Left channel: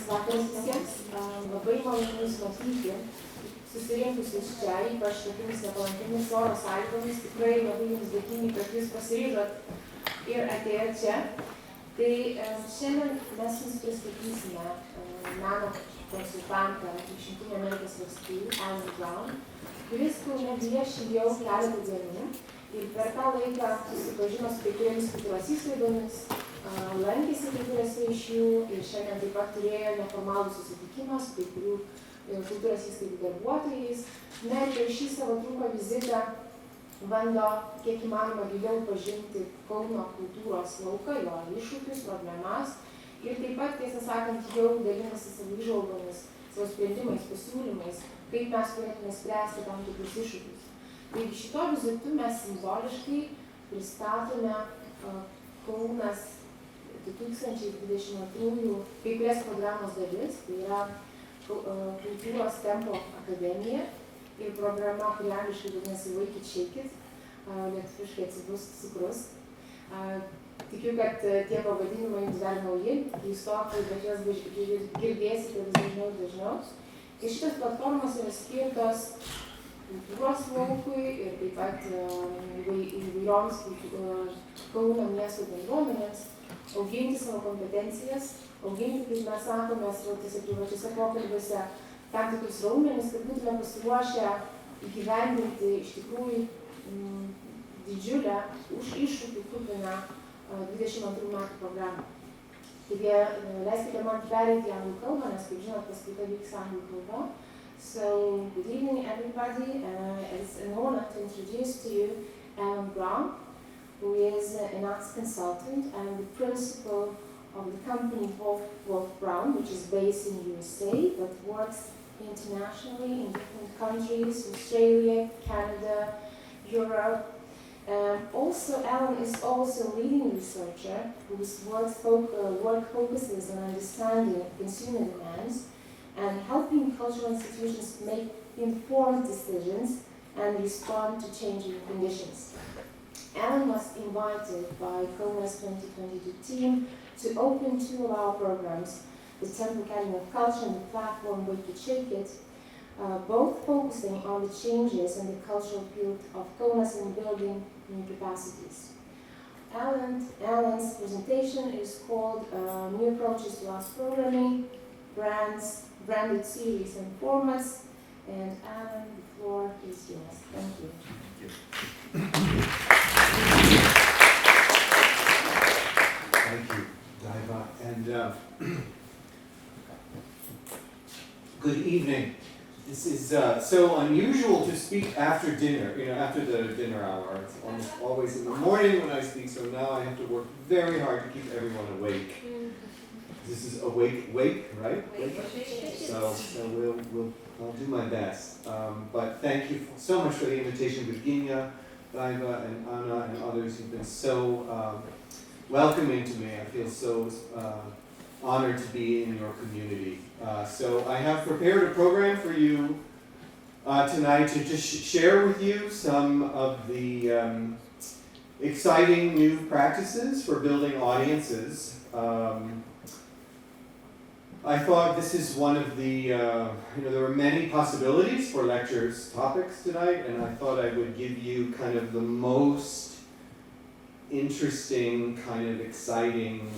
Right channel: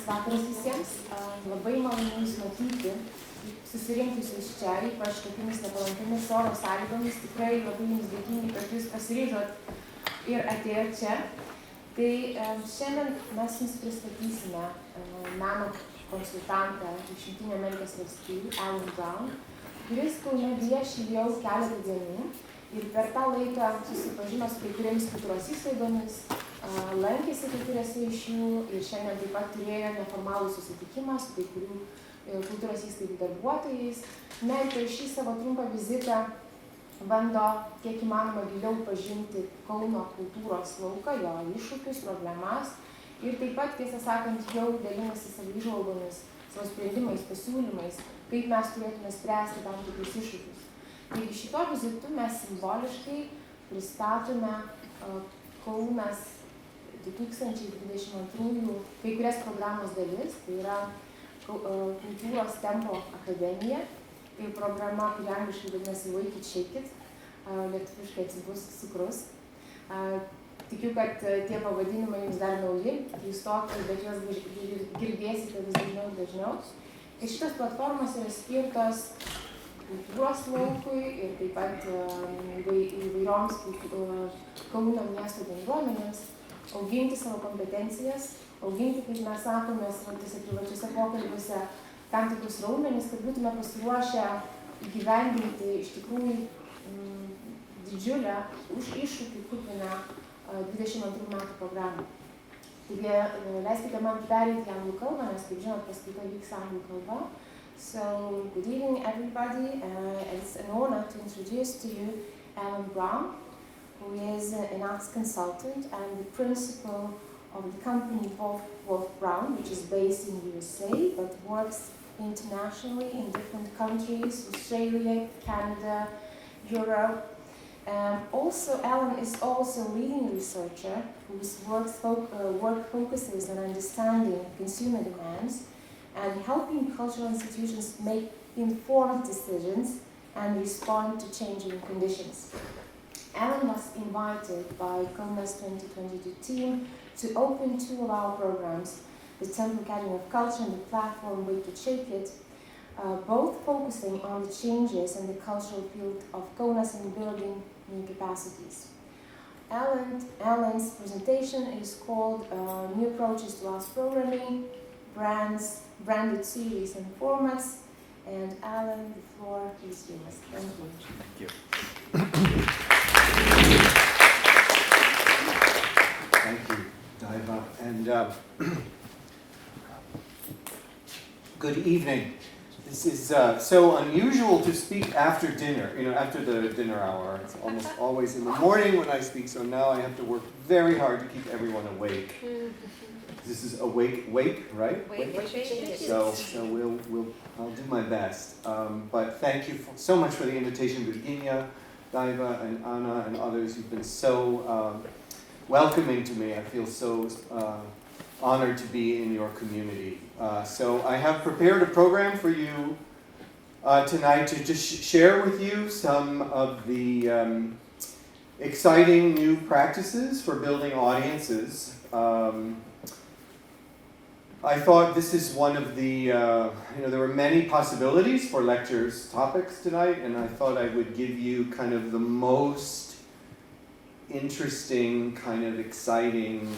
Labas vakaras visiems. Labai malonu Jūs matyti, susirinkusius čia, ypač tokiamis nepalankiomis oro sąlygomis. Tikrai labai Jums dėkingi, kad Jūs pasiryžot ir atėjot čia. Tai šiandien mes Jums pristatysime meno konsultantą iš Jungtinių Amerikos valstijų, Alan Brown, kuris Kaune vieši jau keletą dienų ir per tą laiką susipažino su kai kuriamis kultūros įstaigomis, lankėsi kai kuriuose iš jų ir šiandien taip pat turėjo neformalų susitikimą su kai kurių kultūros įstaigų darbuotojais. Na ir per šį savo trumpą vizitą bando kiek įmanoma giliau pažinti Kauno kultūros lauką, jo iššūkius, problemas ir taip pat, tiesą sakant, jau dalinasi savo įžvalgomis, savo sprendimais, pasiūlymais, kaip mes turėtume spręsti tam tikrus iššūkius. Taigi šito vizitu mes simboliškai pristatome KAUNAS 2022 kai kurias programos dalis, tai yra Kultūros tempo akademija ir programa, kuri angliškai vadinasi Šiuolaikiško, lietuviškai atsibus cukrus. Tikiu, kad tie pavadinimai jums dar nauji, keistokai, bet juos girdėsite vis dažniau ir dažniau. Ir šitos platformos yra skirtos kultūros laukui ir taip pat įvairioms Kauno miesto bendruomenėms auginti savo kompetencijas, auginti, kaip mes sakome, savo privačiuose pokalbiuose tam tikrus raumenis, kad būtume pasiruošę įgyvendinti iš tikrųjų didžiulę už iššūkių kupiną 22 metų programą. Taigi, leiskite man pereiti į anglų kalbą, nes, kaip žinot, paskaita vyks anglų kalba. So, good evening, everybody. It's an honor to introduce to you Alan Brown, who is an arts consultant and the principal of the company Wolf Brown, which is based in USA, but works internationally in different countries, Australia, Canada, Europe. Also, Alan is also a leading researcher whose work focuses on understanding consumer demands and helping cultural institutions make informed decisions and respond to changing conditions. Alan was invited by KAUNAS 2022 team to open two of our programs, the Temple Academy of Culture and the platform Wake It, Shake It, both focusing on the changes in the cultural field of KAUNAS and building new capacities. Alan's presentation is called New Approaches to Arts Programming, Branded Series and Formats. And Alan, the floor is yours. Thank you. Thank you, Daiva. And good evening. This is so unusual to speak after dinner, after the dinner hour. It's almost always in the morning when I speak, so now I have to work very hard to keep everyone awake. This is wake, right? Wake. So I'll do my best. But thank you so much for the invitation, Virginia, Daiva, and Anna, and others who've been so welcoming to me. I feel so honored to be in your community. So I have prepared a program for you tonight to just share with you some of the exciting new practices for building audiences. I thought this is one of the, there were many possibilities for lectures topics tonight, and I thought I would give you kind of the most interesting, kind of exciting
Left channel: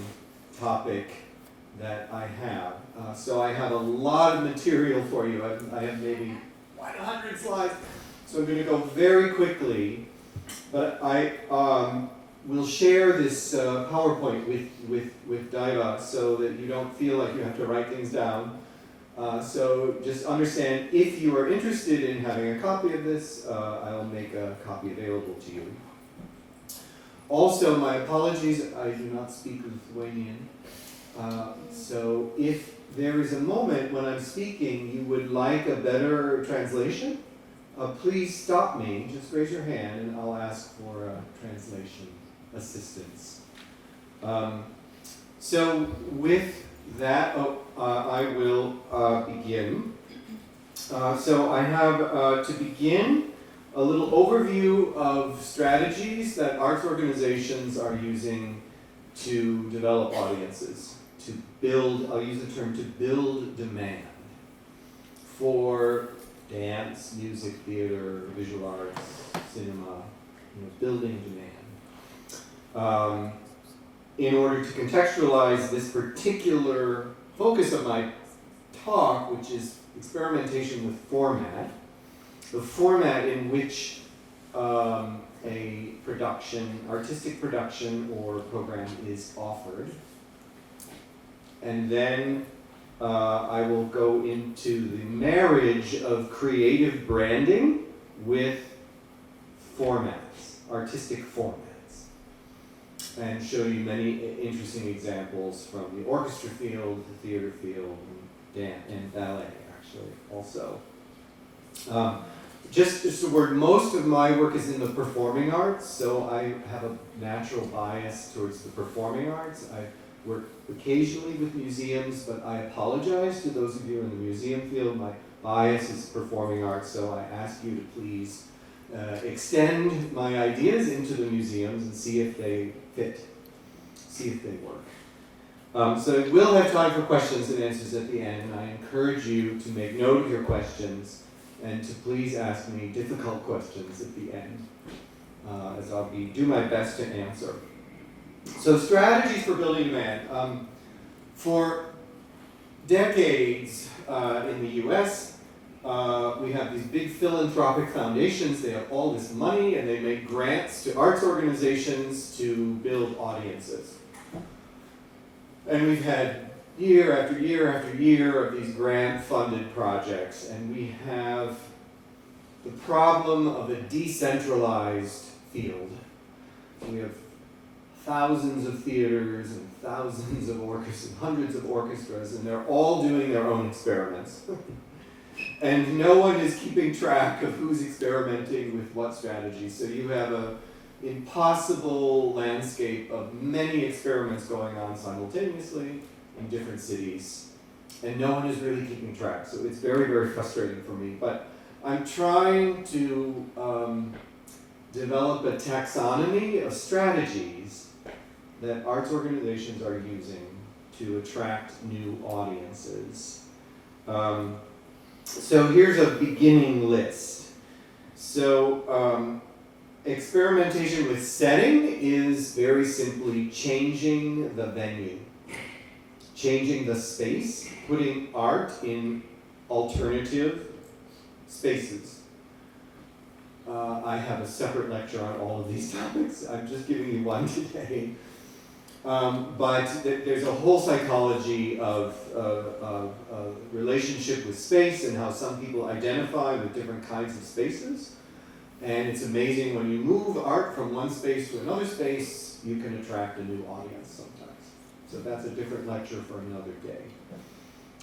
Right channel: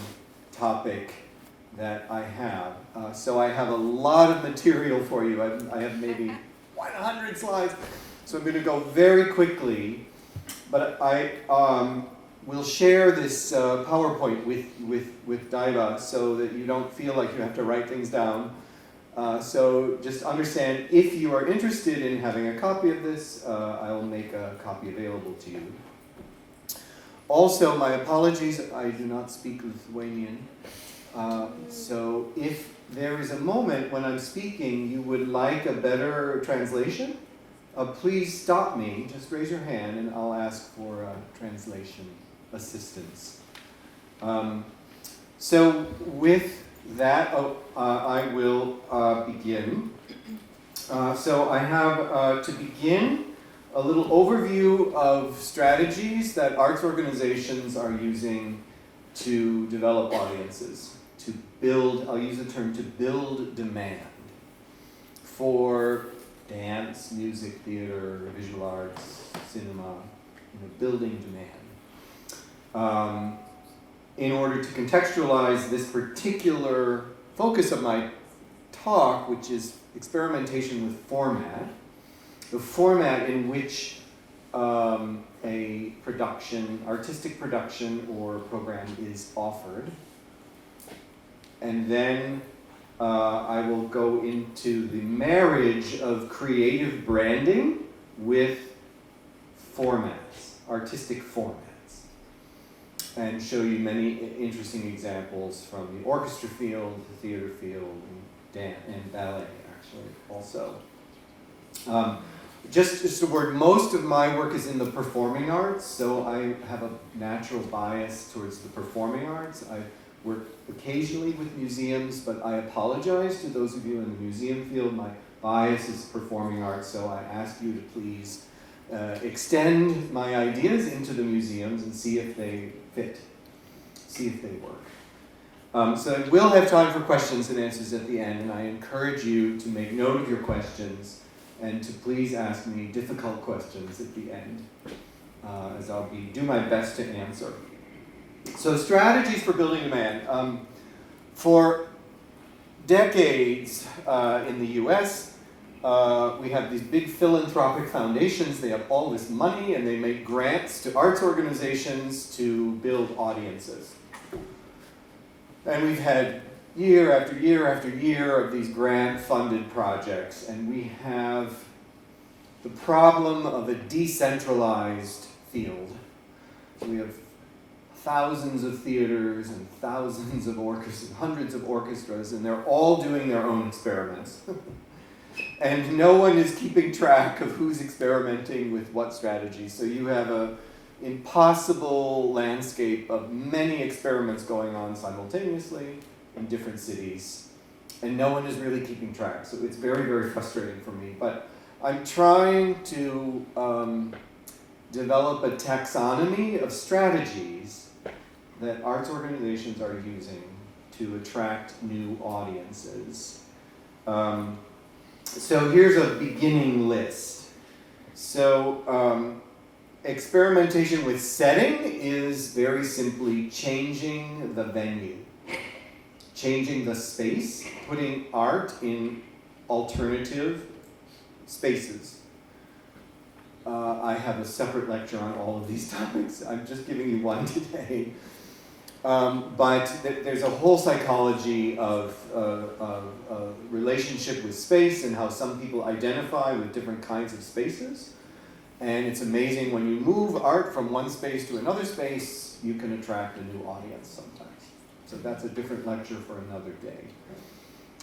topic that I have. So I have a lot of material for you. I have maybe 100 slides, so I'm going to go very quickly, but I will share this PowerPoint with Daiva so that you don't feel like you have to write things down. So just understand, if you are interested in having a copy of this, I will make a copy available to you. Also, my apologies, I do not speak Lithuanian. So if there is a moment when I'm speaking you would like a better translation, please stop me, just raise your hand and I'll ask for translation assistance. So with that, I will begin. So I have to begin a little overview of strategies that arts organizations are using to develop audiences, to build, I'll use the term to build demand for dance, music, theater, visual arts, cinema, building demand. In order to contextualize this particular focus of my talk, which is experimentation with format, the format in which a production, artistic production or program is offered. And then I will go into the marriage of creative branding with formats, artistic formats, and show you many interesting examples from the orchestra field, the theater field, and ballet, actually, also. Just a word, most of my work is in the performing arts, so I have a natural bias towards the performing arts. I work occasionally with museums, but I apologize to those of you in the museum field. My bias is performing arts, so I ask you to please extend my ideas into the museums and see if they fit, see if they work. So we'll have time for questions and answers at the end, and I encourage you to make note of your questions and to please ask me difficult questions at the end, as I'll do my best to answer. So strategies for building demand. For decades in the US, we have these big philanthropic foundations. They have all this money and they make grants to arts organizations to build audiences. And we've had year after year after year of these grant-funded projects, and we have the problem of a decentralized field. We have thousands of theaters and thousands of orchestras, hundreds of orchestras, and they're all doing their own experiments. And no one is keeping track of who's experimenting with what strategy. So you have an impossible landscape of many experiments going on simultaneously in different cities, and no one is really keeping track. So it's very, very frustrating for me. But I'm trying to develop a taxonomy of strategies that arts organizations are using to attract new audiences. So here's a beginning list. So experimentation with setting is very simply changing the venue, changing the space, putting art in alternative spaces. I have a separate lecture on all of these topics. I'm just giving you one today. But there's a whole psychology of relationship with space and how some people identify with different kinds of spaces. And it's amazing when you move art from one space to another space, you can attract a new audience sometimes. So that's a different lecture for another day.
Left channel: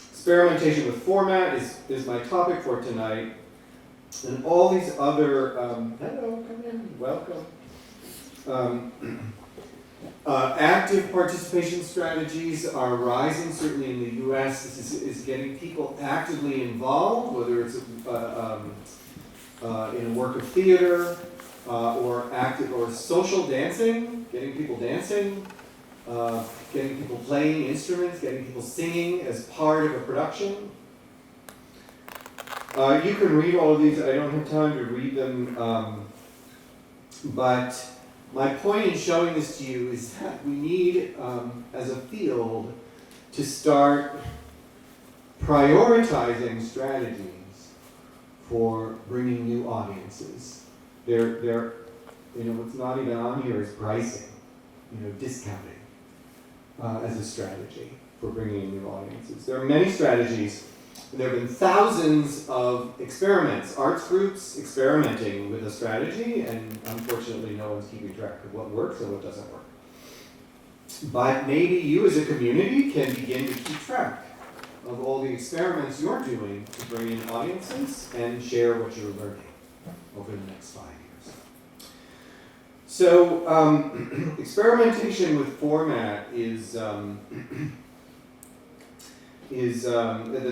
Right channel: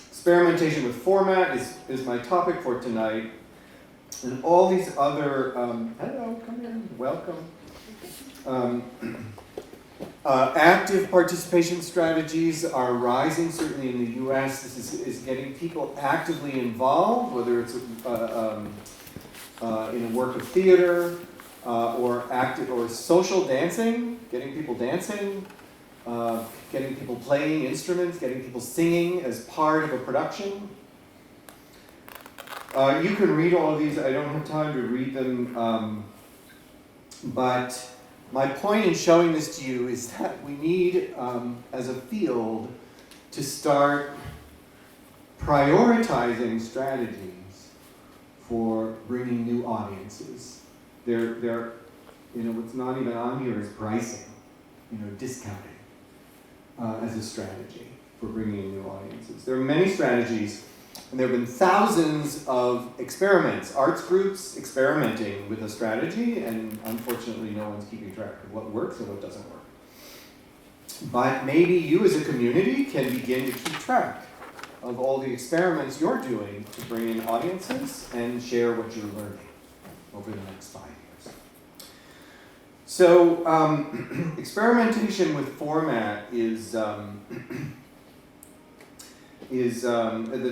Experimentation with format is my topic for tonight. And all these other, hello, come in, welcome. Active participation strategies are rising, certainly in the US. This is getting people actively involved, whether it's in a work of theater or active or social dancing, getting people dancing, getting people playing instruments, getting people singing as part of a production. You can read all of these. I don't have time to read them, but my point in showing this to you is that we need, as a field, to start prioritizing strategies for bringing new audiences. They're what's not even on here is pricing, discounting as a strategy for bringing new audiences. There are many strategies, and there have been thousands of experiments, arts groups experimenting with a strategy, and unfortunately no one's keeping track of what works and what doesn't work. But maybe you as a community can begin to keep track of all the experiments you're doing to bring in audiences and share what you're learning over the next 5 years. So experimentation with format is the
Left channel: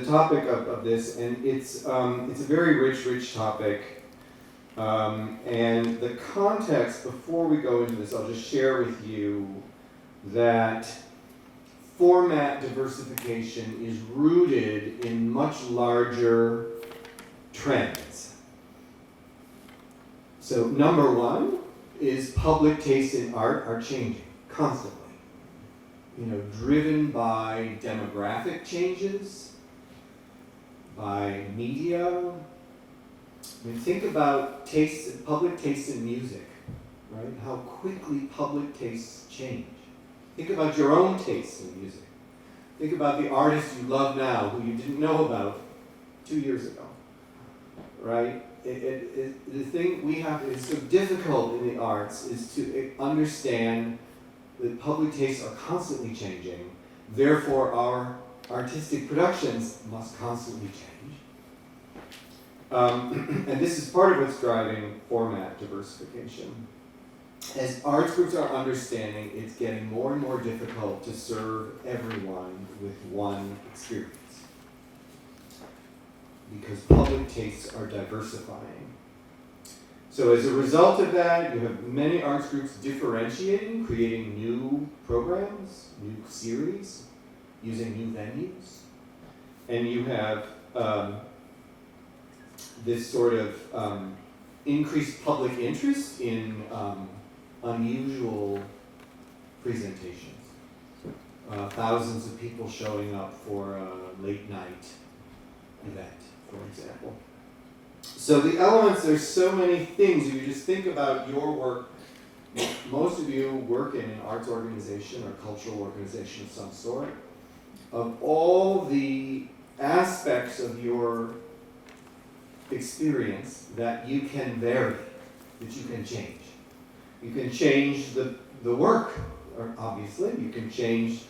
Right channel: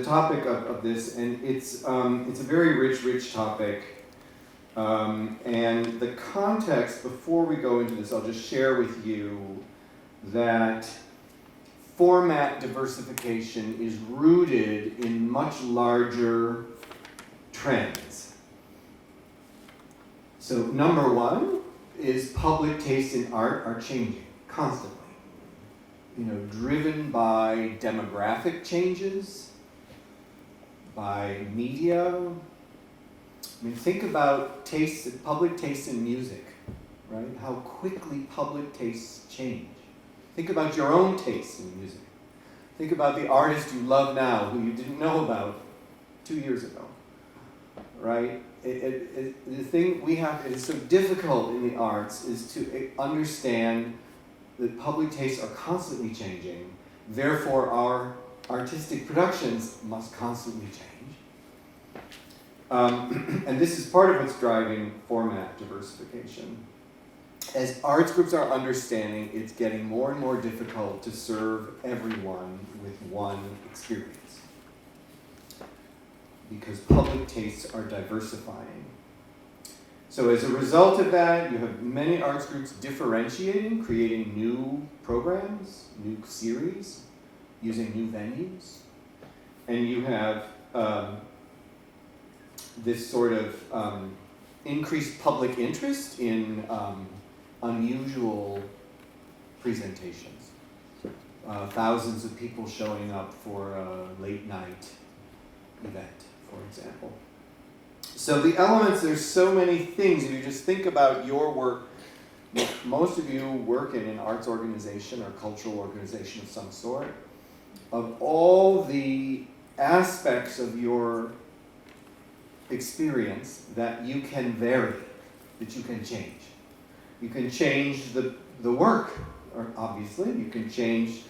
topic of this, and it's a very rich topic. And the context, before we go into this, I'll just share with you that format diversification is rooted in much larger trends. So number one is public taste in art are changing constantly. Driven by demographic changes, by media. Think about public taste in music, right? How quickly public tastes change. Think about your own taste in music. Think about the artist you love now who you didn't know about 2 years ago, right? The thing it's so difficult in the arts is to understand that public tastes are constantly changing, therefore our artistic productions must constantly change. And this is part of what's driving format diversification. As arts groups are understanding, it's getting more and more difficult to serve everyone with one experience, because public tastes are diversifying. So as a result of that, you have many arts groups differentiating, creating new programs, new series, using new venues. And you have this sort of increased public interest in unusual presentations. Thousands of people showing up for a late night event, for example. So the elements, there's so many things. If you just think about your work, most of you work in an arts organization or cultural organization of some sort. Of all the aspects of your experience that you can vary, that you can change. You can change the work, or obviously. You can change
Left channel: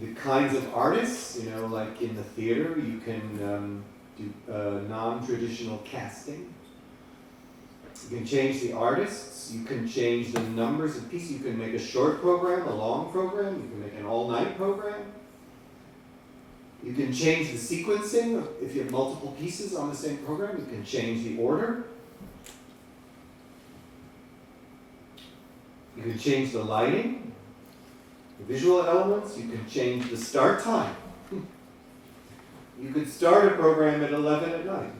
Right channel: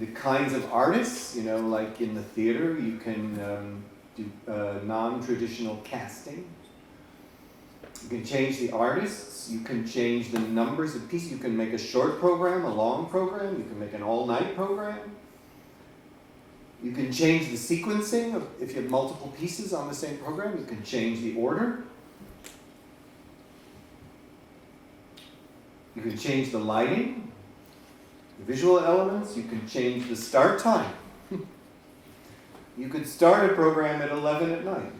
the kinds of artists, like in the theater, you can do non-traditional casting. You can change the artists, you can change the numbers of pieces, you can make a short program, a long program, you can make an all-night program. You can change the sequencing, if you have multiple pieces on the same program, you can change the order. You can change the lighting, the visual elements, you can change the start time. You could start a program at 11 at night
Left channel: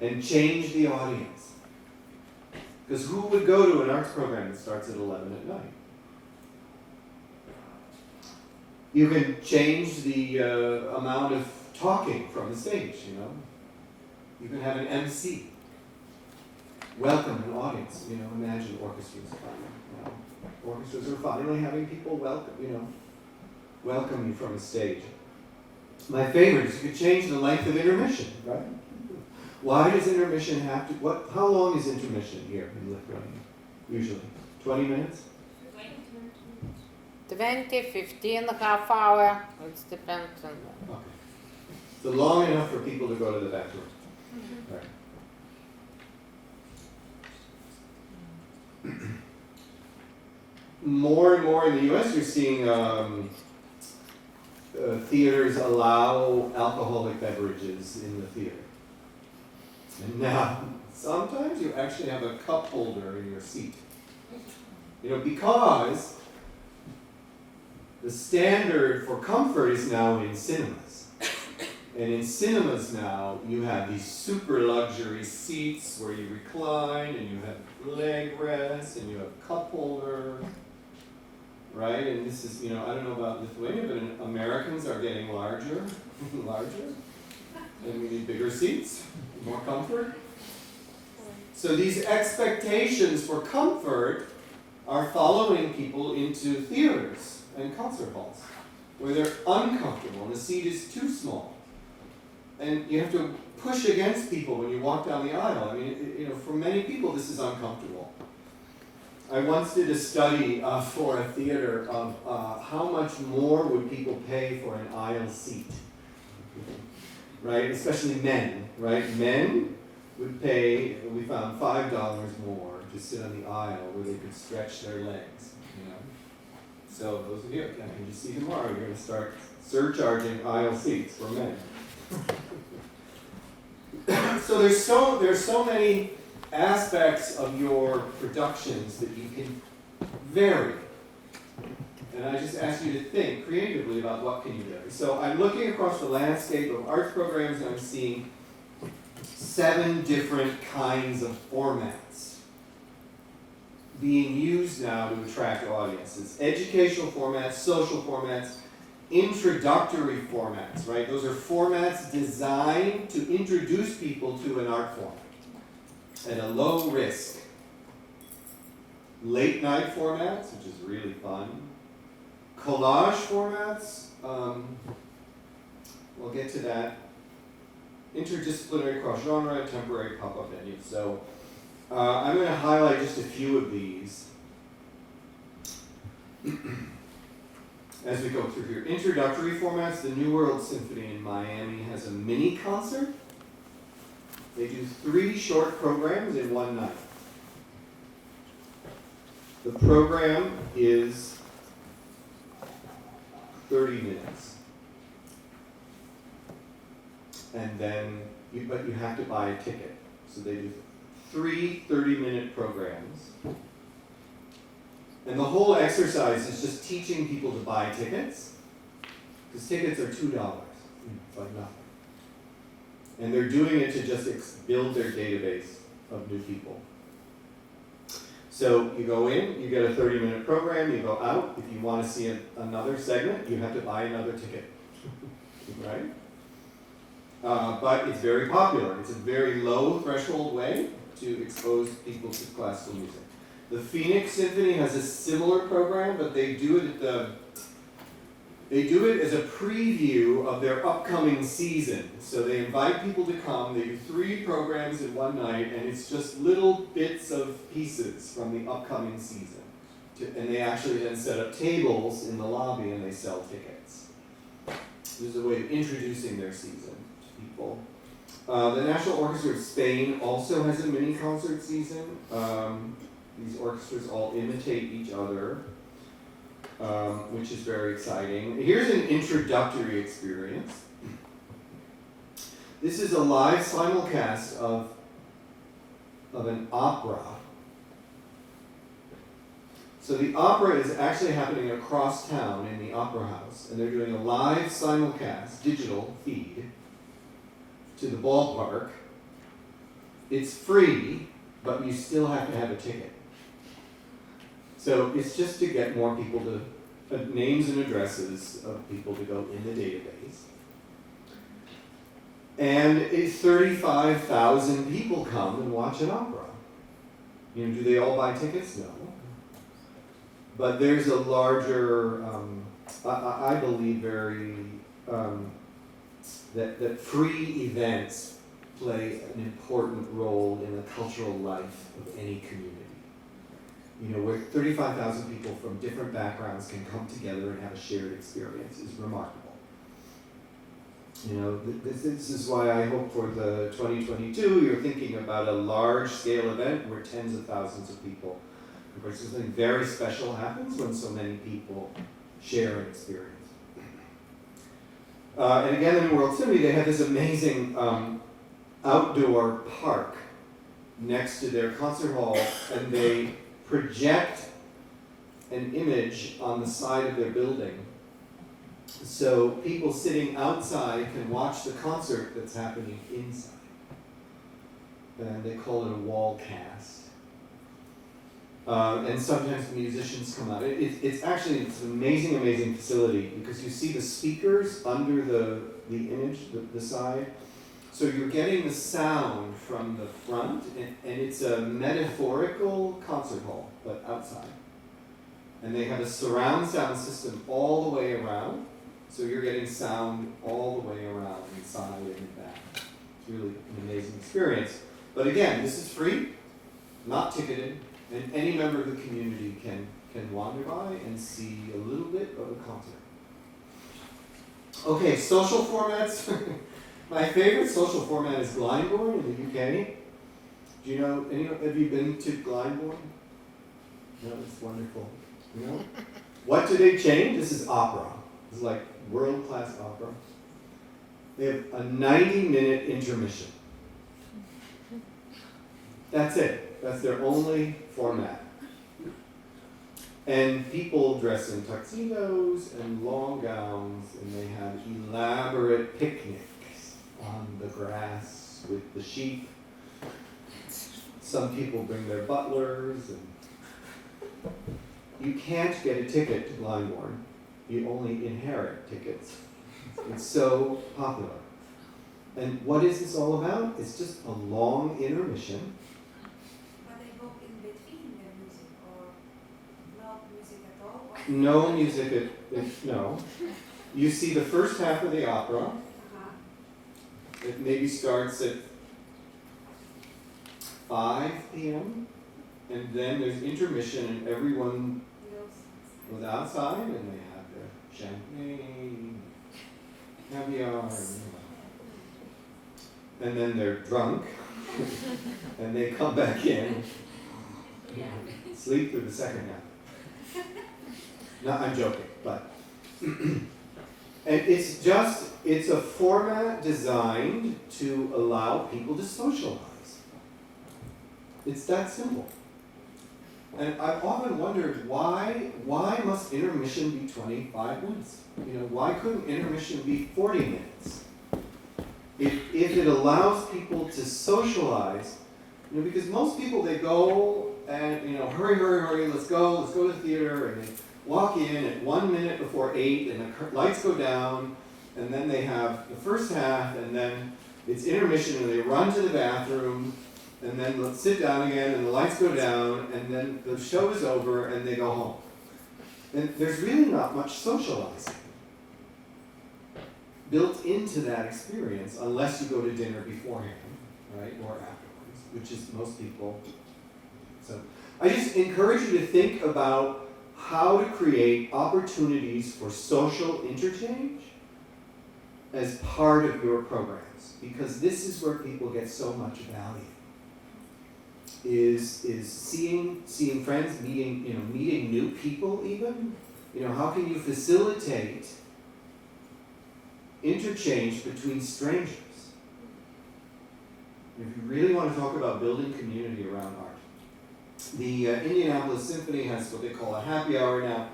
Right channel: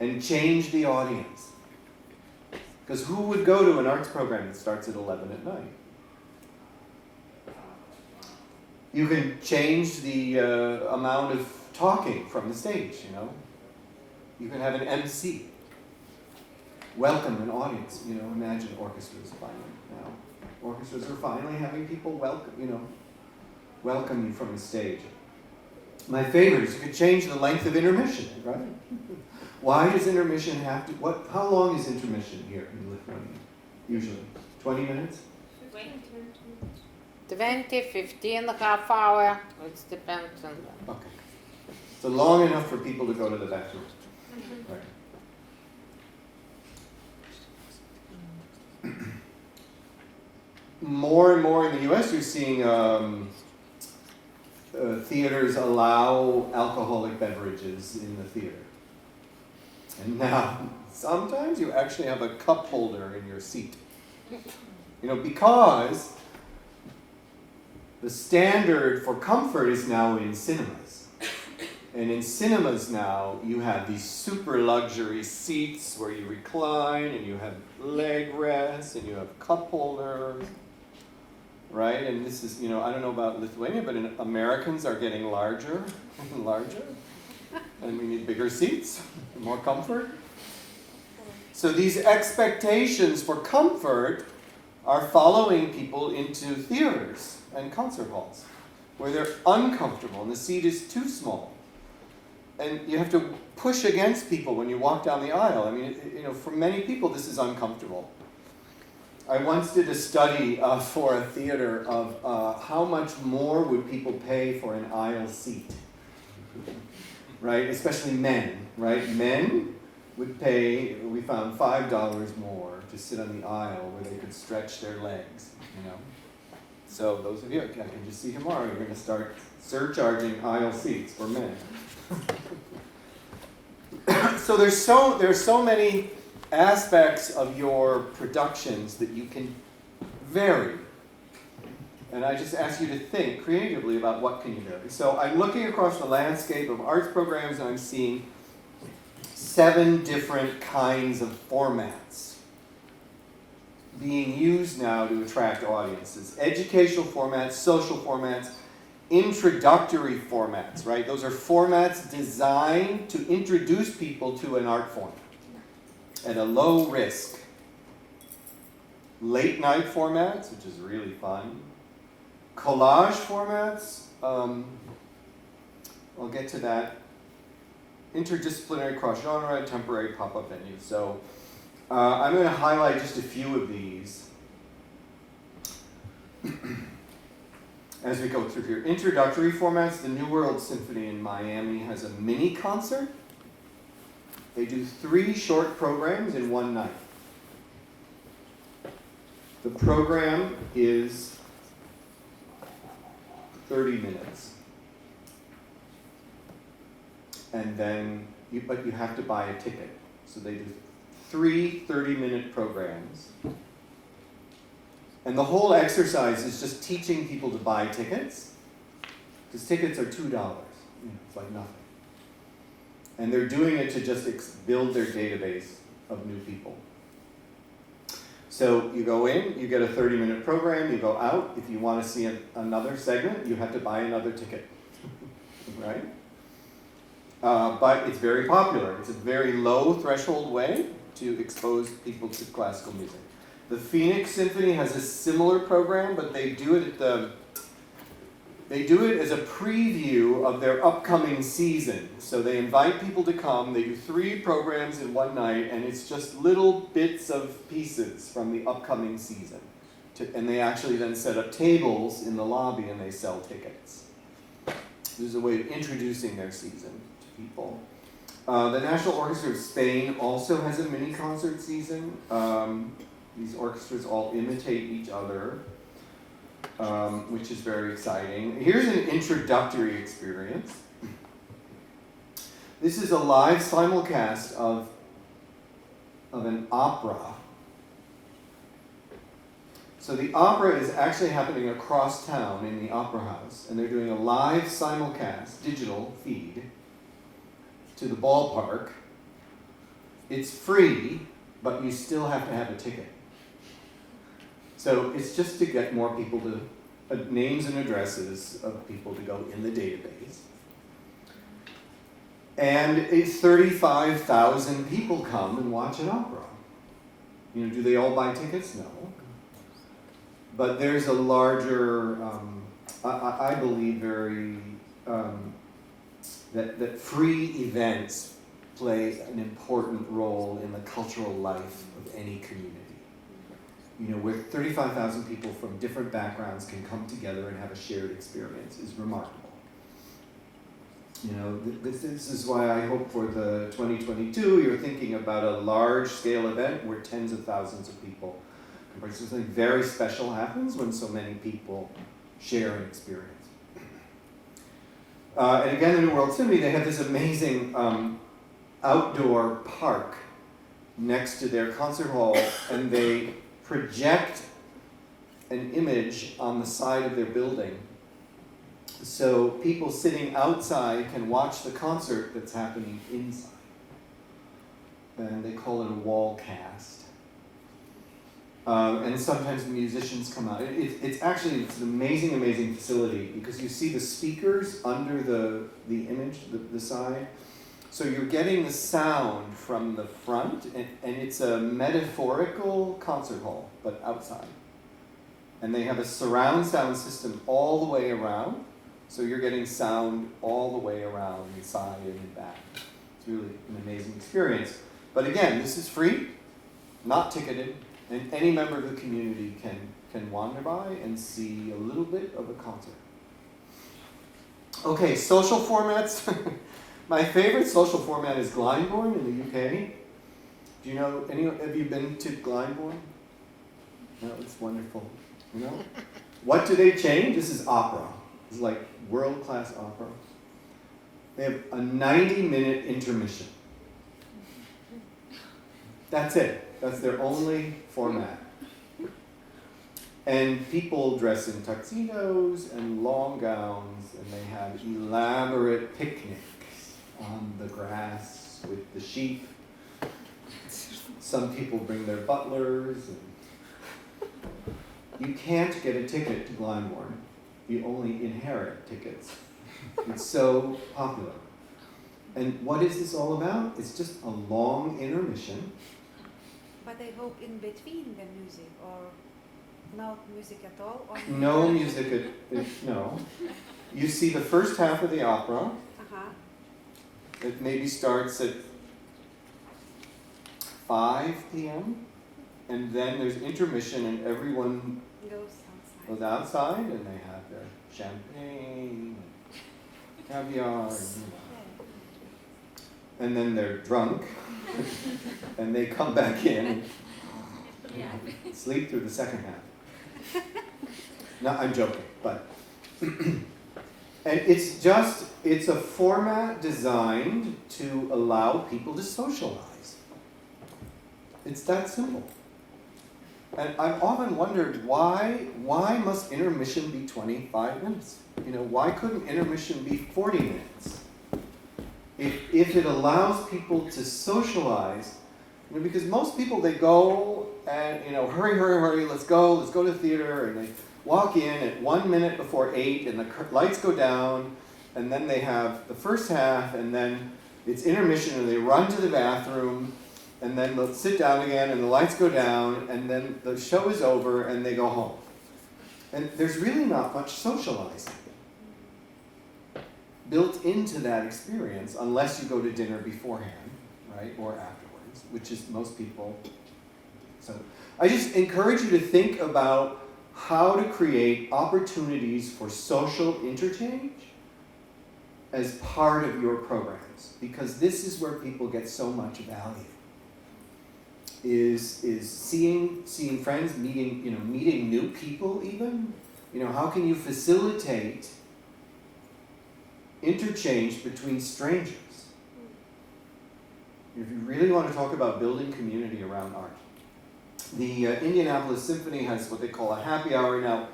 and change the audience. Because who would go to an arts program that starts at 11 at night? You can change the amount of talking from the stage, You can have an MC. Welcome an audience, imagine orchestras finally, Orchestras are finally having people welcome you from the stage. My favorite is you could change the length of intermission, right? Why does intermission have to, how long is intermission here in Lithuania, usually? 20 minutes? 20, 15, half hour, it depends on the... Okay. So long enough for people to go to the bathroom. Right. More and more in the US, you're seeing theaters allow alcoholic beverages in the theater. And now, sometimes you actually have a cup holder in your seat. Because the standard for comfort is now in cinemas. And in cinemas now, you have these super luxury seats where you recline, and you have leg rests, and you have cup holders, right? And this is, I don't know about Lithuania, but Americans are getting larger and larger, and we need bigger seats, more comfort. So these expectations for comfort are following people into theaters and concert halls, where they're uncomfortable and the seat is too small. And you have to push against people when you walk down the aisle. For many people, this is uncomfortable. I once did a study for a theater of how much more would people pay for an aisle seat, right? Especially men, right? Men would pay, we found $5 more to sit on the aisle where they could stretch their legs, So those of you, I can just see tomorrow, you're going to start surcharging aisle seats for men. So there's so many aspects of your productions that you can vary. And I just ask you to think creatively about what can you do. So I'm looking across the landscape of arts programs and I'm seeing 7 different kinds of formats being used now to attract audiences. Educational formats, social formats, introductory formats, right? Those are formats designed to introduce people to an art form at a low risk. Late night formats, which is really fun. Collage formats, we'll get to that. Interdisciplinary, cross-genre, temporary pop-up venues. So I'm going to highlight just a few of these as we go through here. Introductory formats, the New World Symphony in Miami has a mini concert. They do 3 short programs in one night. The program is 30 minutes. And then, but you have to buy a ticket. So they do 3 30-minute programs. And the whole exercise is just teaching people to buy tickets. Because tickets are $2. It's like nothing. And they're doing it to just build their database of new people. So you go in, you get a 30-minute program, you go out. If you want to see another segment, you have to buy another ticket, right? But it's very popular. It's a very low threshold way to expose people to classical music. The Phoenix Symphony has a similar program, but they do it as a preview of their upcoming season. So they invite people to come. They do 3 programs in one night, and it's just little bits of pieces from the upcoming season. And they actually then set up tables in the lobby and they sell tickets. This is a way of introducing their season to people. The National Orchestra of Spain also has a mini concert season. These orchestras all imitate each other. Which is very exciting. Here's an introductory experience. This is a live simulcast of an opera. So the opera is actually happening across town in the Opera House, and they're doing a live simulcast, digital feed, to the ballpark. It's free, but you still have to have a ticket. So it's just to get more people to, names and addresses of people to go in the database. And 35,000 people come and watch an opera. You know, do they all buy tickets? No. But there's a larger, I believe very, that free events play an important role in the cultural life of any community. You know, where 35,000 people from different backgrounds can come together and have a shared experience is remarkable. You know, this is why I hope for the 2022 you're thinking about a large-scale event where tens of thousands of people. Something very special happens when so many people share an experience. And again, in the World Symphony, they have this amazing outdoor park next to their concert hall, and they project an image on the side of their building. So people sitting outside can watch the concert that's happening inside. And they call it a wall cast. And sometimes the musicians come out. It's an amazing, amazing facility because you see the speakers under the image, the side. So you're getting the sound from the front, and it's a metaphorical concert hall, but outside. And they have a surround sound system all the way around, so you're getting sound all the way around, inside and back. It's really an amazing experience. But again, this is free, not ticketed, and any member of the community can wander by and see a little bit of a concert. Okay, social formats. My favorite social format is Glyndebourne in the UK. Do you know, have you been to Glyndebourne? No, it's wonderful. You know? What do they change? This is opera. It's like world-class opera. They have a 90-minute intermission. That's it. That's their only format. And people dress in tuxedos and long gowns, and they have elaborate picnics on the grass with the sheep. Some people bring their butlers, and you can't get a ticket to Glyndebourne. You only inherit tickets. It's so popular. And what is this all about? It's just a long intermission. But I hope in between the music, or no music at all? Or No music, no. You see the first half of the opera. Uh-huh. It maybe starts at 5 p.m. And then there's intermission, and everyone goes outside, and they have their champagne, caviar, and then they're drunk, and they come back in, sleep through the second half. No, I'm joking, but and it's a format designed to allow people to socialize. It's that simple. And I've often wondered why must intermission be 25 minutes? You know, why couldn't intermission be 40 minutes? If it allows people to socialize, you know, because most people, they go and, you know, hurry, let's go to the theater, and they walk in at 1 minute before 8, and the lights go down, and then they have the first half, and then it's intermission, and they run to the bathroom, and then they'll sit down again, and the lights go down, and then the show is over, and they go home. And there's really not much socializing built into that experience, unless you go to dinner beforehand, right, or afterwards, which is most people. So I just encourage you to think about how to create opportunities for social interchange as part of your programs, because this is where people get so much value. Is seeing friends, meeting new people even. You know, how can you facilitate interchange between strangers? If you really want to talk about building community around art. The Indianapolis Symphony has what they call a happy hour now.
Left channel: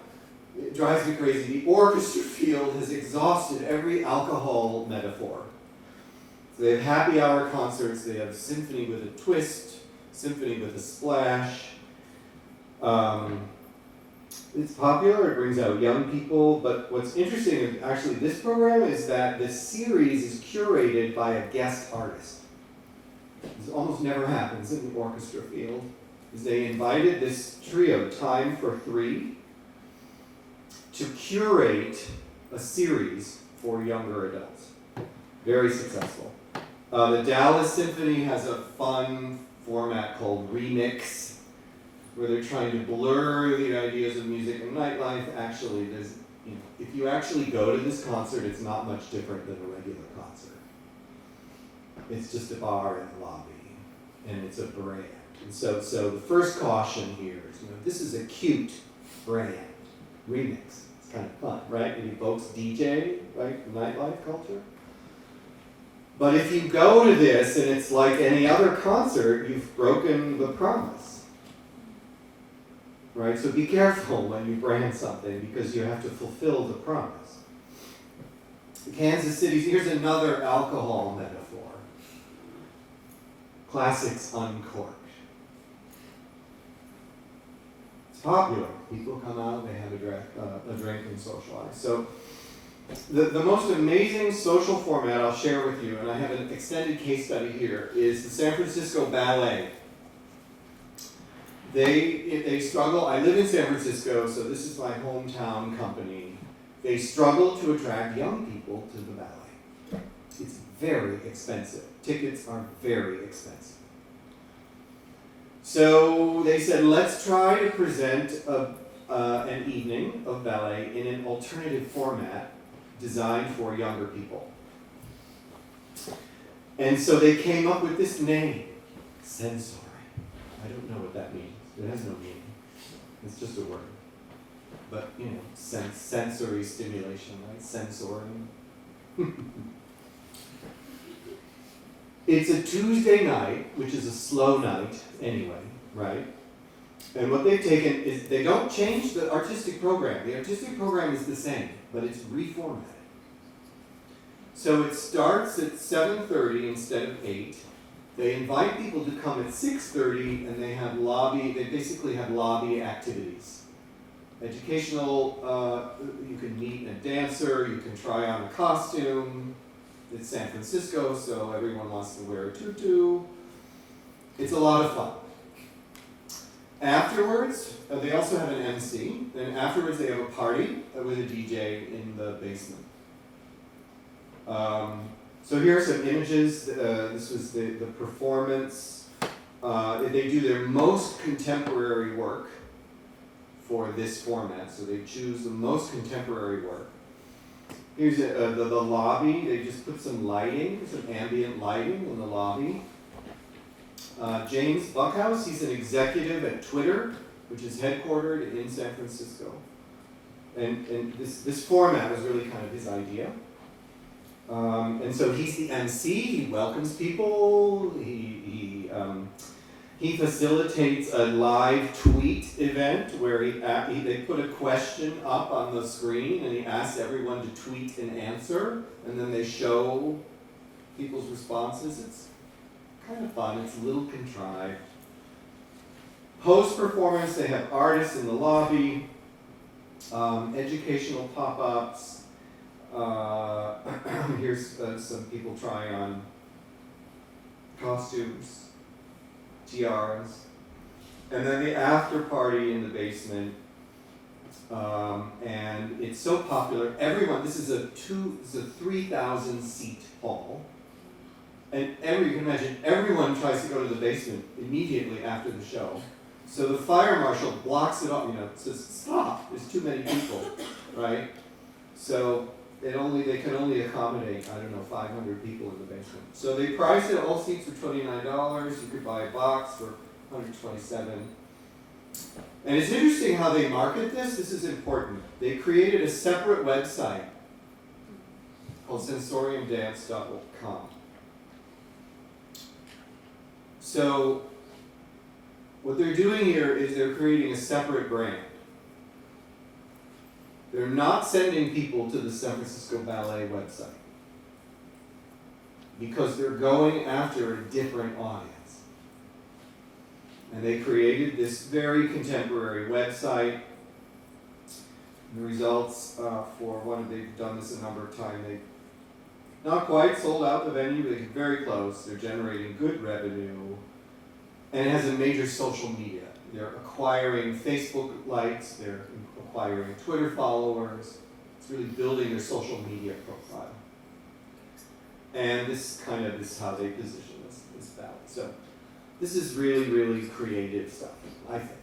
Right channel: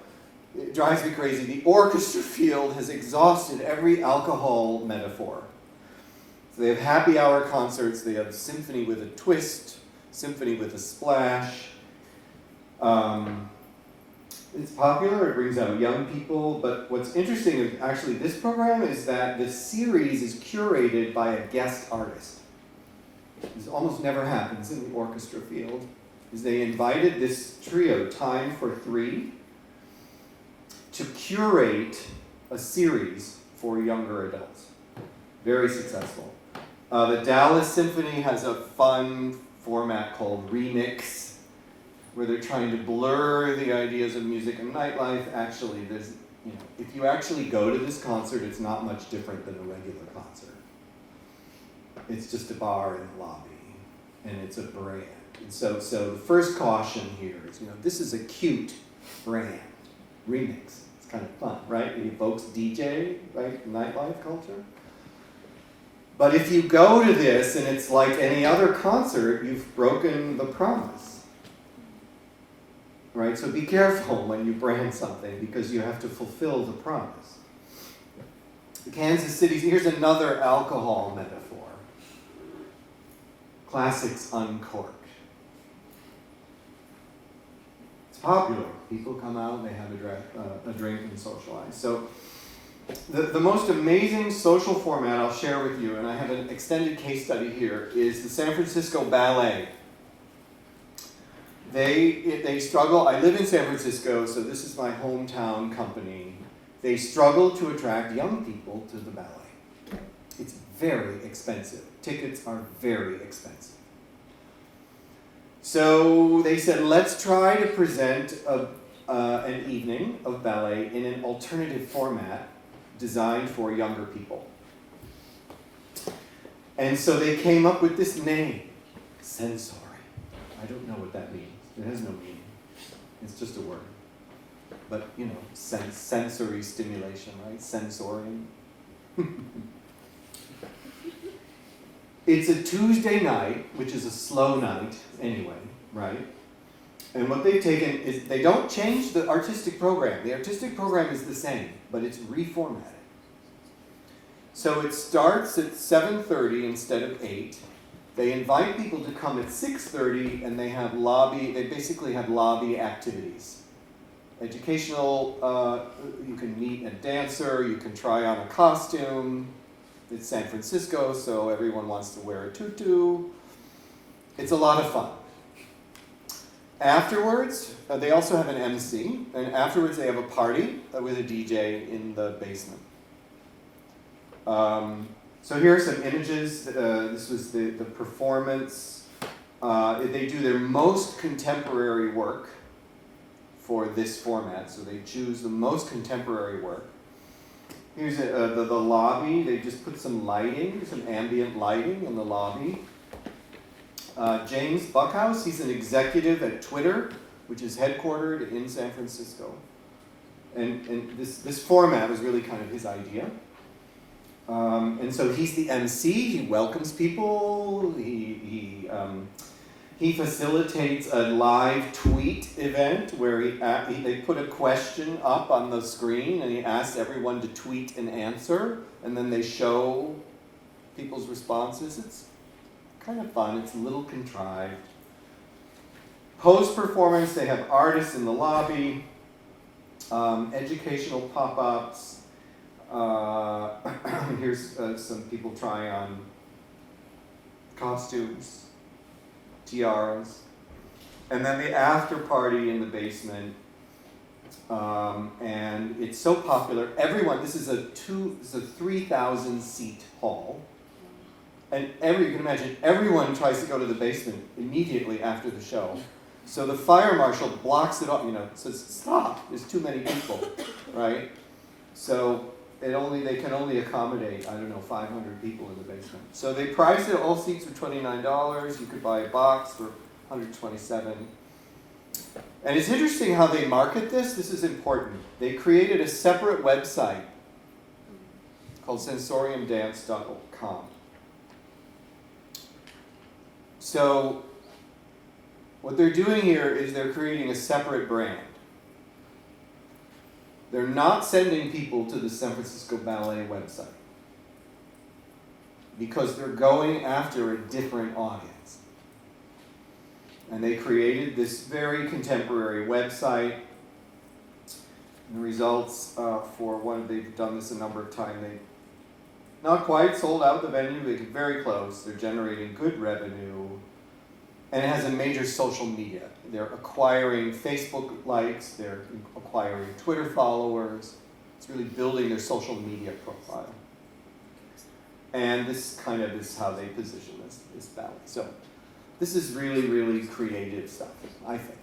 It drives me crazy. The orchestra field has exhausted every alcohol metaphor. So they have happy hour concerts, they have symphony with a twist, symphony with a splash. It's popular, it brings out young people, but what's interesting is actually this program is that the series is curated by a guest artist. This almost never happens in the orchestra field, is they invited this trio, Time for Three, to curate a series for younger adults. Very successful. The Dallas Symphony has a fun format called Remix, where they're trying to blur the ideas of music and nightlife. Actually, there's, if you actually go to this concert, it's not much different than a regular concert. It's just a bar in the lobby, and it's a brand. And so the first caution here is, this is a cute brand. Remix. It's kind of fun, right? It evokes DJ, right? Nightlife culture. But if you go to this and it's like any other concert, you've broken the promise. Right? So be careful when you brand something, because you have to fulfill the promise. The Kansas City, here's another alcohol metaphor. Classics Uncorked. It's popular. People come out, they have a drink and socialize. So the most amazing social format I'll share with you, and I have an extended case study here, is the San Francisco Ballet. They struggle. I live in San Francisco, so this is my hometown company. They struggle to attract young people to the ballet. It's very expensive. Tickets are very expensive. So they said, let's try to present an evening of ballet in an alternative format designed for younger people. And so they came up with this name, sensory. I don't know what that means. It has no meaning. It's just a word. But, sensory stimulation, right? Sensorium. It's a Tuesday night, which is a slow night anyway, right? And what they've taken is they don't change the artistic program. The artistic program is the same, but it's reformatted. So it starts at 7:30 instead of 8. They invite people to come at 6:30, and they basically have lobby activities. Educational, you can meet a dancer, you can try on a costume. It's San Francisco, so everyone wants to wear a tutu. It's a lot of fun. Afterwards, they also have an MC, and afterwards they have a party with a DJ in the basement. So here are some images. This was the performance. They do their most contemporary work for this format, so they choose the most contemporary work. Here's the lobby. They just put some lighting, some ambient lighting in the lobby. James Buckhouse, he's an executive at Twitter, which is headquartered in San Francisco. And this format was really kind of his idea. And so he's the MC, he welcomes people, he facilitates a live tweet event where they put a question up on the screen and he asks everyone to tweet an answer, and then they show people's responses. It's kind of fun, it's a little contrived. Post-performance, they have artists in the lobby, educational pop-ups. Here's some people trying on costumes, tiaras, and then the after party in the basement. And it's so popular. Everyone, this is a 3,000 seat hall, and you can imagine everyone tries to go to the basement immediately after the show. So the fire marshal blocks it off. Says stop. There's too many people, right? So they can only accommodate, 500 people in the basement. So they priced it, all seats were $29. You could buy a box for $127. And it's interesting how they market this. This is important. They created a separate website called sensoriumdance.com. So what they're doing here is they're creating a separate brand. They're not sending people to the San Francisco Ballet website because they're going after a different audience. And they created this very contemporary website. The results for one, they've done this a number of times. They not quite sold out the venue, they get very close. They're generating good revenue. And it has a major social media. They're acquiring Facebook likes, they're acquiring Twitter followers. It's really building their social media profile. And this kind of is how they position this ballet. So this is really, really creative stuff, I think.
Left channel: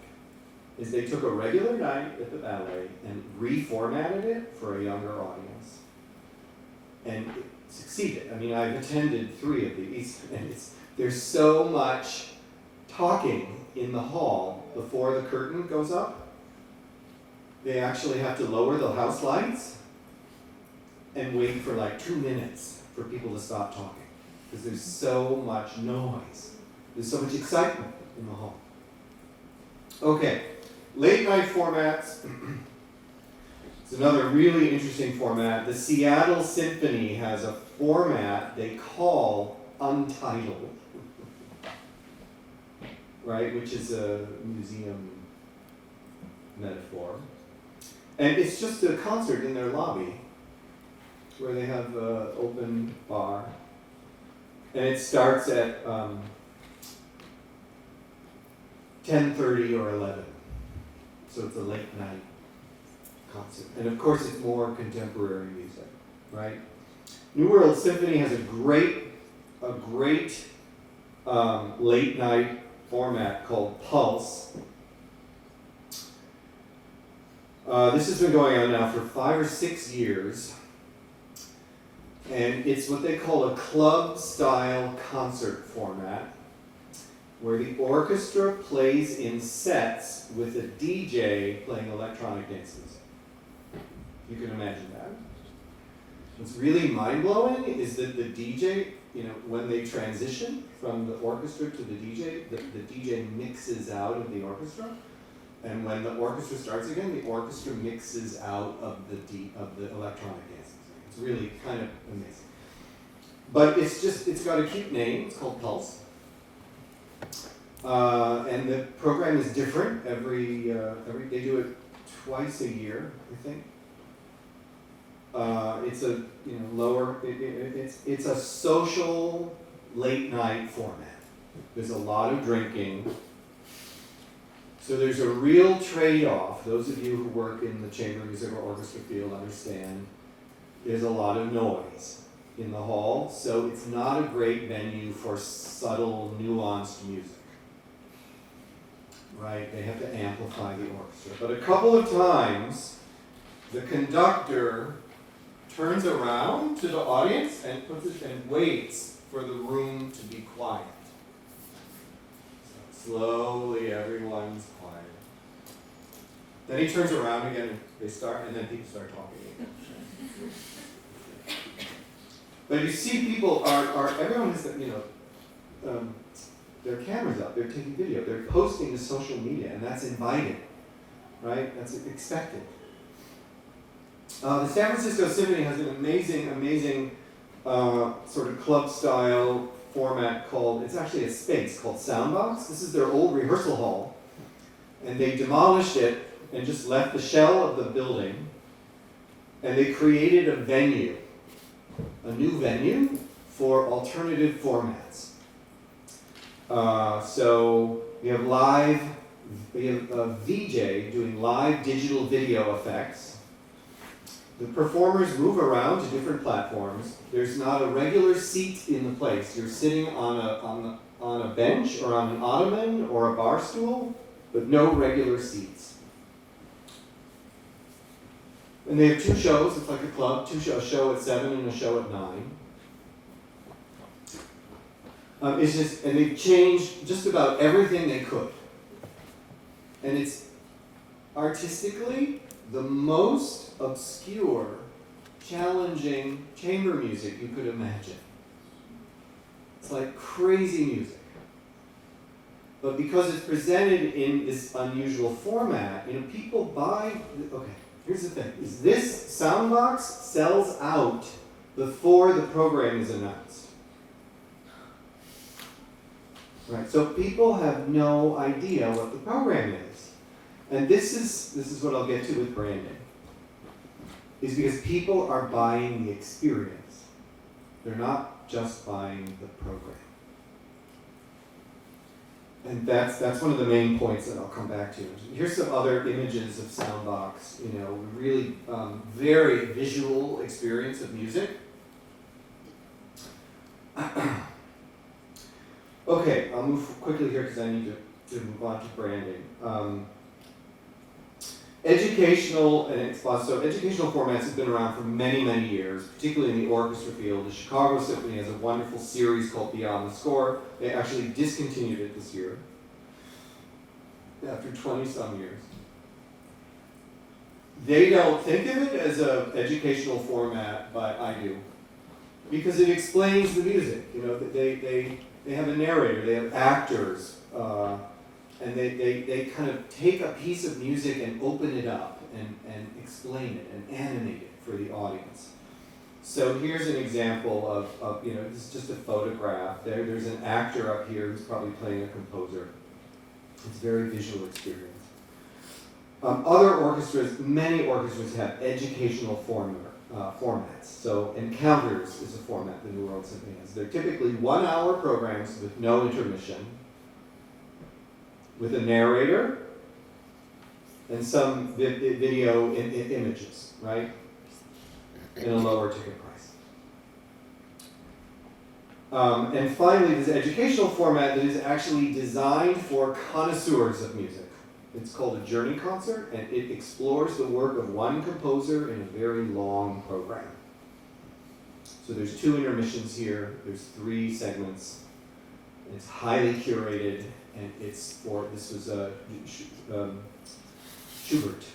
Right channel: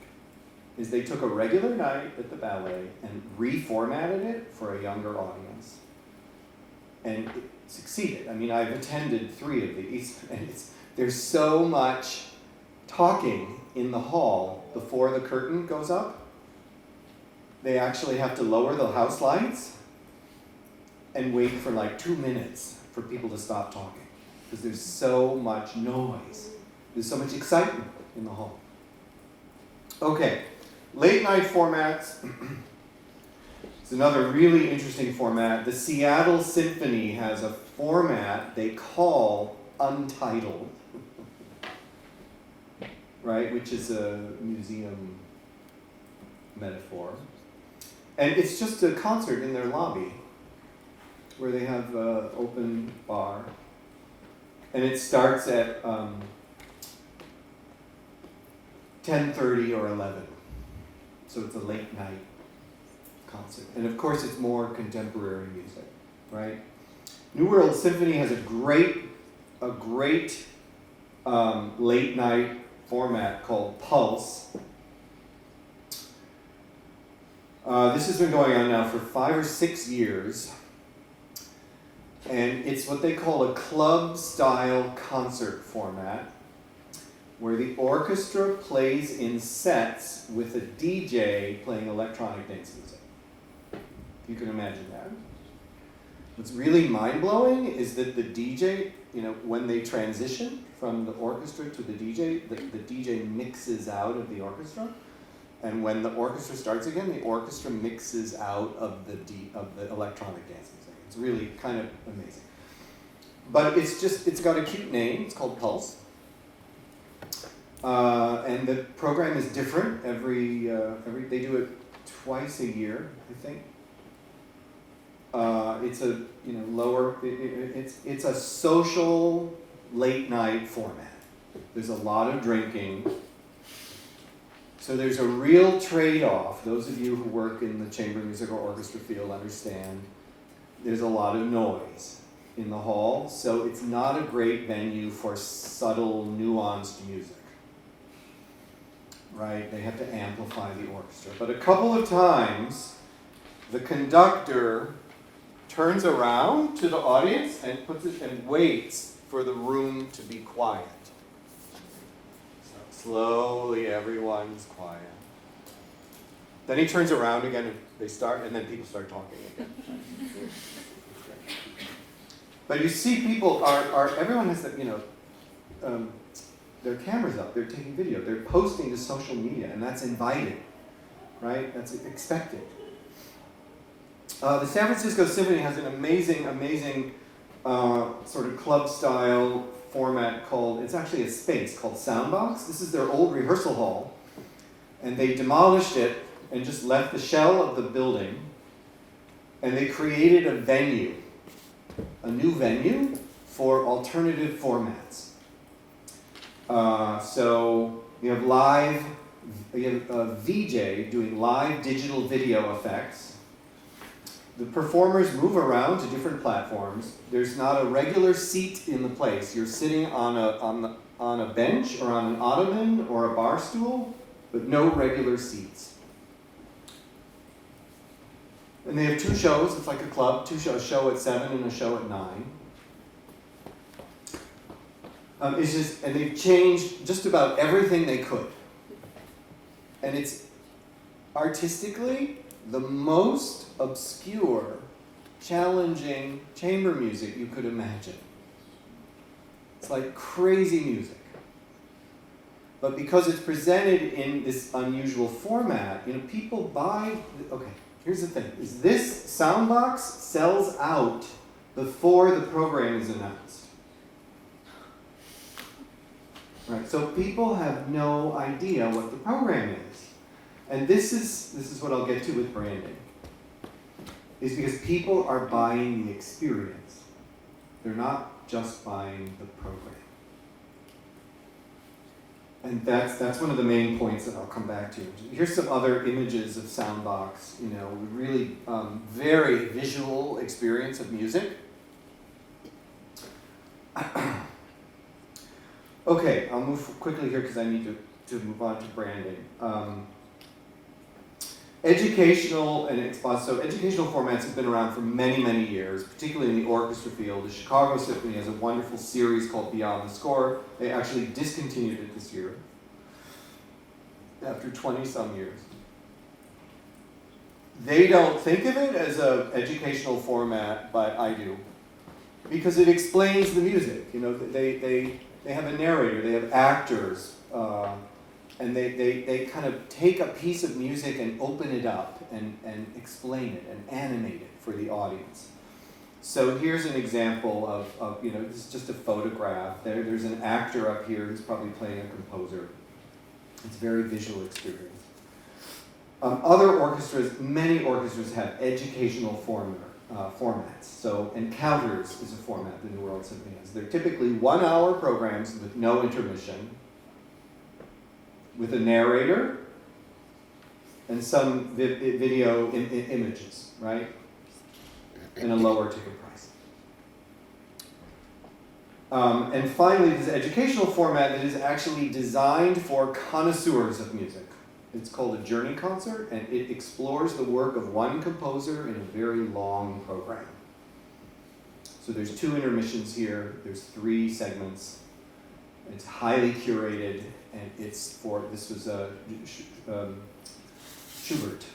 Is they took a regular night at the ballet and reformatted it for a younger audience. And it succeeded. I've attended 3 of these, and there's so much talking in the hall before the curtain goes up. They actually have to lower the house lights and wait for 2 minutes for people to stop talking because there's so much noise. There's so much excitement in the hall. Okay, late night formats. It's another really interesting format. The Seattle Symphony has a format they call Untitled. Right, which is a museum metaphor. And it's just a concert in their lobby where they have an open bar. And it starts at 10:30 or 11. So it's a late night concert. And of course it's more contemporary music, right? New World Symphony has a great late night format called Pulse. This has been going on now for 5 or 6 years. And it's what they call a club-style concert format where the orchestra plays in sets with a DJ playing electronic dance music. You can imagine that. What's really mind-blowing is that the DJ, when they transition from the orchestra to the DJ, the DJ mixes out of the orchestra. And when the orchestra starts again, the orchestra mixes out of the electronic dance music. It's really kind of amazing. But it's got a cute name. It's called Pulse. And the program is different every they do it twice a year, I think. It's a lower. It's a social late night format. There's a lot of drinking. So there's a real trade-off. Those of you who work in the chamber music or orchestra field understand there's a lot of noise in the hall, so it's not a great venue for subtle, nuanced music. Right? They have to amplify the orchestra. But a couple of times, the conductor turns around to the audience and waits for the room to be quiet. So slowly, everyone's quiet. Then he turns around again, and they start, and then people start talking again. But you see, people everyone has their cameras up, they're taking video, they're posting to social media, and that's invited, right? That's expected. The San Francisco Symphony has an amazing sort of club-style format it's actually a space called Soundbox. This is their old rehearsal hall, and they demolished it and just left the shell of the building, and they created a new venue for alternative formats. So you have a VJ doing live digital video effects. The performers move around to different platforms. There's not a regular seat in the place. You're sitting on a bench or on an ottoman or a bar stool, but no regular seats. And they have two shows. It's like a club. A show at 7 and a show at 9. And they've changed just about everything they could. And it's artistically the most obscure, challenging chamber music you could imagine. It's like crazy music. But because it's presented in this unusual format, people buy. Okay, here's the thing: is this Soundbox sells out before the program is announced. Right, so people have no idea what the program is. And this is what I'll get to with branding. Is because people are buying the experience. They're not just buying the program. And that's one of the main points that I'll come back to. Here's some other images of Soundbox, really very visual experience of music. Okay, I'll move quickly here because I need to move on to branding. Educational formats have been around for many, many years, particularly in the orchestra field. The Chicago Symphony has a wonderful series called Beyond the Score. They actually discontinued it this year after 20-some years. They don't think of it as an educational format, but I do. Because it explains the music. They have a narrator, they have actors, and they kind of take a piece of music and open it up and explain it and animate it for the audience. So here's an example of this is just a photograph. There's an actor up here who's probably playing a composer. It's a very visual experience. Many orchestras have educational formats. So Encounters is a format the New World Symphony has. They're typically 1-hour programs with no intermission, with a narrator and some video images, right? And a lower ticket price. And finally, this educational format that is actually designed for connoisseurs of music. It's called a journey concert, and it explores the work of one composer in a very long program. So there's 2 intermissions here, there's 3 segments. It's highly curated, and this was Schubert.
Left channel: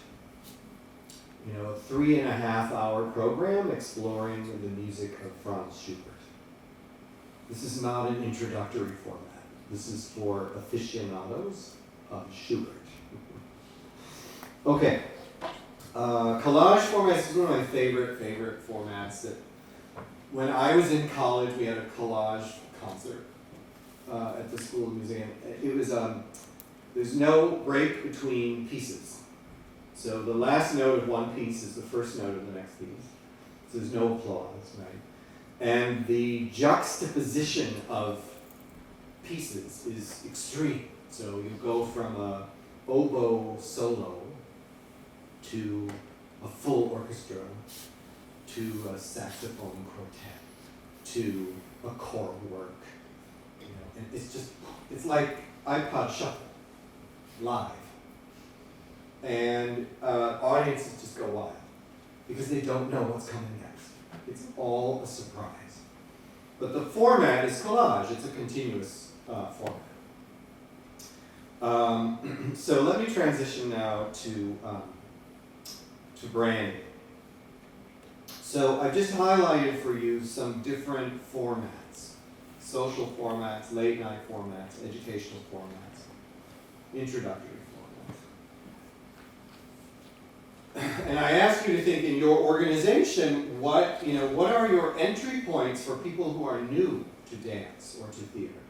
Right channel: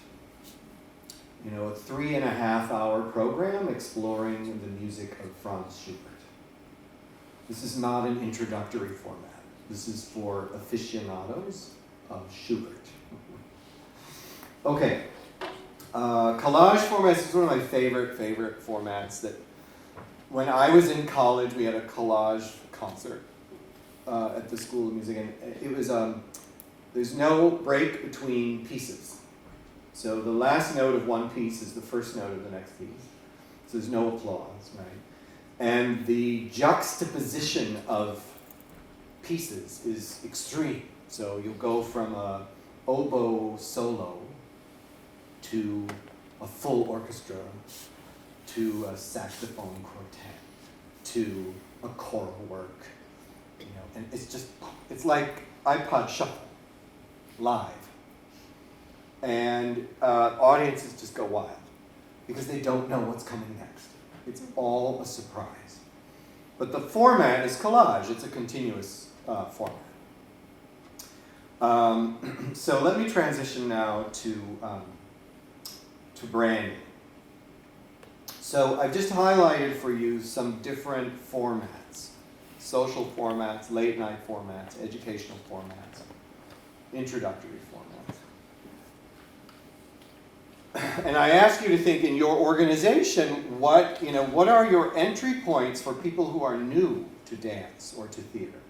A 3.5-hour program exploring the music of Franz Schubert. This is not an introductory format. This is for aficionados of Schubert. Okay. Collage formats is one of my favorite formats. That when I was in college, we had a collage concert at the School of Music, and it was there's no break between pieces. So the last note of one piece is the first note of the next piece. So there's no applause, right? And the juxtaposition of pieces is extreme. So you go from a oboe solo to a full orchestra, to a saxophone quartet, to a choral work, and it's like iPod Shuffle, live. And audiences just go wild, because they don't know what's coming next. It's all a surprise. But the format is collage, it's a continuous format. So let me transition now to branding. So I've just highlighted for you some different formats: social formats, late night formats, educational formats, introductory formats. And I ask you to think in your organization, what are your entry points for people who are new to dance or to theater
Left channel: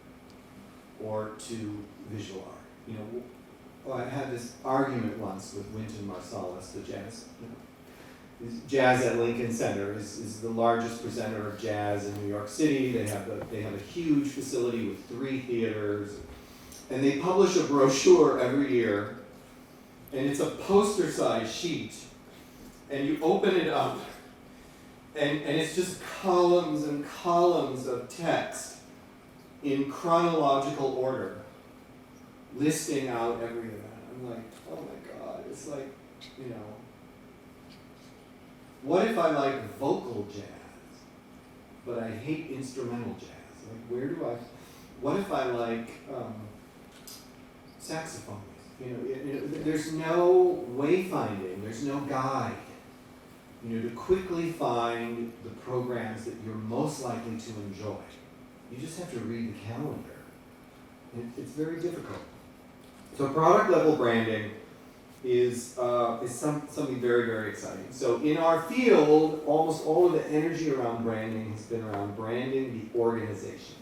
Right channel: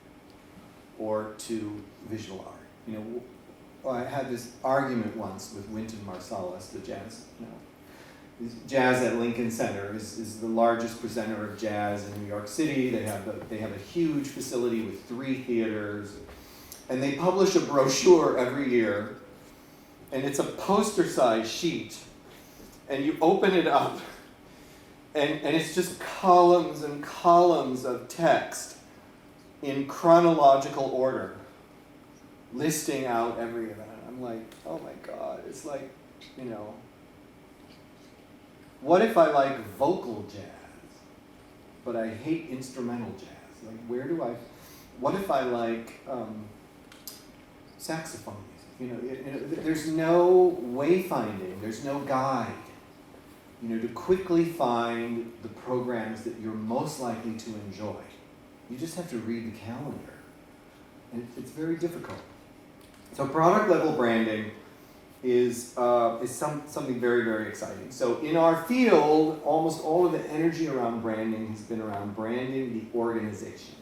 or to visual art? I had this argument once with Wynton Marsalis, the jazz. Jazz at Lincoln Center is the largest presenter of jazz in New York City. They have a huge facility with 3 theaters, and they publish a brochure every year, and it's a poster-sized sheet, and you open it up, and it's just columns and columns of text in chronological order, listing out every event. I'm like, oh my God, it's like, what if I like vocal jazz, but I hate instrumental jazz? Like, what if I like saxophone music? There's no wayfinding, there's no guide, to quickly find the programs that you're most likely to enjoy. You just have to read the calendar. And it's very difficult. So product level branding is something very, very exciting. So in our field, almost all of the energy around branding has been around branding the organization,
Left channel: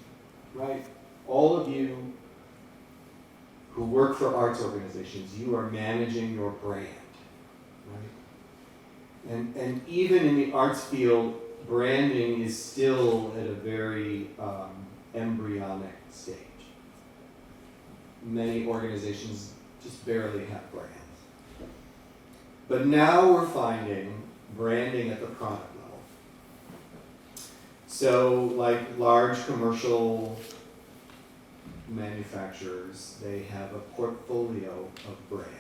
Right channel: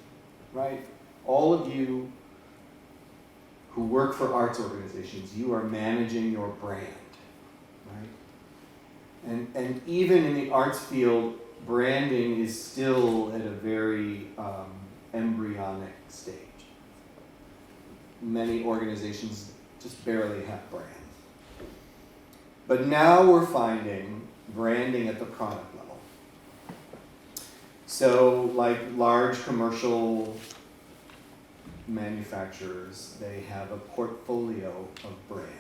right? All of you who work for arts organizations, you are managing your brand, right? And even in the arts field, branding is still at a very embryonic stage. Many organizations just barely have brands. But now we're finding branding at the product level. So like large commercial manufacturers, they have a portfolio of brands.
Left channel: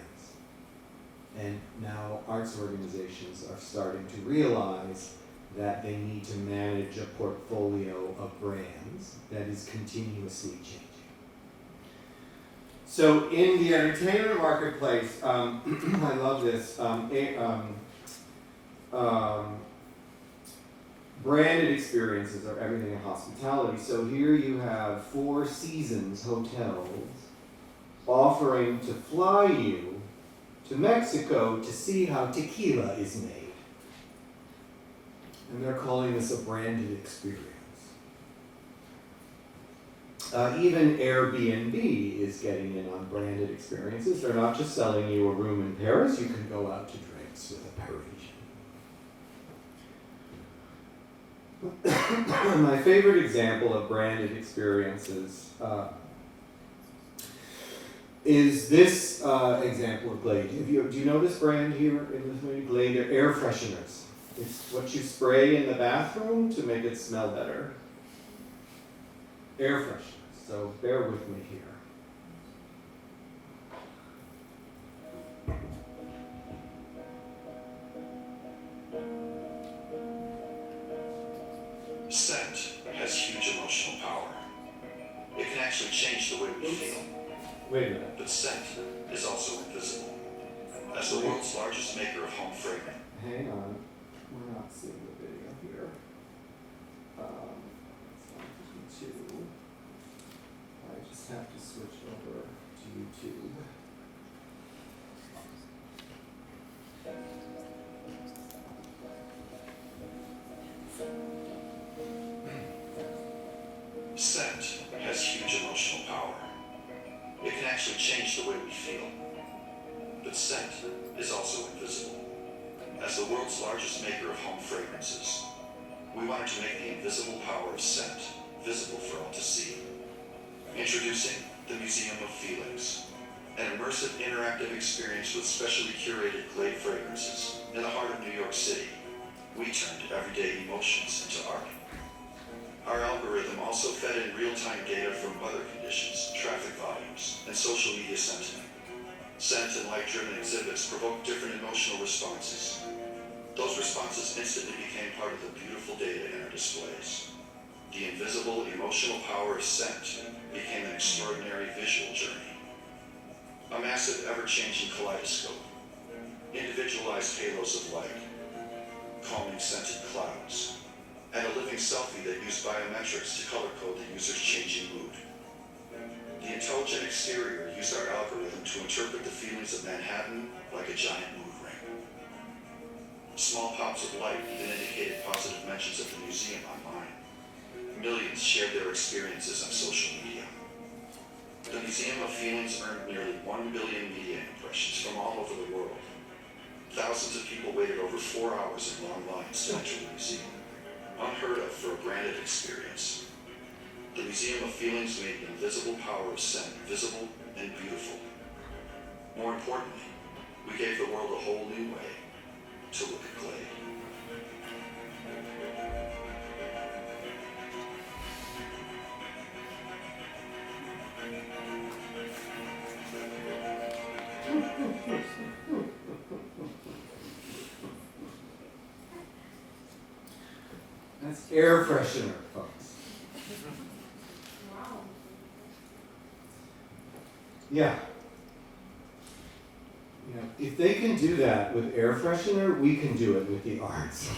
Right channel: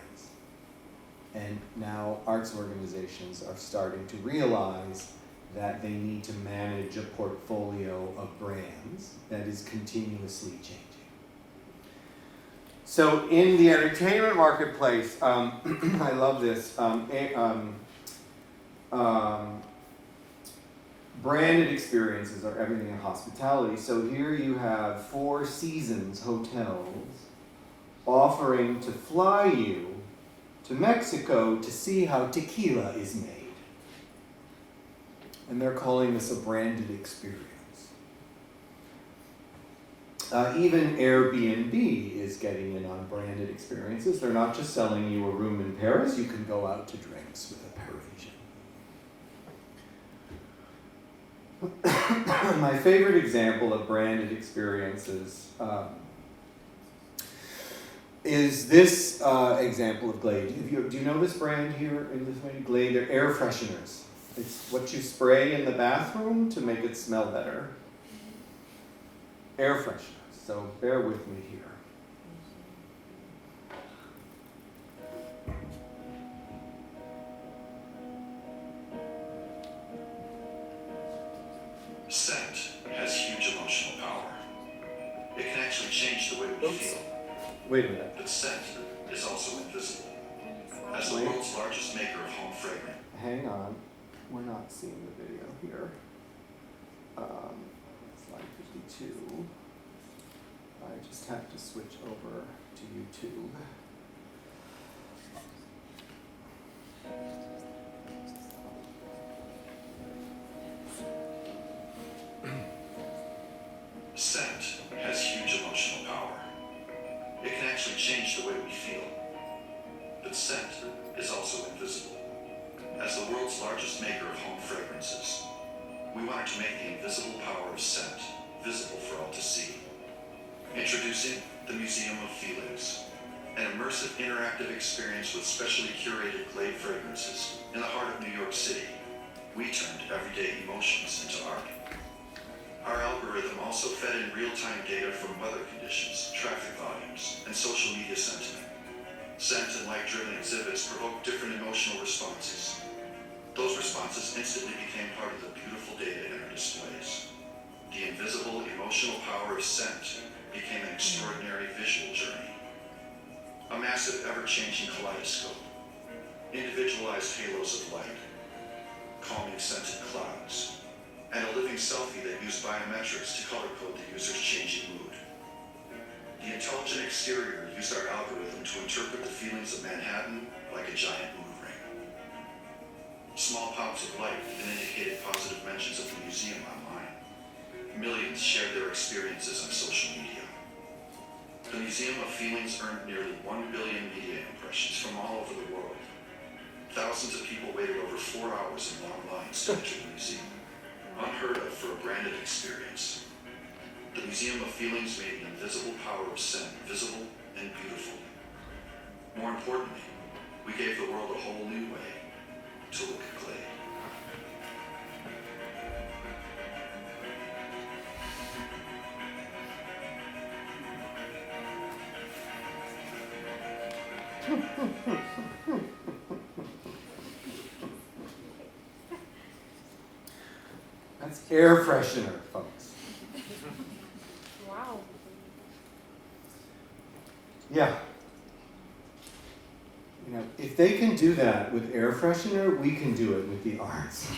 And now arts organizations are starting to realize that they need to manage a portfolio of brands that is continuously changing. So in the entertainment marketplace, I love this, branded experiences are everything in hospitality. So here you have Four Seasons hotels offering to fly you to Mexico to see how tequila is made. And they're calling this a branded experience. Even Airbnb is getting in on branded experiences. They're not just selling you a room in Paris, you can go out to drinks with a Parisian. My favorite example of branded experiences is this example of Glade. Do you know this brand here in Lithuania? Glade, they're air fresheners. It's what you spray in the bathroom to make it smell better. Air fresheners. So bear with me here. Scent has huge emotional power. It can actually change the way we feel. Wait a minute. But scent is also invisible. As the world's largest maker of home fragrance. Hang on. We're not seeing the video here. Slide 52. I just have to switch over to YouTube. actually change the way we feel. But scent is also invisible. As the world's largest maker of home fragrances, we wanted to make the invisible power of scent visible for all to see. Introducing the Museum of Feelings, an immersive interactive experience with specially curated Glade fragrances in the heart of New York City. We turned everyday emotions into art. Our algorithm also fed in real-time data from weather conditions, traffic volumes, and social media sentiment. Scent and light-driven exhibits provoked different emotional responses. Those responses instantly became part of the beautiful data in our displays. The invisible emotional power of scent became an extraordinary visual journey. A massive, ever-changing kaleidoscope, individualized halos of light, calming scented clouds, and a living selfie that used biometrics to color code the user's changing mood. The intelligent exterior used our algorithm to interpret the feelings of Manhattan like a giant mood ring. Small pops of light even indicated positive mentions of the museum online. Millions shared their experiences on social media. The Museum of Feelings earned nearly 1 billion media impressions from all over the world. Thousands of people waited over 4 hours in long lines to enter the museum. Unheard of for a branded experience. The Museum of Feelings made the invisible power of scent visible and beautiful. More importantly, we gave the world a whole new way to look at Glade. That's air freshener, folks. Wow. Yeah. You know, if they can do that with air freshener, we can do it with the arts.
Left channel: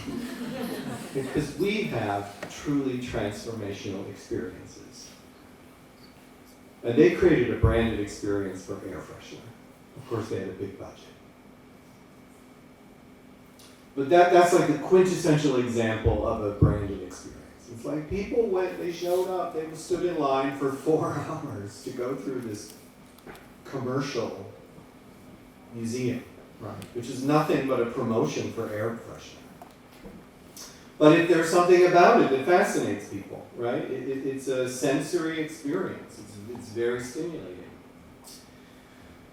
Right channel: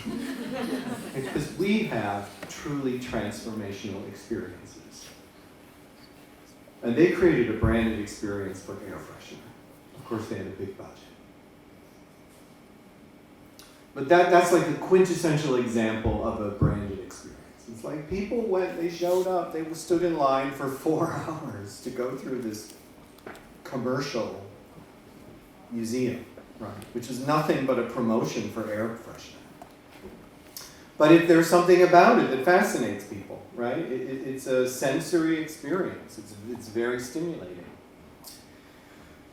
Because we have truly transformational experiences. And they created a branded experience for air freshener. Of course, they had a big budget. But that's like the quintessential example of a branded experience. It's like people went, they showed up, they stood in line for 4 hours to go through this commercial museum, right? Which is nothing but a promotion for air freshener. But if there's something about it that fascinates people, right? It's a sensory experience. It's very stimulating.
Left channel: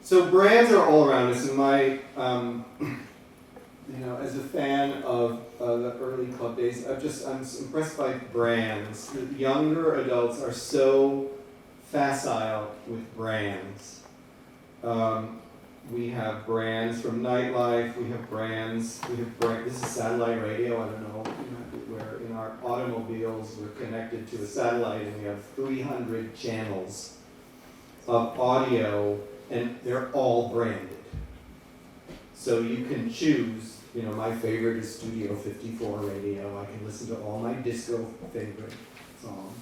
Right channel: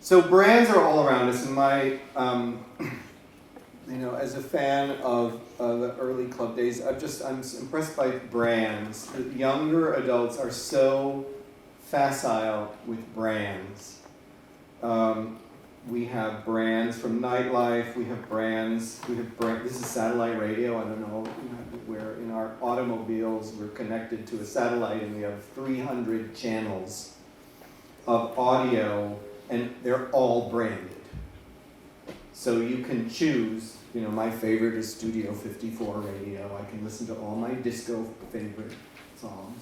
So brands are all around us, and my you know, as a fan of the early club days, I'm impressed by brands. The younger adults are so facile with brands. We have brands from nightlife. We have brands. This is satellite radio. I don't know, where in our automobiles we're connected to a satellite, and we have 300 channels of audio, and they're all branded. So you can choose. You know, my favorite is Studio 54 radio. I can listen to all my disco favorite songs.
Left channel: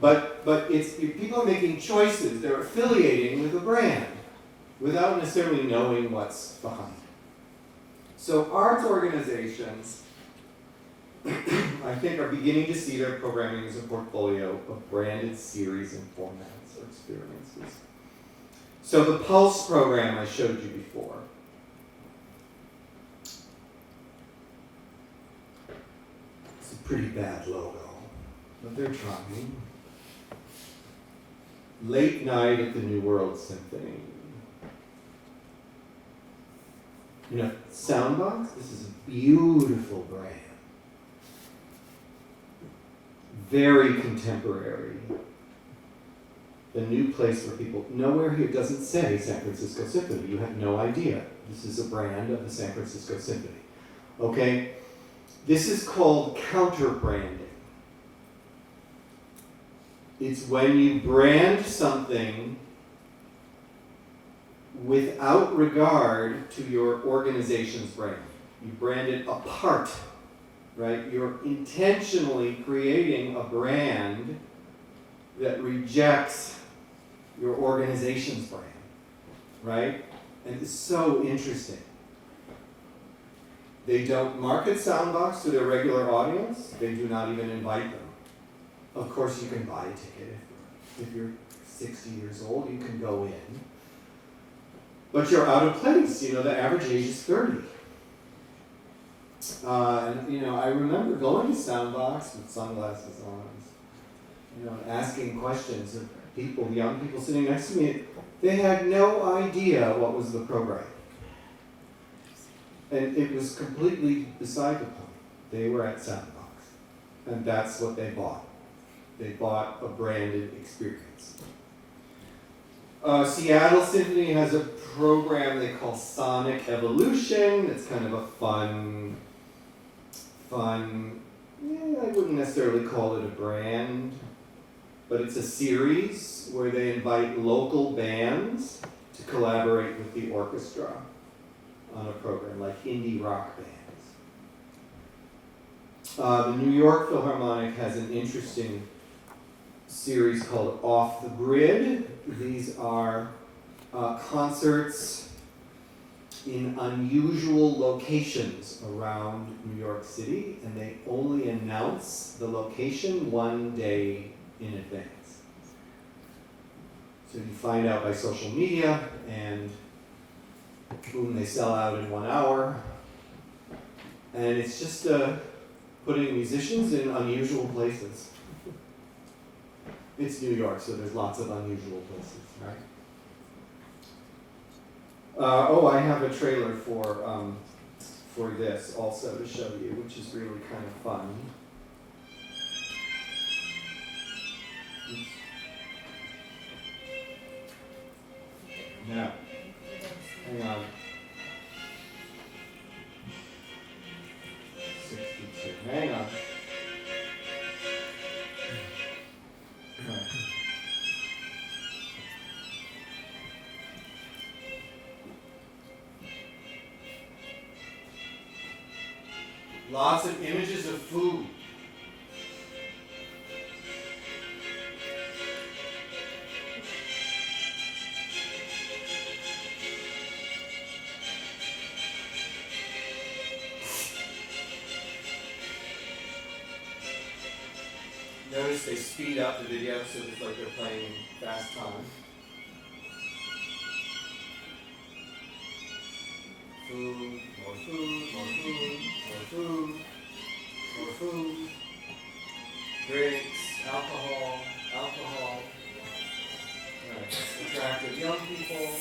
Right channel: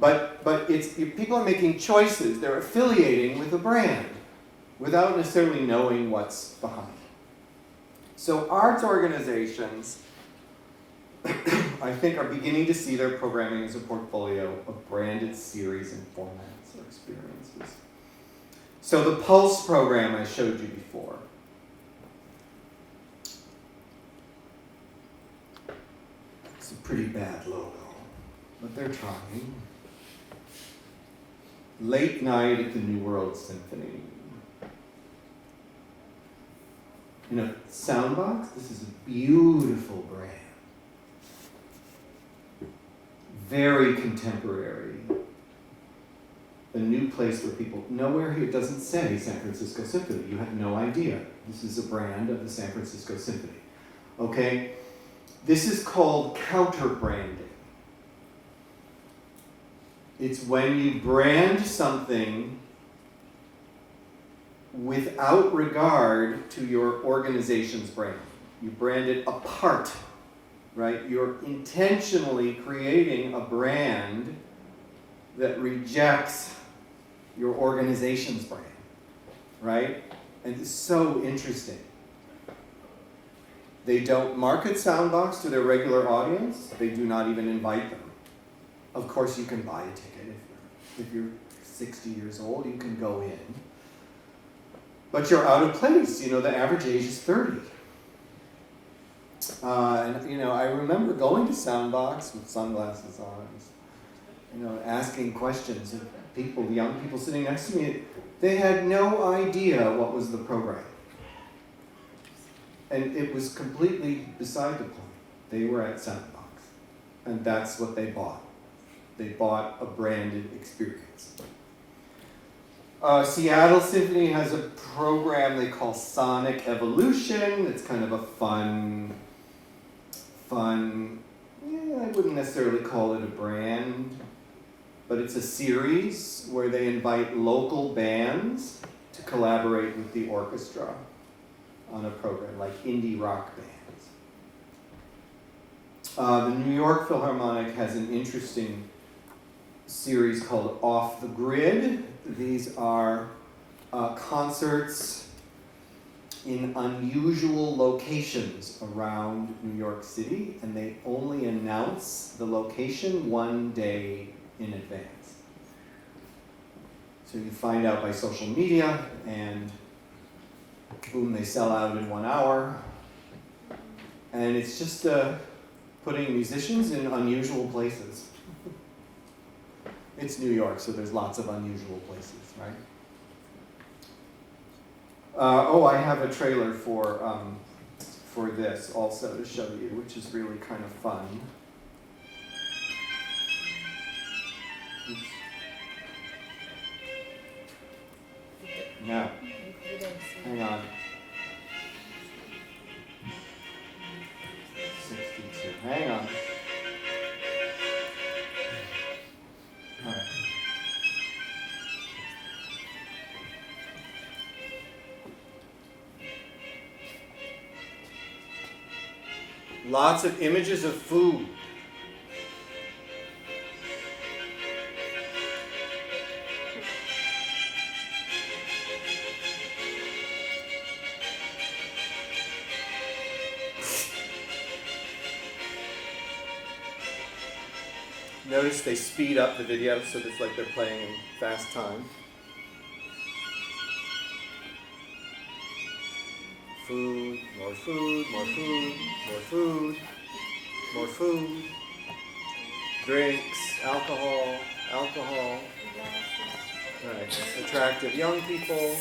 But people are making choices. They're affiliating with a brand without necessarily knowing what's behind it. So arts organizations, I think, are beginning to see their programming as a portfolio of branded series and formats or experiences. So the Pulse program I showed you before. It's a pretty bad logo, but they're trying. Late Night at the New World Symphony. You know, Soundbox, this is a beautiful brand. Very contemporary. The new place where people, nowhere here doesn't say San Francisco Symphony. You have no idea. This is a brand of the San Francisco Symphony. Okay? This is called counter-branding. It's when you brand something without regard to your organization's brand. You brand it apart, right? You're intentionally creating a brand that rejects your organization's brand, right? And it's so interesting. They don't market Soundbox to their regular audience. They do not even invite them. Of course, you can buy a ticket if you're 60 years old, you can go in. But you're out of place, the average age is 30. And I remember going to Soundbox with sunglasses on, asking questions of people, young people sitting next to me. They had no idea what was the program. And it was completely beside the point. They were at Soundbox, and that's what they bought. They bought a branded experience. Seattle Symphony has a program they call Sonic Evolution. It's kind of a fun, I wouldn't necessarily call it a brand, but it's a series where they invite local bands to collaborate with the orchestra on a program, like indie rock bands. The New York Philharmonic has an interesting series called Off the Grid. These are concerts in unusual locations around New York City, and they only announce the location one day in advance. So you find out by social media, and boom, they sell out in 1 hour. And it's just putting musicians in unusual places. It's New York, so there's lots of unusual places, right? I have a trailer for this also to show you, which is really kind of fun. Oops. No. Hang on. 62. Hang on. All right. Lots of images of food. Notice they speed up the video so it's like they're playing in fast time. Food, more food, more food, more food, more food, drinks, alcohol. Right. Attractive young people.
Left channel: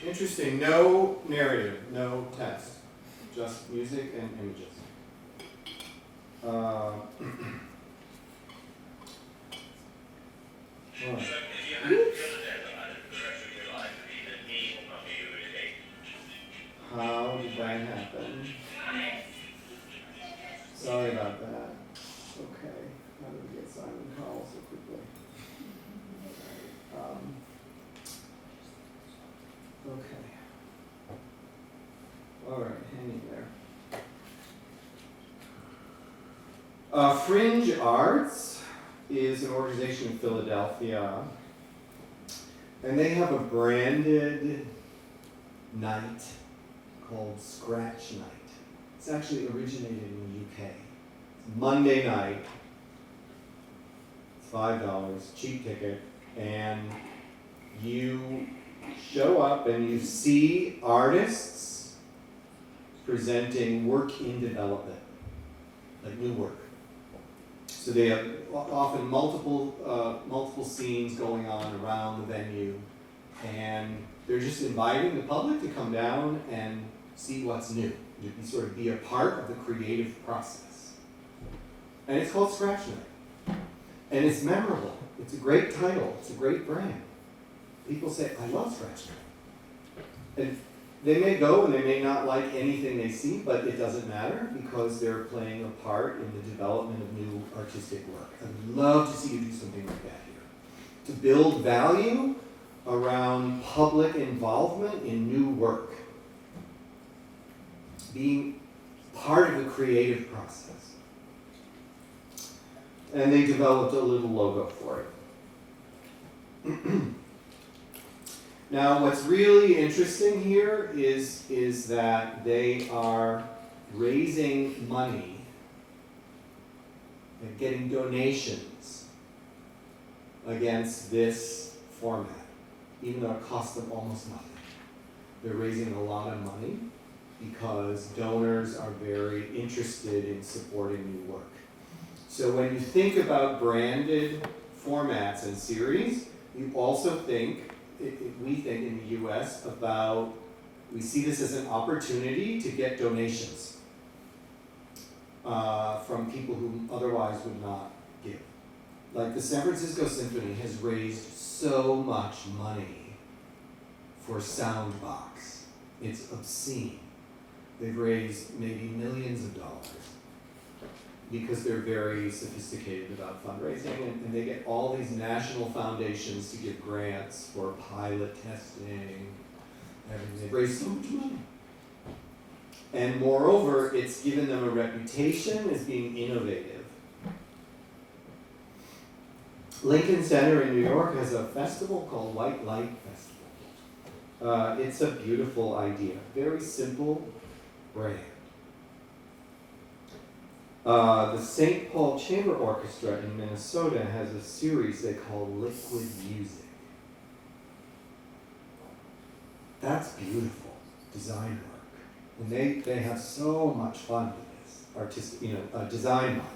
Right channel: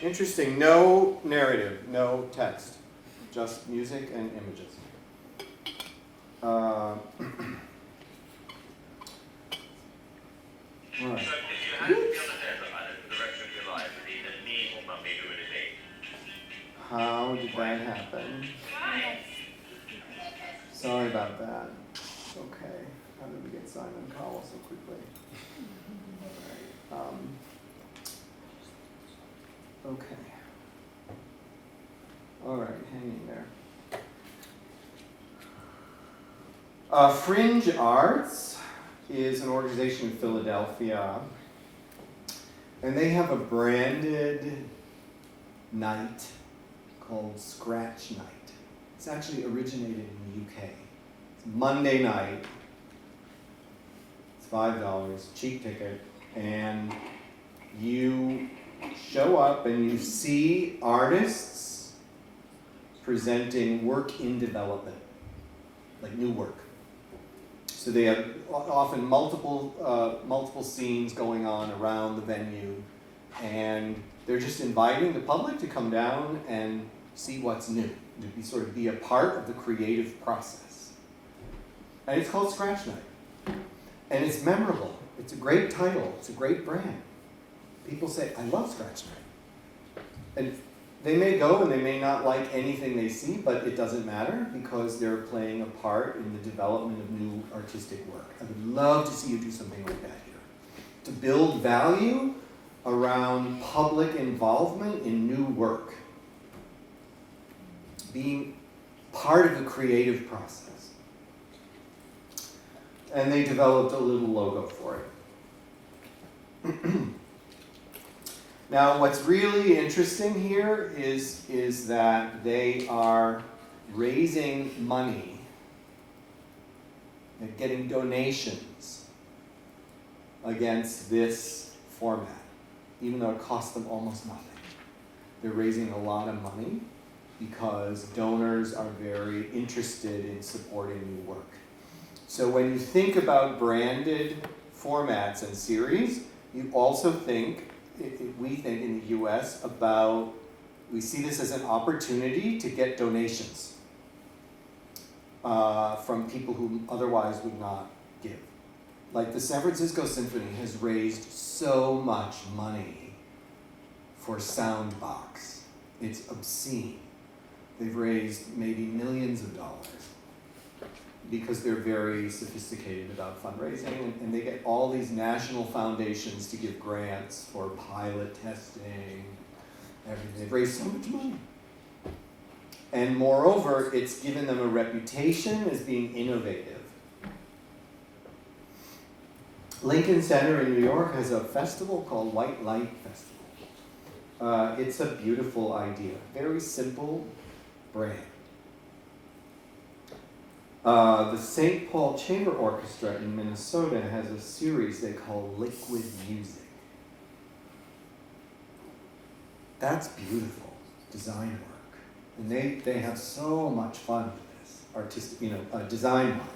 Interesting, no narrative, no text, just music and images. Right. How did that happen? Sorry about that. Okay, how did we get Simon Cowell so quickly? Okay. All right, hang in there. Fringe Arts is an organization in Philadelphia, and they have a branded night called Scratch Night. It's actually originated in the UK. It's Monday night. It's $5, cheap ticket, and you show up and you see artists presenting work in development, like new work. So they have often multiple scenes going on around the venue, and they're just inviting the public to come down and see what's new, to sort of be a part of the creative process. And it's called Scratch Night. And it's memorable. It's a great title. It's a great brand. People say, I love Scratch Night. And they may go and they may not like anything they see, but it doesn't matter because they're playing a part in the development of new artistic work. I would love to see you do something like that here. To build value around public involvement in new work. Being part of the creative process. And they developed a little logo for Now, what's really interesting here is that they are raising money and getting donations against this format, even though it costs them almost nothing. They're raising a lot of money because donors are very interested in supporting new work. So when you think about branded formats and series, you also think, we think in the US about, we see this as an opportunity to get donations from people who otherwise would not give. Like the San Francisco Symphony has raised so much money for Soundbox. It's obscene. They've raised maybe millions of dollars because they're very sophisticated about fundraising, and they get all these national foundations to give grants for pilot testing, everything. They've raised so much money. And moreover, it's given them a reputation as being innovative. Lincoln Center in New York has a festival called White Light Festival. It's a beautiful idea, very simple brand. The St. Paul Chamber Orchestra in Minnesota has a series they call Liquid Music. That's beautiful design work. And they have so much fun with this, artistic, design-wise.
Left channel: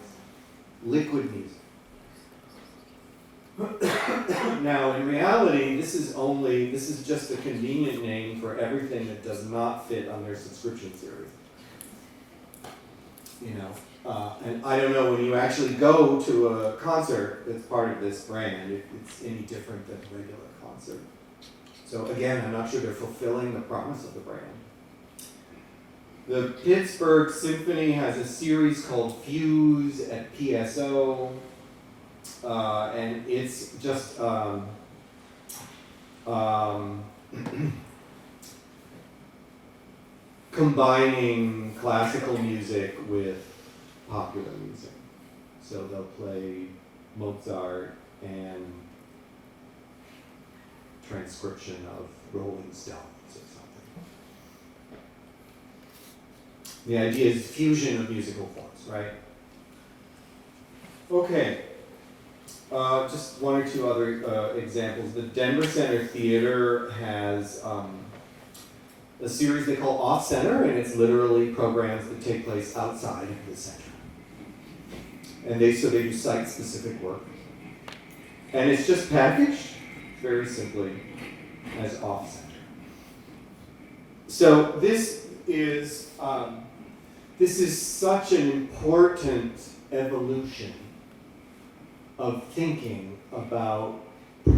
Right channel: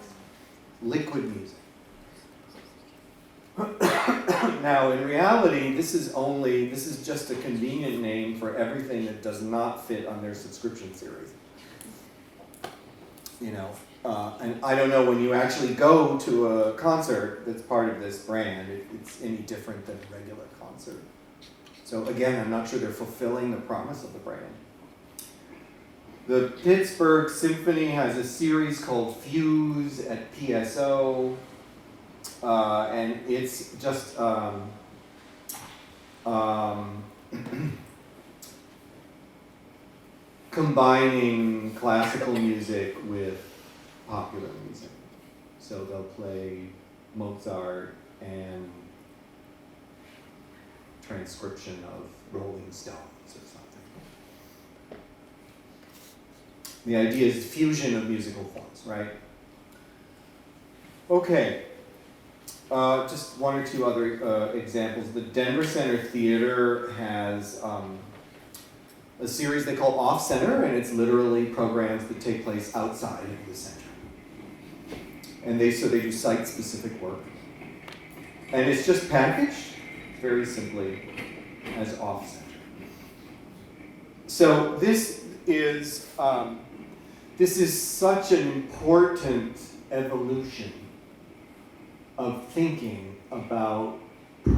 Liquid music. Now, in reality, this is just a convenient name for everything that does not fit on their subscription series. And I don't know when you actually go to a concert that's part of this brand, if it's any different than a regular concert. So again, I'm not sure they're fulfilling the promise of the brand. The Pittsburgh Symphony has a series called Fuse at PSO, and it's just combining classical music with popular music. So they'll play Mozart and transcription of Rolling Stones or something. The idea is fusion of musical forms, right? Okay. Just one or two other examples. The Denver Center Theater has a series they call Off Center, and it's literally programs that take place outside of the center. And they do site-specific work. And it's just packaged very simply as Off Center. So this is such an important evolution of thinking about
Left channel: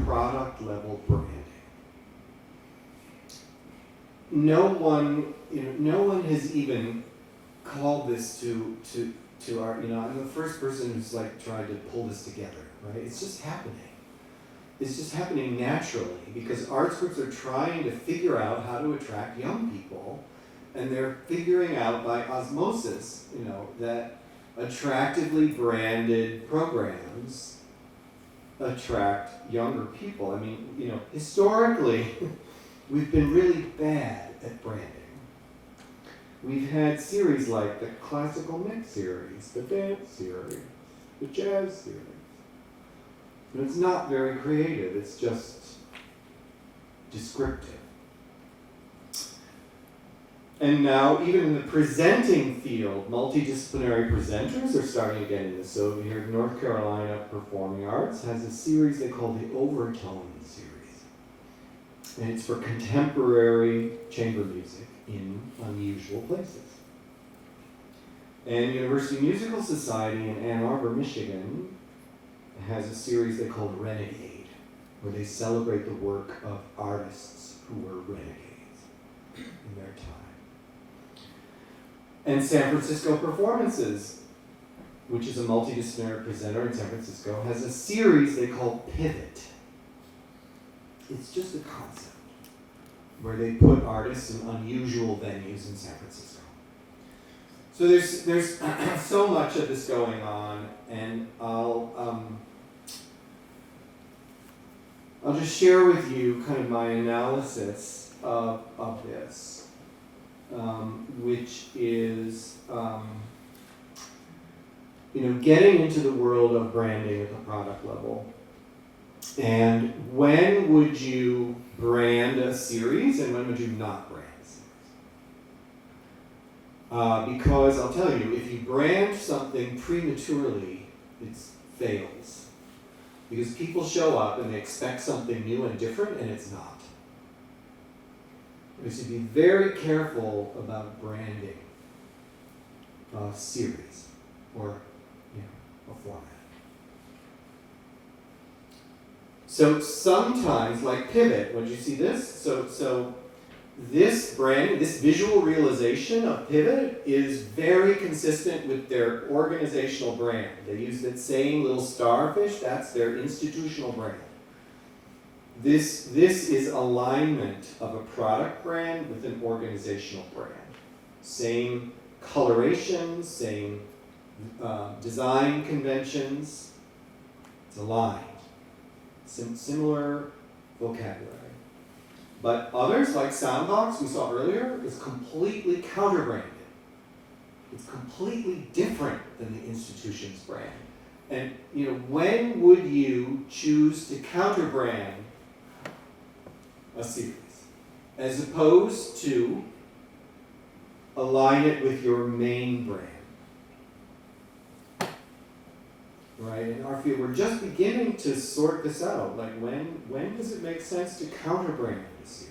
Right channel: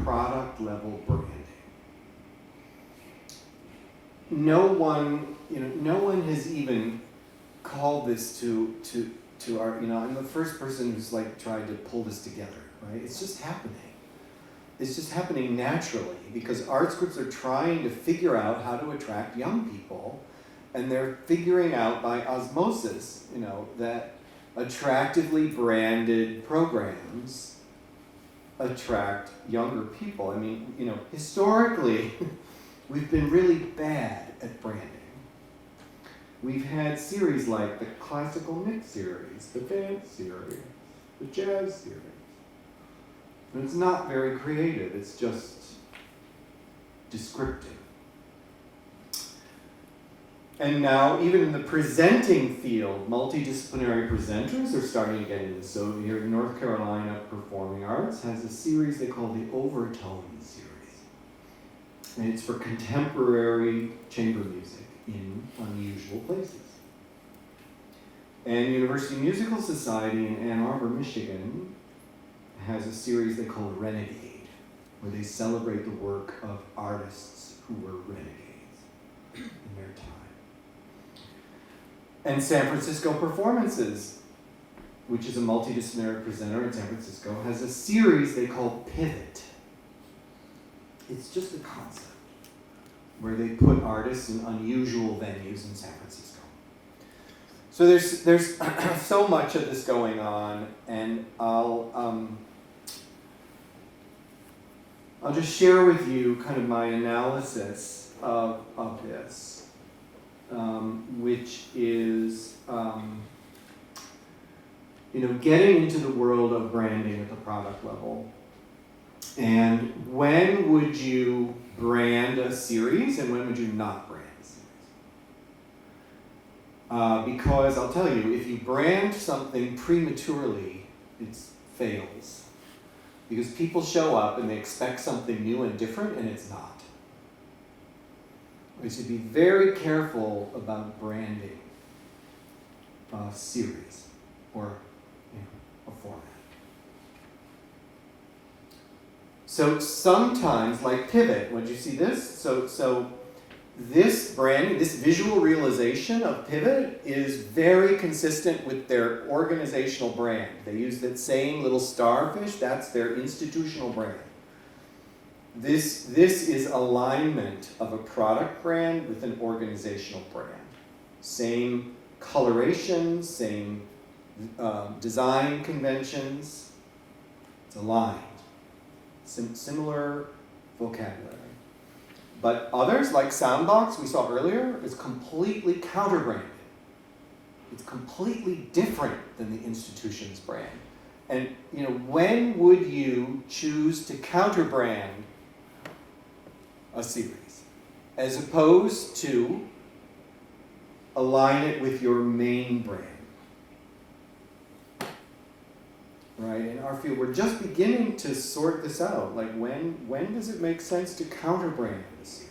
product-level branding. No one has even called this to our, I'm the first person who's tried to pull this together, right? It's just happening. It's just happening naturally because arts groups are trying to figure out how to attract young people, and they're figuring out by osmosis, that attractively branded programs attract younger people. I mean, historically, we've been really bad at branding. We've had series like the classical mix series, the dance series, the jazz series. And it's not very creative, it's just descriptive. And now, even in the presenting field, multidisciplinary presenters are starting to get into this. So here in North Carolina Performing Arts has a series they call the Overtone series. And it's for contemporary chamber music in unusual places. And University Musical Society in Ann Arbor, Michigan has a series they call Renegade, where they celebrate the work of artists who were renegades in their time. And San Francisco Performances, which is a multidisciplinary presenter in San Francisco, has a series they call Pivot. It's just a concept where they put artists in unusual venues in San Francisco. So there's so much of this going on, and I'll just share with you kind of my analysis of this, which is, getting into the world of branding at the product level. And when would you brand a series and when would you not brand a series? Because I'll tell you, if you brand something prematurely, it fails. Because people show up and they expect something new and different, and it's not. We should be very careful about branding a series or a format. So sometimes, like Pivot, would you see this? So this brand, this visual realization of Pivot is very consistent with their organizational brand. They use that same little starfish, that's their institutional brand. This is alignment of a product brand with an organizational brand. Same coloration, same design conventions, it's aligned. Similar vocabulary. But others, like Soundbox we saw earlier, is completely counter-branded. It's completely different than the institution's brand. And when would you choose to counter-brand a series as opposed to align it with your main brand? Right, in our field, we're just beginning to sort this out. Like, when does it make sense to counter-brand a series?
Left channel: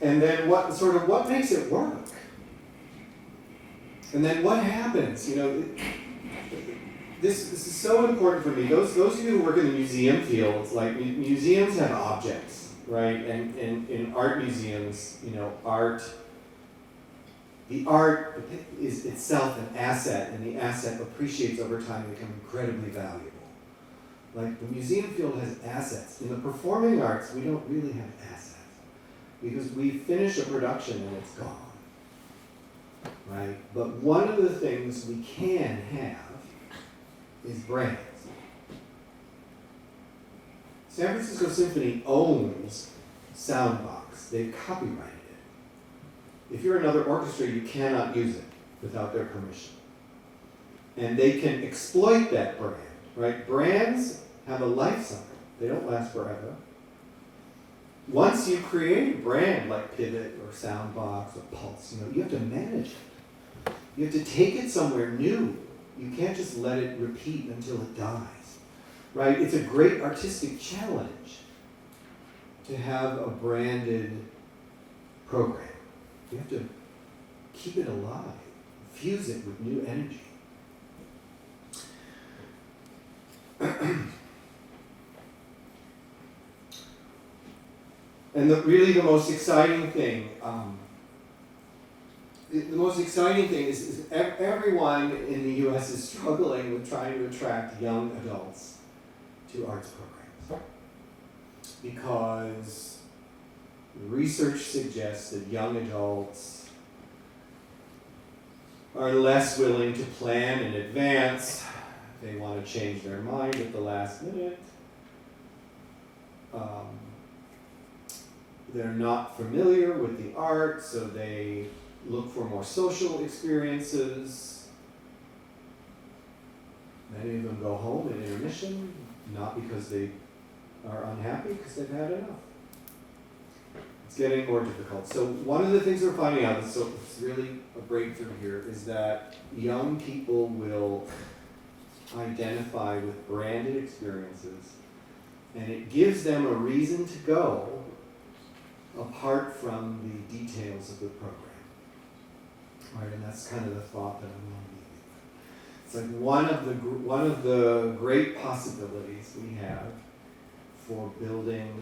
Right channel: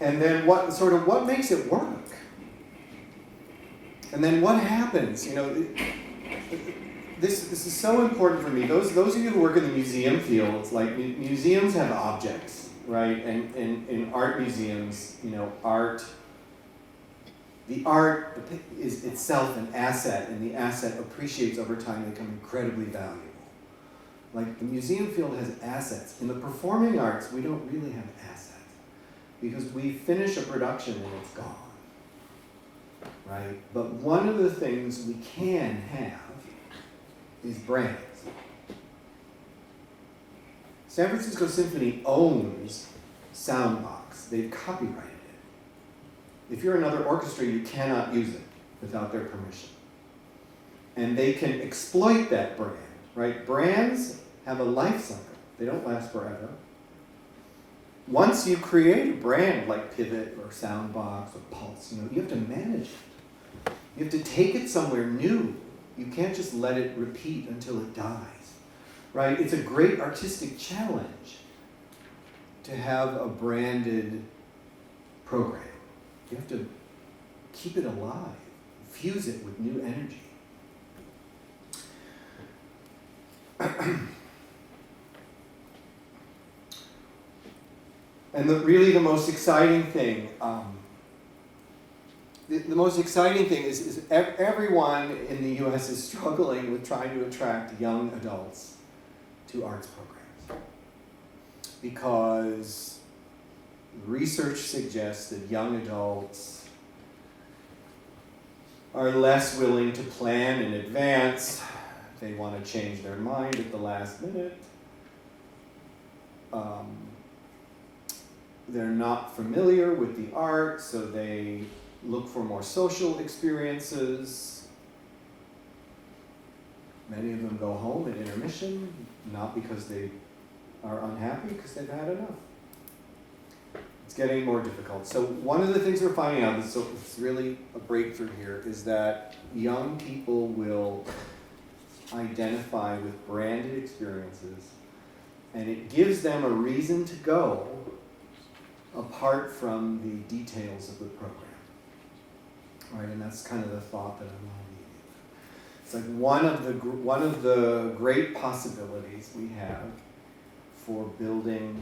And then what makes it work? And then what happens? This is so important for me. Those of you who work in the museum field, it's like museums have objects, right? And in art museums, the art is itself an asset, and the asset appreciates over time and becomes incredibly valuable. Like, the museum field has assets. In the performing arts, we don't really have assets because we finish a production and it's gone, right? But one of the things we can have is brands. San Francisco Symphony owns Soundbox. They've copyrighted it. If you're another orchestra, you cannot use it without their permission. And they can exploit that brand, right? Brands have a life cycle. They don't last forever. Once you create a brand like Pivot or Soundbox or Pulse, you have to manage it. You have to take it somewhere new. You can't just let it repeat until it dies, right? It's a great artistic challenge to have a branded program. You have to keep it alive, fuse it with new energy. And the most exciting thing, the most exciting thing is everyone in the U.S. is struggling with trying to attract young adults to arts programs. Because research suggests that young adults are less willing to plan in advance. They want to change their mind at the last minute. They're not familiar with the art, so they look for more social experiences. Many of them go home at intermission, not because they are unhappy, because they've had enough. It's getting more difficult. So one of the things we're finding out, it's really a breakthrough here, is that young people will identify with branded experiences, and it gives them a reason to go apart from the details of the program. Right, and that's kind of the thought that I'm leaving. It's like one of the great possibilities we have for building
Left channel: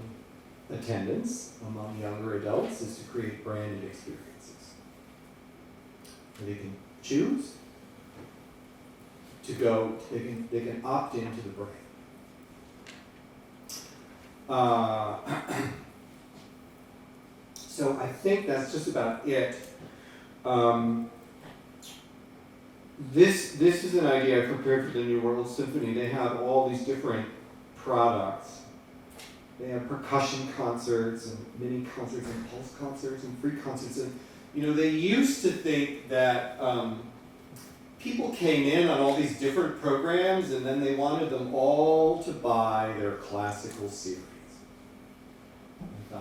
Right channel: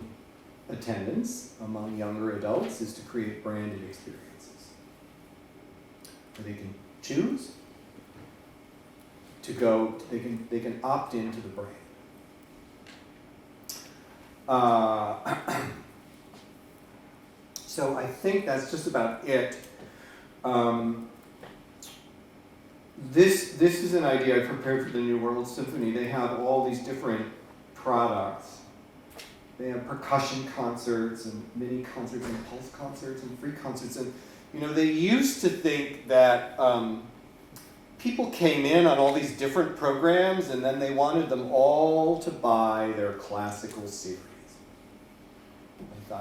attendance among younger adults is to create branded experiences. So they can choose to go, they can opt into the brand. So I think that's just about it. this is an idea I prepared for the New World Symphony. They have all these different products. They have percussion concerts and mini concerts and pulse concerts and free concerts. And they used to think that people came in on all these different programs and then they wanted them all to buy their classical series. I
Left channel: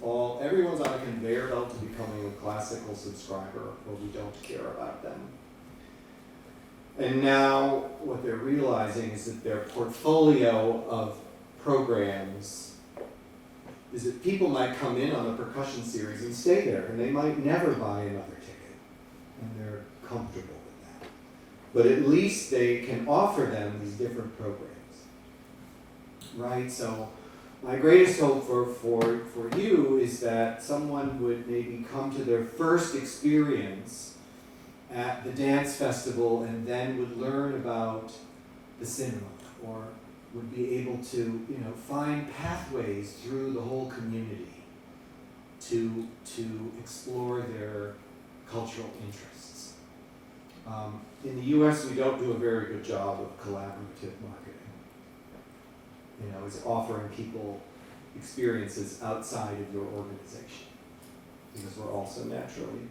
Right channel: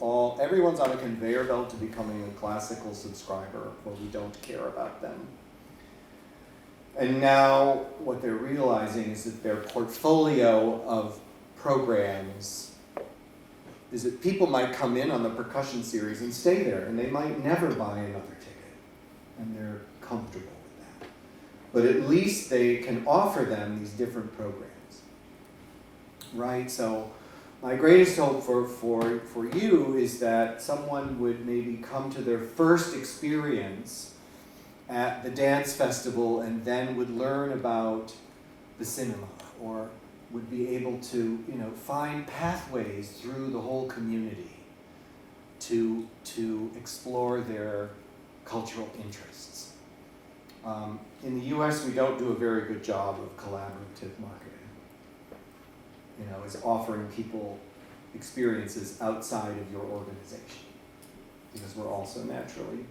thought everyone's on a conveyor belt to becoming a classical subscriber, or we don't care about them. And now what they're realizing is that their portfolio of programs is that people might come in on the percussion series and stay there, and they might never buy another ticket, and they're comfortable with that. But at least they can offer them these different programs, right? So my greatest hope for you is that someone would maybe come to their first experience at the dance festival and then would learn about the cinema, or would be able to, find pathways through the whole community to explore their cultural interests. In the US, we don't do a very good job of collaborative marketing. Is offering people experiences outside of your organization, because we're also naturally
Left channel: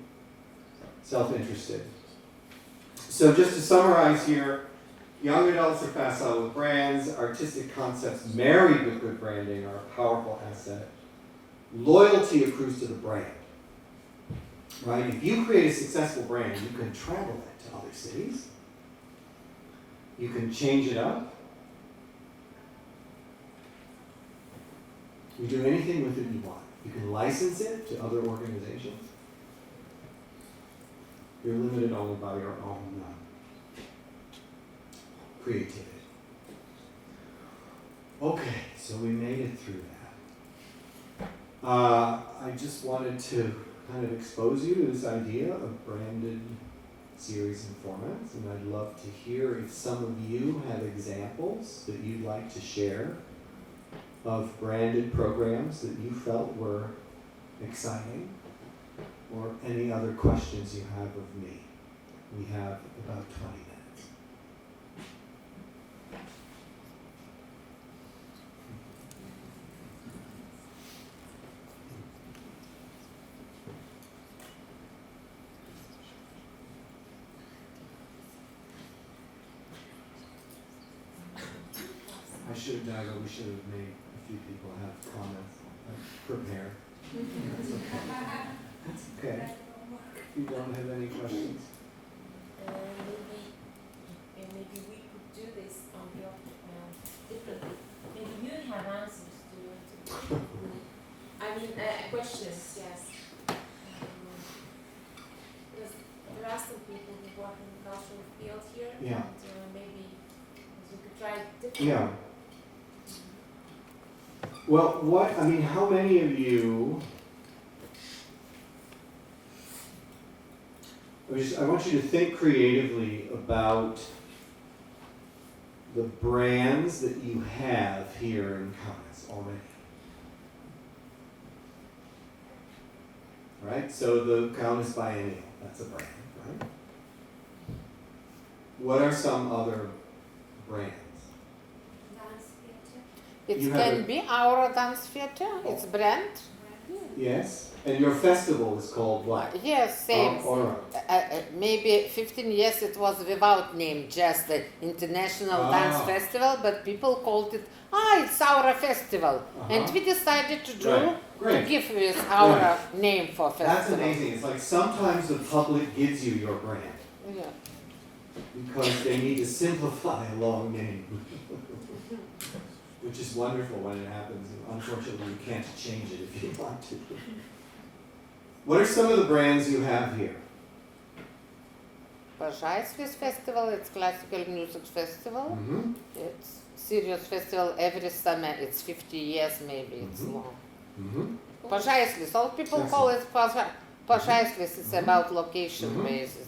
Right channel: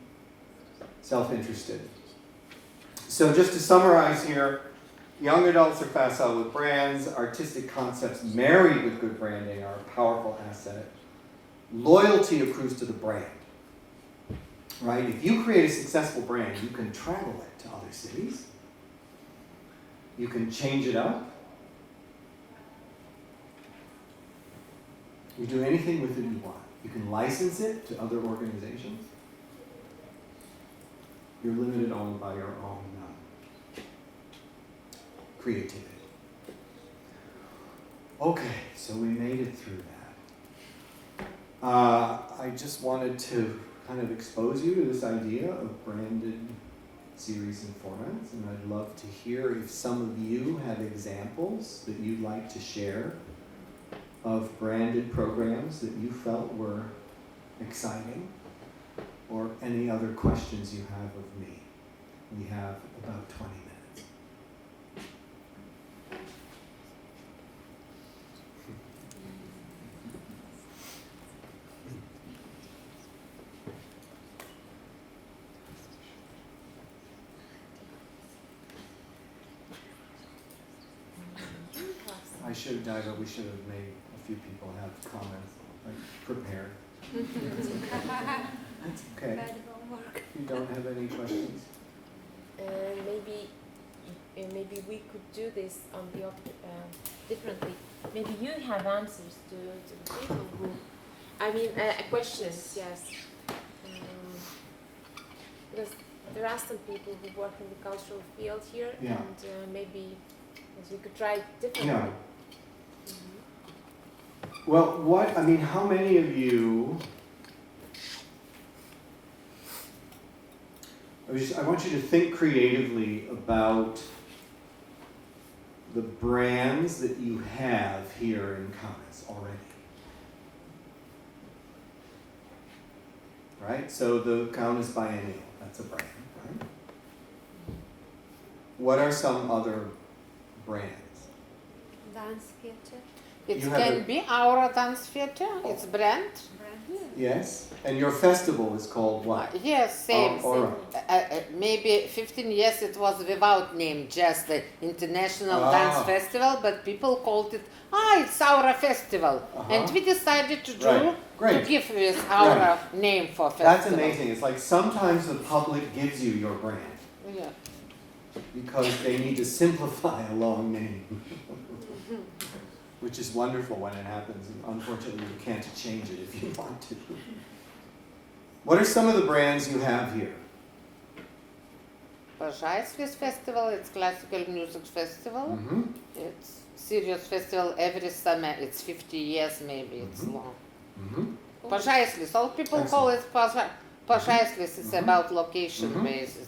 self-interested. So just to summarize here, young adults are facile with brands. Artistic concepts married with good branding are a powerful asset. Loyalty accrues to the brand, right? If you create a successful brand, you can travel it to other cities. You can change it up. You do anything with it you want. You can license it to other organizations. You're limited only by your own creativity. Okay, so we made it through that. I just wanted to kind of expose you to this idea of branded series and formats, and I'd love to hear if some of you have examples that you'd like to share of branded programs that you felt were exciting, or any other questions you have of me. We have about 20 minutes. I should have died, but we should have made a few people have comments prepared. That's okay. You don't have any questions? Maybe we could do this on the differently. Maybe you have answers to people who, questions, yes. Because there are some people who work in the cultural field here, Yeah. and maybe we could try differently. Yeah. Well, how many of you, I want you to think creatively about the brands that you have here in KAUNAS already. Right? So the KAUNAS Biennial, that's a brand, right? What are some other brands? Dance theater. It You have can a- be our dance theater, it's brand. Yes? And your festival is called what? Yes, same. All right. Maybe 15 years it was without name, just the International Dance Festival, but people called it, it's our festival. And we decided to do, Right. to Great. give this our name for That's festival. amazing. It's like sometimes the public gives you your brand Yeah. because they need to simplify a long name. Which is wonderful when it happens, and unfortunately you can't change it if you want to. What are some of the brands you have here? Pažaislis Festival, it's classical music festival. Mm-hmm. It's serious festival every summer. It's 50 years maybe, it's Mhm. long. Mm-hmm. Pažaislis, all people call it Pažaislis. It's about location Mhm. basis.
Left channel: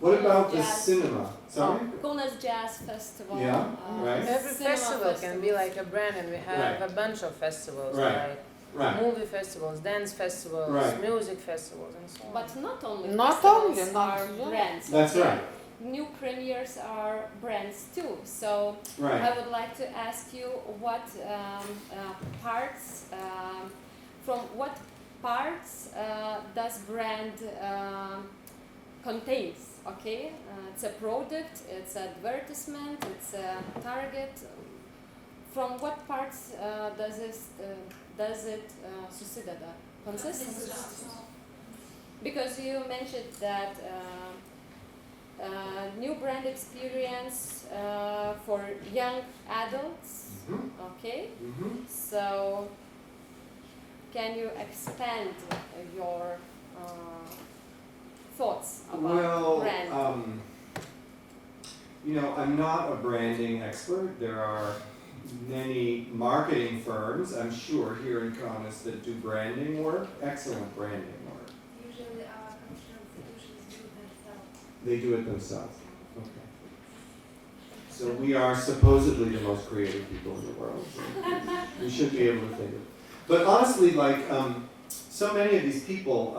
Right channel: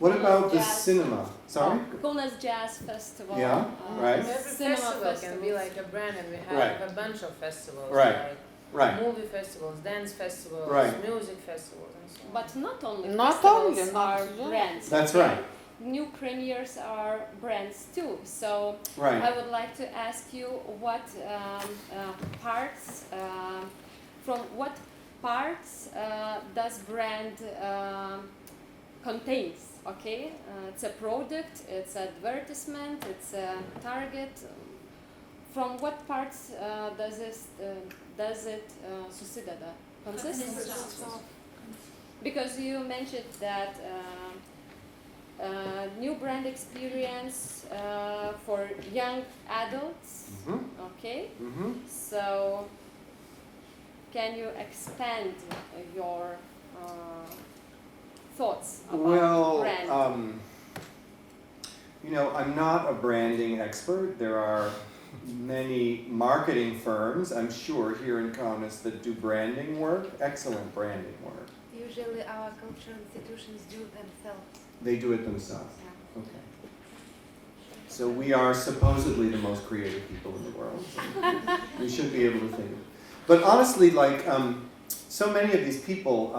What about the Jazz. cinema? Sorry? KAUNAS Jazz Festival. Yeah, right. Every cinema festival can be festivals. like a brand, and we have Right. a bunch of festivals. Right. Like Right. movie festivals, dance festivals, Right. music festivals, and so on. But not only Not festivals only, are not- brands. That's okay? right. New premieres are brands too. So Right. I would like to ask you what parts, from what parts does brand contains? Okay, it's a product, it's advertisement, it's a target. From what parts does it susideda? Consists? Because you mentioned that new brand experience for young adults. Mhm. Okay, Mhm. so can you expand your thoughts about Well, brand? I'm not a branding expert. There are many marketing firms, I'm sure, here in KAUNAS that do branding work, excellent branding work. Usually our cultural institutions do themselves. They do it themselves. Okay. So we are supposedly the most creative people in the world. We should be able to think of it. But honestly, like, so many of these people,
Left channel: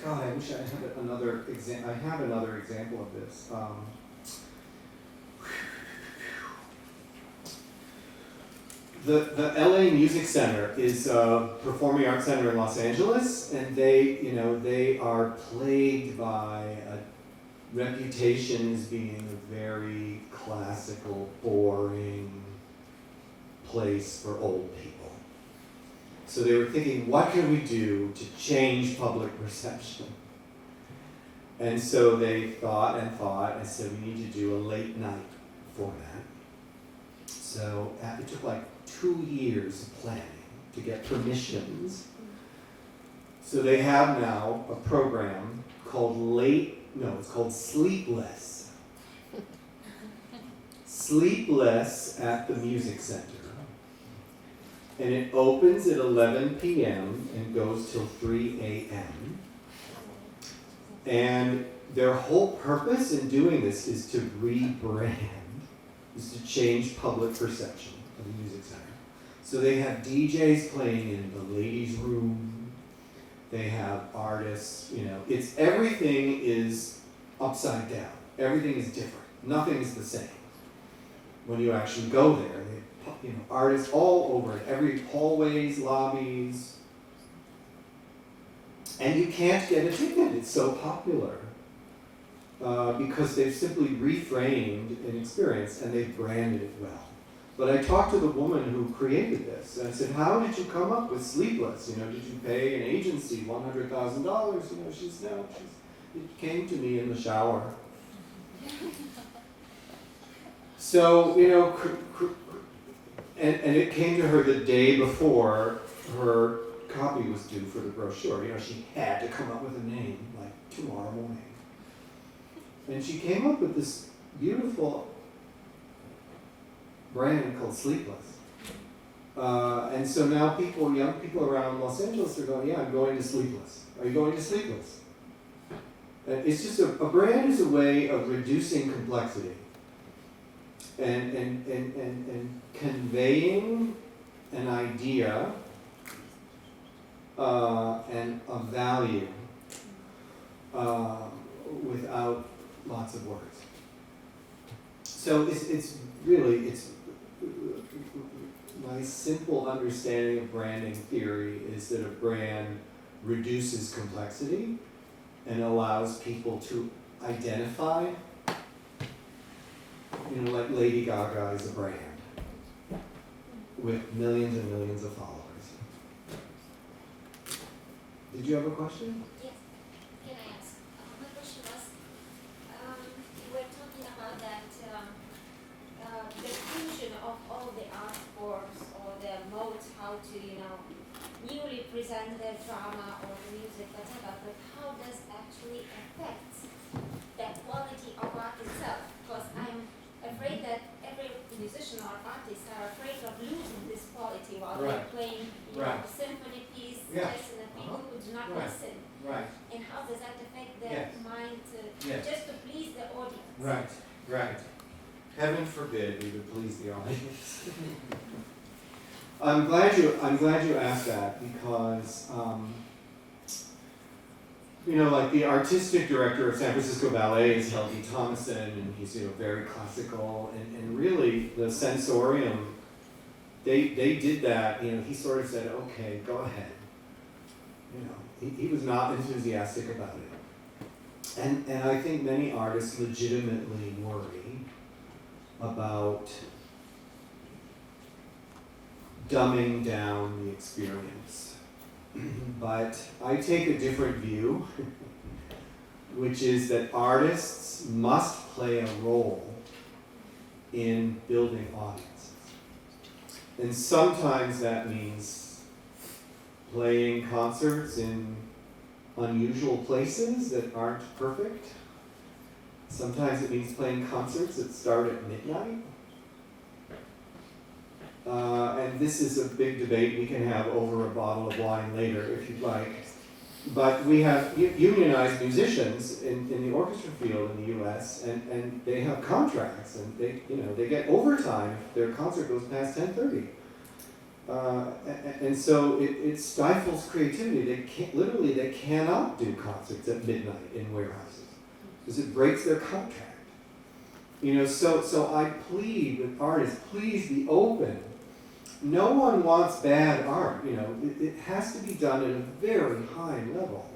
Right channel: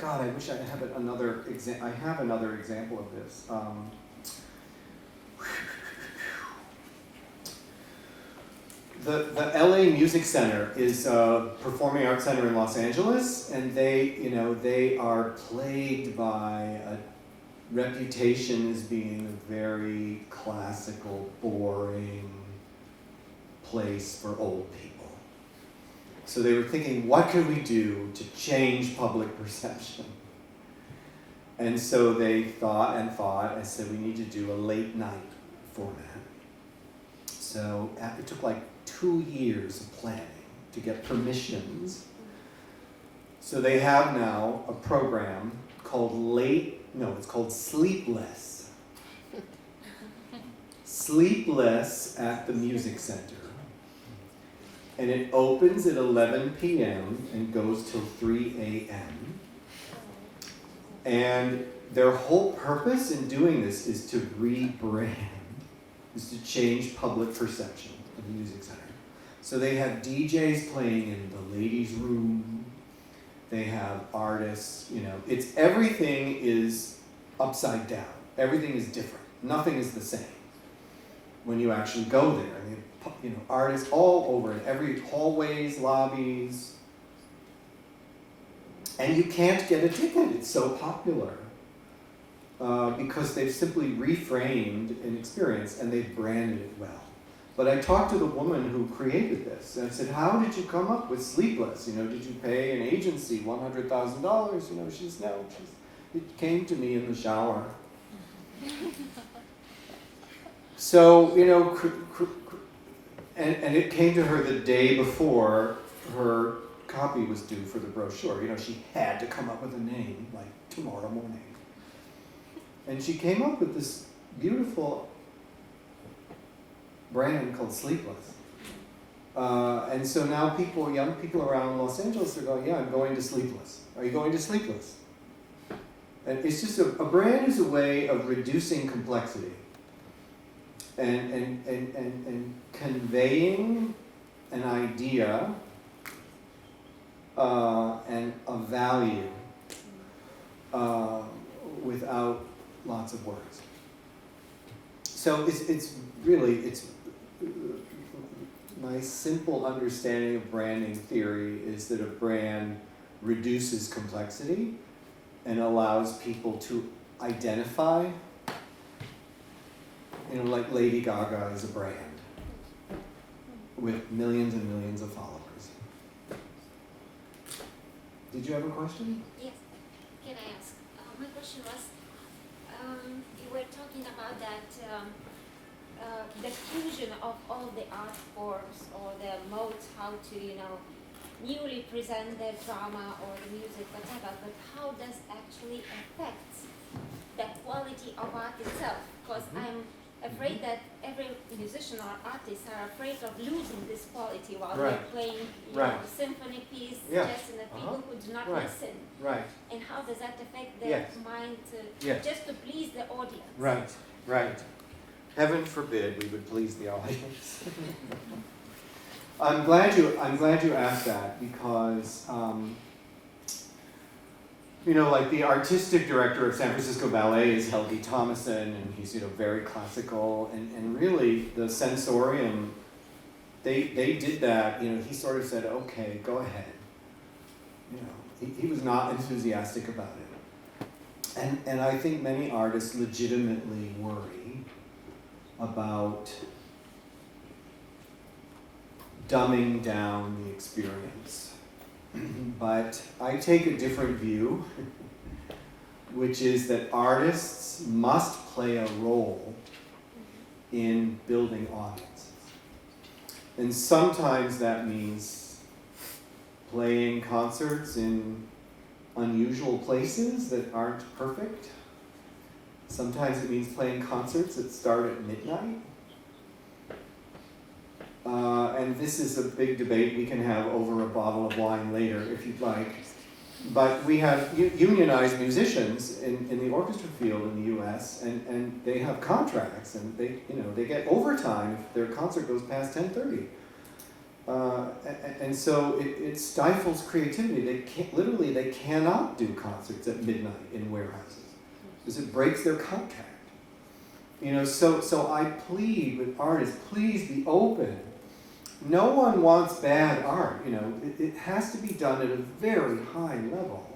God, I wish I had another example. I have another example of this. The LA Music Center is a performing arts center in Los Angeles, and they are plagued by a reputation as being a very classical, boring place for old people. So they were thinking, what can we do to change public perception? And so they thought and said, we need to do a late night format. So it took like 2 years of planning to get permissions. So they have now a program called it's called Sleepless. Sleepless at the Music Center. And it opens at 11 p.m. and goes till 3 a.m. And their whole purpose in doing this is to rebrand, is to change public perception of the music center. So they have DJs playing in the ladies' room. They have artists, everything is upside down. Everything is different. Nothing is the same. When you actually go there, they have, artists all over it, every hallways, lobbies. And you can't get a ticket, it's so popular. Because they've simply reframed an experience and they've branded it well. But I talked to the woman who created this, and I said, how did you come up with Sleepless? Did you pay an agency $100,000? It came to me in the shower. So, and it came to her the day before her copy was due for the brochure. She had to come up with a name, like tomorrow morning. And she came up with this beautiful brand called Sleepless. And so now young people around Los Angeles are going, yeah, I'm going to Sleepless. Are you going to Sleepless? And it's just a brand is a way of reducing complexity and conveying an idea and a value without lots of words. So it's my simple understanding of branding theory is that a brand reduces complexity and allows people to identify, like Lady Gaga is a brand with millions and millions of followers. Did you have a question? Yes. Can I ask? My question was, you were talking about that the fusion of all the art forms or the modes, how to, newly present the drama or the music, whatever, but how does actually affect the quality of art itself? Because I'm afraid that every musician or artist are afraid of losing this quality while they're playing a symphony piece, just in the people who do not listen. Right. And how does that affect their mind just to please the audience? Right. Heaven forbid we would please the audience. I'm glad you asked that because like the artistic director of San Francisco Ballet is Helgi Thomason, and he's very classical, and really the sensorium, they did that. He sort of said, okay, go ahead. He was not enthusiastic about it, and I think many artists legitimately worry about dumbing down the experience. But I take a different view, which is that artists must play a role in building audiences. And sometimes that means playing concerts in unusual places that aren't perfect. Sometimes it means playing concerts that start at midnight. And this is a big debate we can have over a bottle of wine later if you'd like. But we have unionized musicians in the orchestra field in the US, and they have contracts, and they get overtime if their concert goes past 10:30. And so it stifles creativity. They cannot do concerts at midnight in warehouses because it breaks their contract. So I plead with artists, please be open. No one wants bad art, it has to be done at a very high level.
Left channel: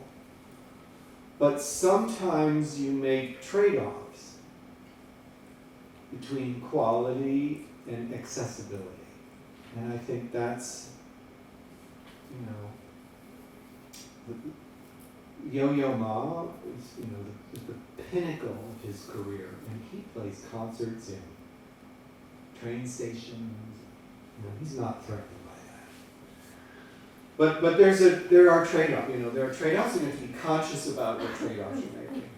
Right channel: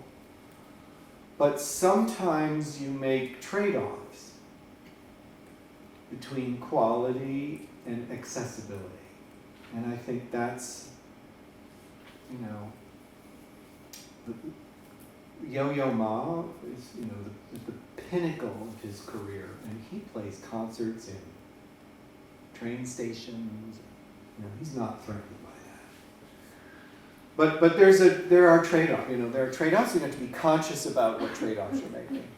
But sometimes you make trade-offs between quality and accessibility. And I think that's, Yo-Yo Ma is, the pinnacle of his career, and he plays concerts in train stations. He's not threatened by that. But there are trade-offs. There are trade-offs. You have to be conscious about what trade-offs you're making.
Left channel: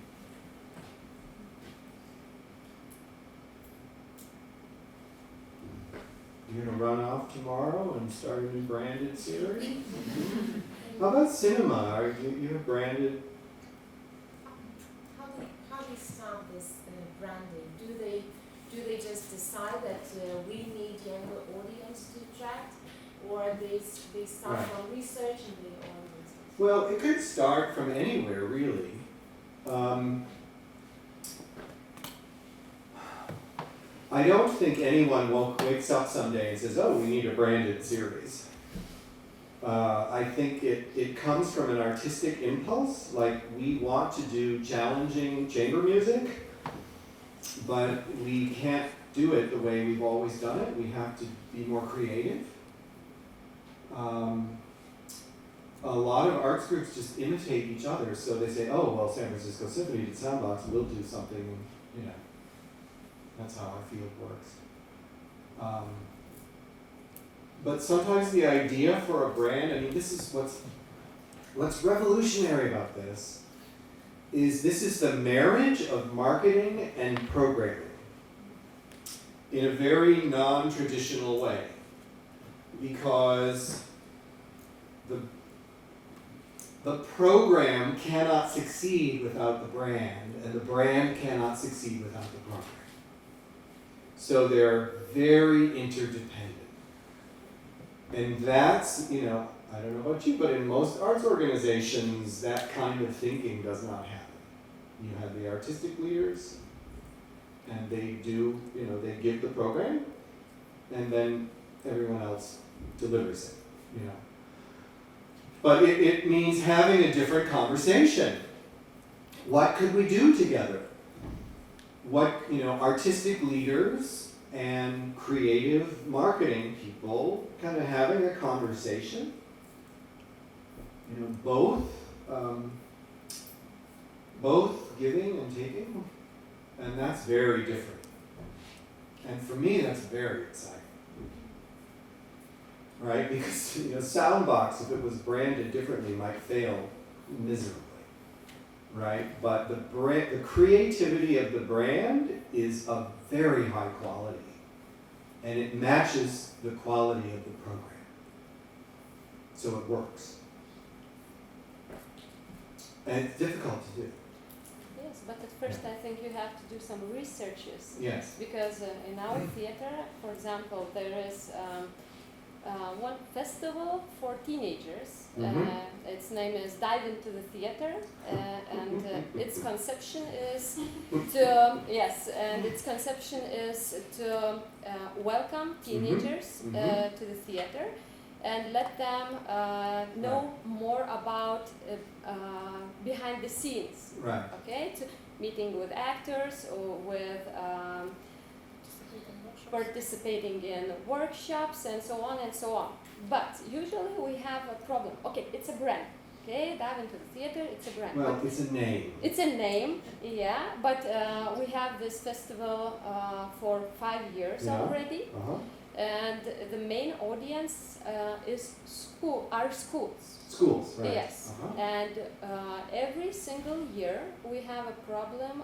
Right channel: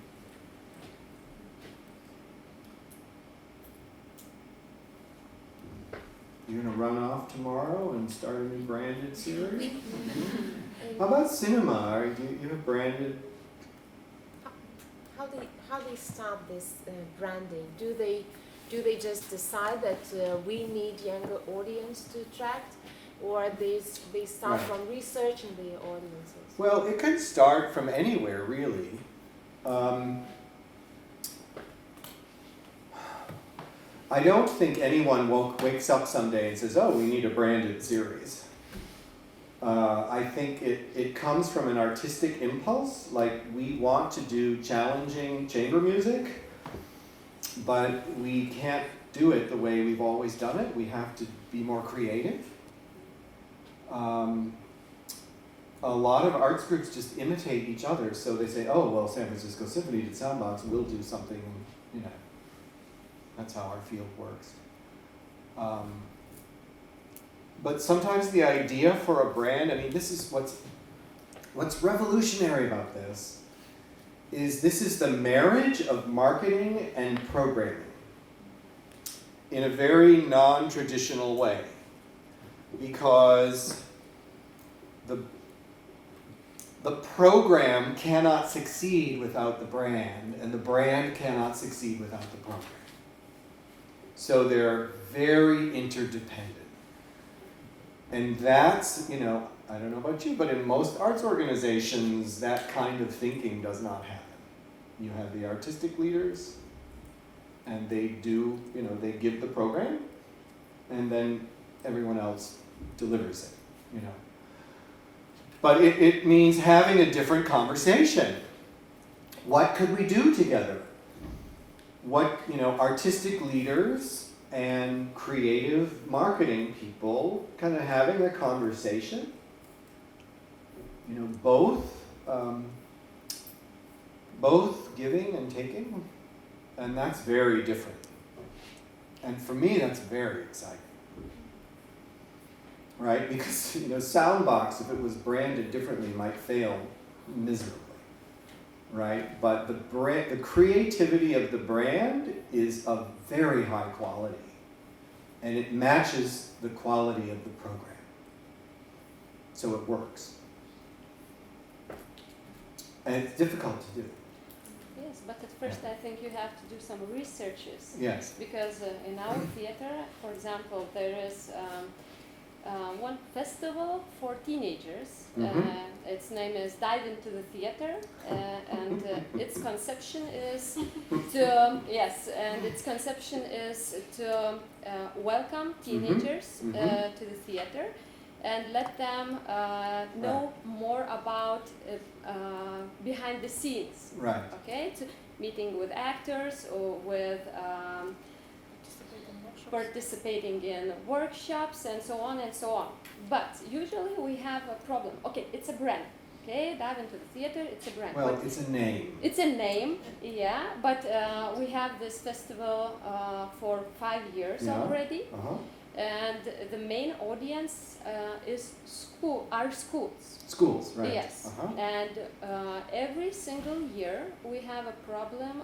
You're gonna run off tomorrow and start a new branded series? How about cinema? You have branded. How they start this branding? Do they just decide that we need younger audience to attract, or they start Right. from researching the audiences? Well, it could start from anywhere, really. I don't think anyone wakes up someday and says, oh, we need a branded series. I think it comes from an artistic impulse, like we want to do challenging chamber music, but we can't do it the way we've always done it. We have to be more creative. A lot of arts groups just imitate each other, so they say, oh, well, San Francisco Symphony did Soundbox, we'll do something, that's how our field works. But sometimes the idea for a brand, this is what's revolutionary about this is the marriage of marketing and programming in a very non-traditional way, because the program cannot succeed without the brand, and the brand cannot succeed without the program. So they're very interdependent. And that's, I don't know about you, but in most arts organizations, that kind of thinking does not happen. You have the artistic leaders, and they do, they give the program, and then everyone else delivers it, But it means having a different conversation. What could we do together? What, artistic leaders and creative marketing people kind of having a conversation, both giving and taking, and that's very different. And for me, that's very exciting. Right? Because, Soundbox, if it was branded differently, might fail miserably. Right? But the creativity of the brand is of very high quality. And it matches the quality of the program. So it works. And it's difficult to do. Yes, but at first I think you have to do some researches. Yes. Because in our theater, for example, there is one festival for teenagers. Mhm. Its name is Dive into the Theater, and its conception is to welcome teenagers Mhm. to the theater and let them know more about behind the scenes. Right. Okay, to meeting with actors or with participating in workshops and so on and so on. But usually we have a problem. Okay, it's a brand. Okay, Dive into the Theater, it's a brand. Well, But it's a name. it's a name, yeah, but we have this festival for 5 years Yeah. already. Uh-huh. And the main audience is schools. Schools, right. Yes, Uh-huh. and every single year we have a problem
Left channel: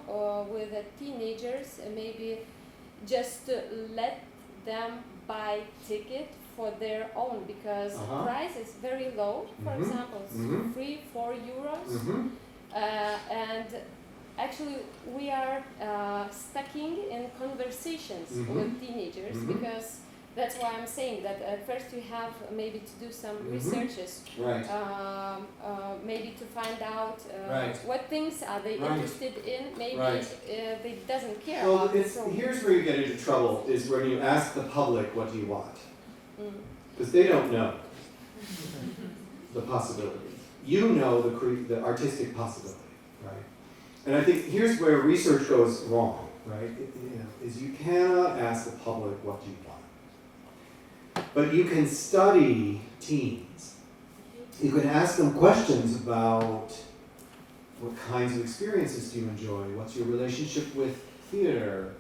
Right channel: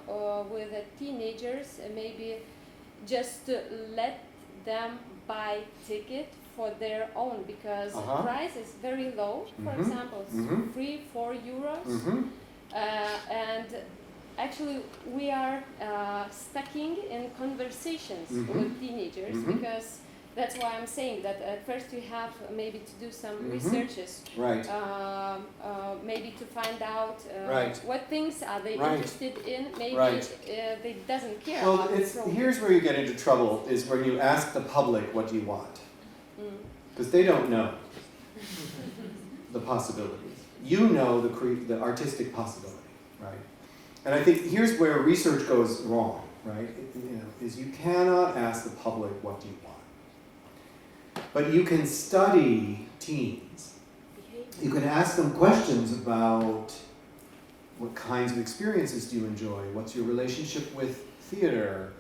with the teenagers, maybe just to let them buy ticket for their own because Uh-huh. price is very low. For Mhm. example, it's Mhm. 3-4 euros, Mhm. and actually we are stucking in conversations Mhm. with teenagers Mhm. because that's why I'm saying that at first you have maybe to do some Mhm. researches, Right. maybe to find out Right. what things are they Right. interested in. Maybe Right. they doesn't care Well, about the it's, program. here's where you get into trouble, is when you ask the public, what do you want? Mm. Because they don't know the possibilities. You know the artistic possibility, right? And I think here's where research goes wrong, right? Is you cannot ask the public, what do you want? But you can study teens. You can ask them questions about what kinds of experiences do you enjoy? What's your relationship with theater?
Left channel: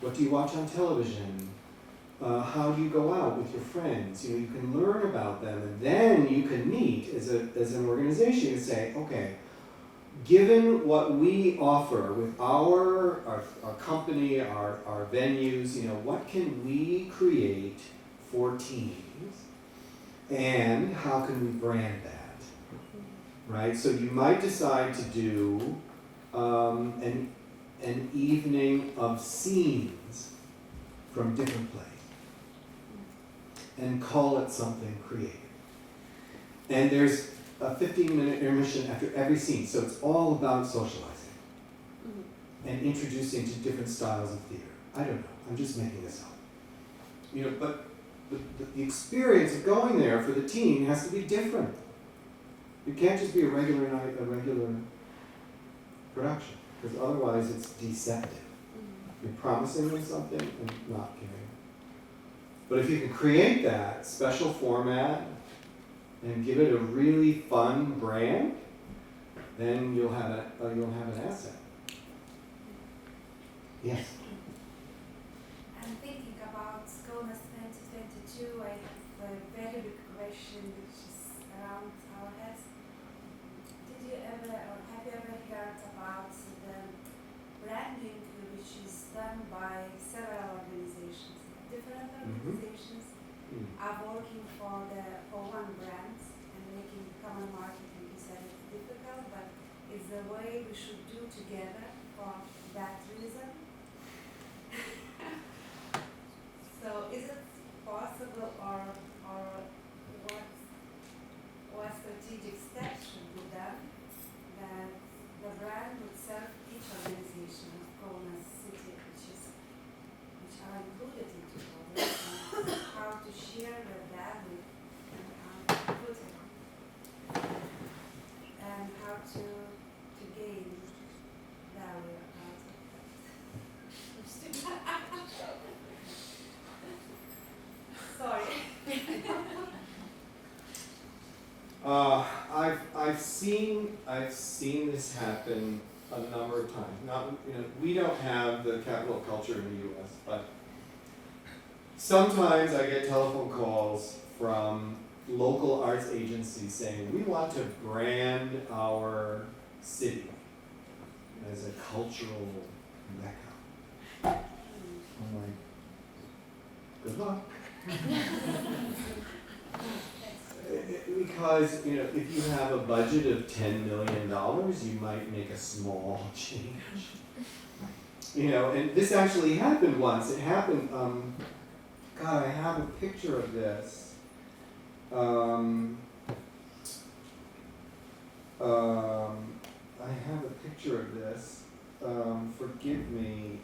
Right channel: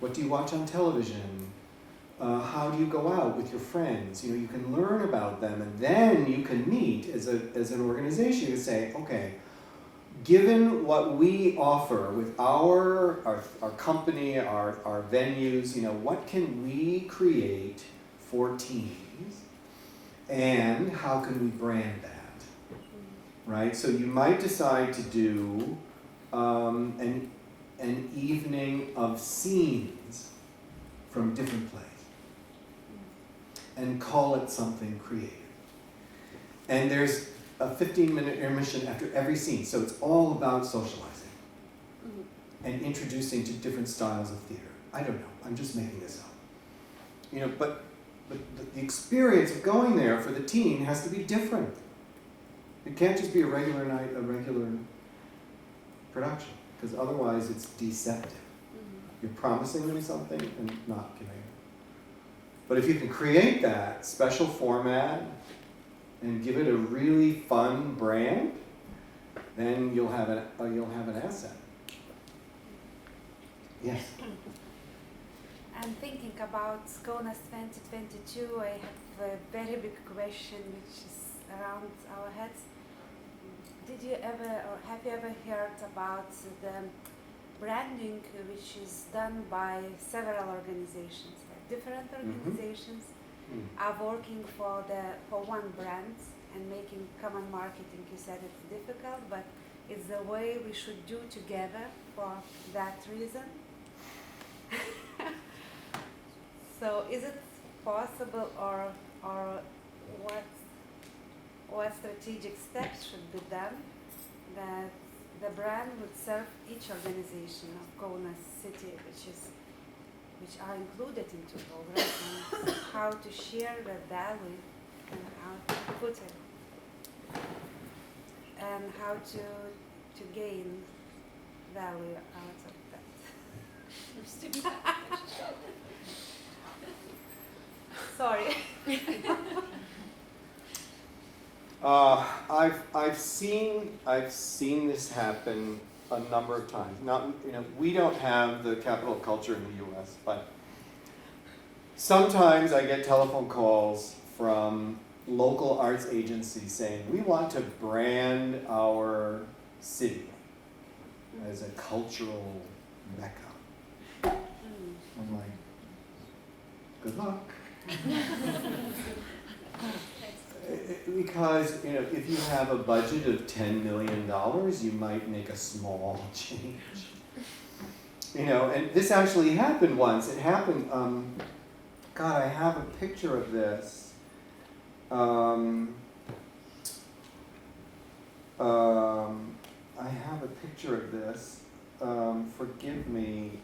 What do you watch on television? How do you go out with your friends? You can learn about them, and then you can meet as an organization and say, okay, given what we offer with our company, our venues, what can we create for teens, and how can we brand that, right? So you might decide to do an evening of scenes from different plays and call it something creative. And there's a 15-minute intermission after every scene, so it's all about socializing and introducing to different styles of theater. I don't know, I'm just making this up. But the experience of going there for the teen has to be different. It can't just be a regular night, a regular production, because otherwise it's deceptive. You're promising them something and not giving. But if you can create that special format and give it a really fun brand, then you'll have an asset. Yes. I'm thinking about KAUNAS 2022. I have a very big question which is around our heads. Did you ever, or have you ever heard about the branding which is done by several organizations? Different organizations are working for one brand and making common marketing. You said it's difficult, but it's the way we should do together for that reason. So is it possible, or what strategic steps should be done that the brand would serve each organization of KAUNAS city, which are included into the program, how to share the value and how to put it, and how to gain value out of that. Sorry. I've seen this happen a number of times. We don't have the capital of culture in the U.S., but sometimes I get telephone calls from local arts agencies saying, we want to brand our city as a cultural mecca. I'm like, good luck. Because if you have a budget of $10 million, you might make a small change. And this actually happened once. It happened. God, I have a picture of this. I have a picture of this. Forgive me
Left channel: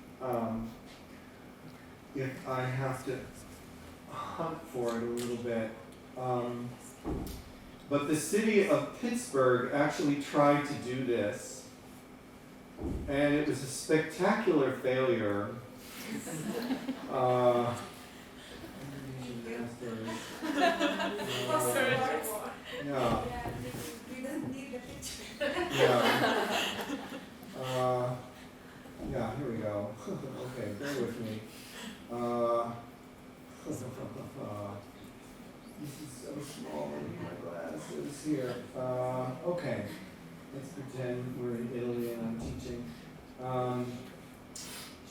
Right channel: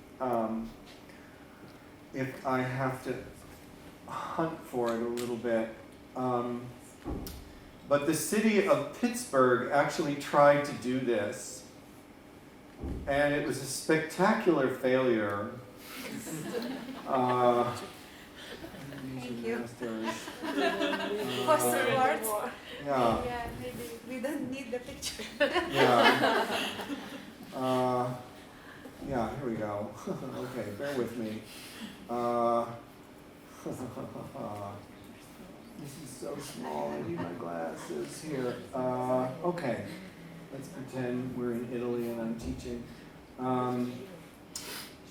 if I have to hunt for it a little bit. But the city of Pittsburgh actually tried to do this, and it was a spectacular failure. Thank you. For some words. Yeah. Yeah, maybe we don't need the picture. Yeah. Yeah, here we go. Okay, bear with me. This is so small, I need my glasses here. Okay, let's pretend we're in Italy and I'm teaching.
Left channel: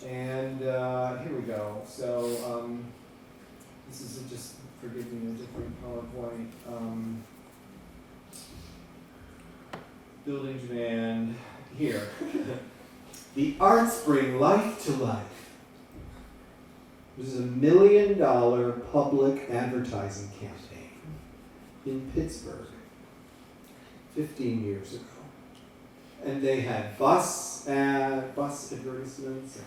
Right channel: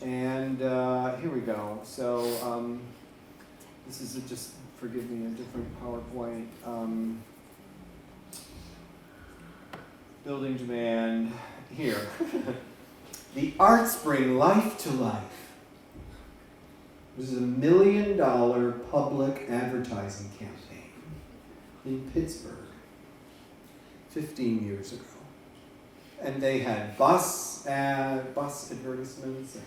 Here we go. So, this is just, forgive me, a different PowerPoint. Building demand, here. The arts bring life to life. This is $1 million public advertising campaign in Pittsburgh 15 years ago. And they had bus advertisements, and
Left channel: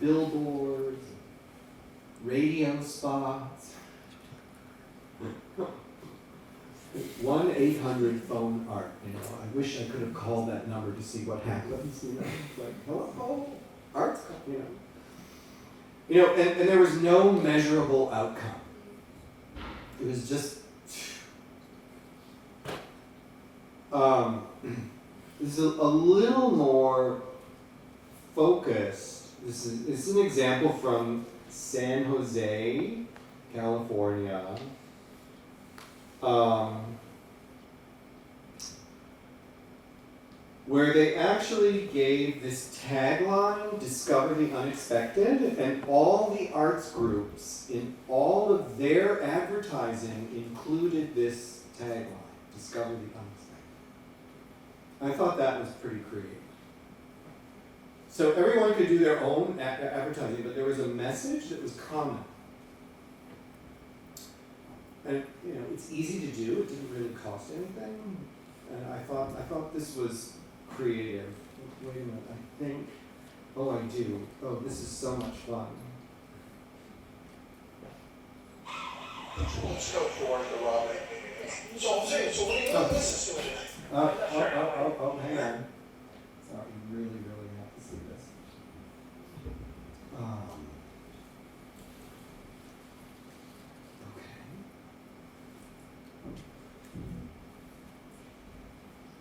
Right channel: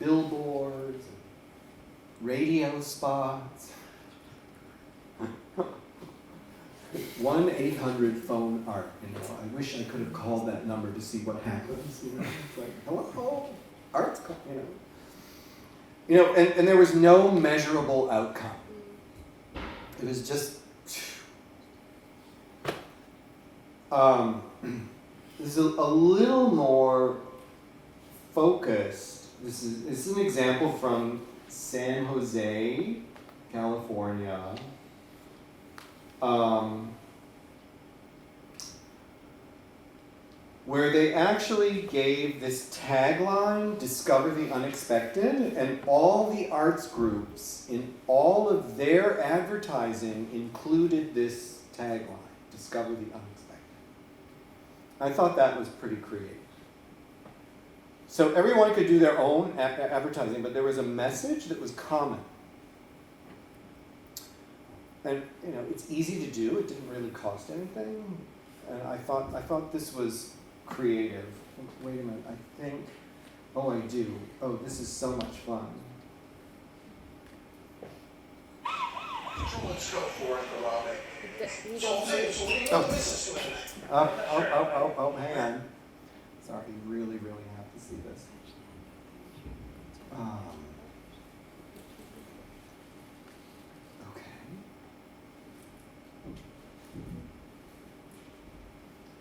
billboards, and radio spots. 1-800 phone art. You know, I wish I could have called that number to see what happens. You know, it's like, hello, arts, you know. You know, and there was no measurable outcome. It was just. This is a little more focused. This is an example from San Jose, California. Where they actually gave this tagline, Discover the Unexpected, and all the arts groups in all of their advertising included this tagline, Discover the Unexpected. I thought that was pretty creative. So everyone could do their own advertising, but there was a message that was common. And you know, it's easy to do, it didn't really cost anything. And I thought this was creative. Wait a minute, I think, oh I do. Oh, this is so much fun. Let's go forth, Robbie. Oh, hang on. Sorry, you really have to see this. Okay.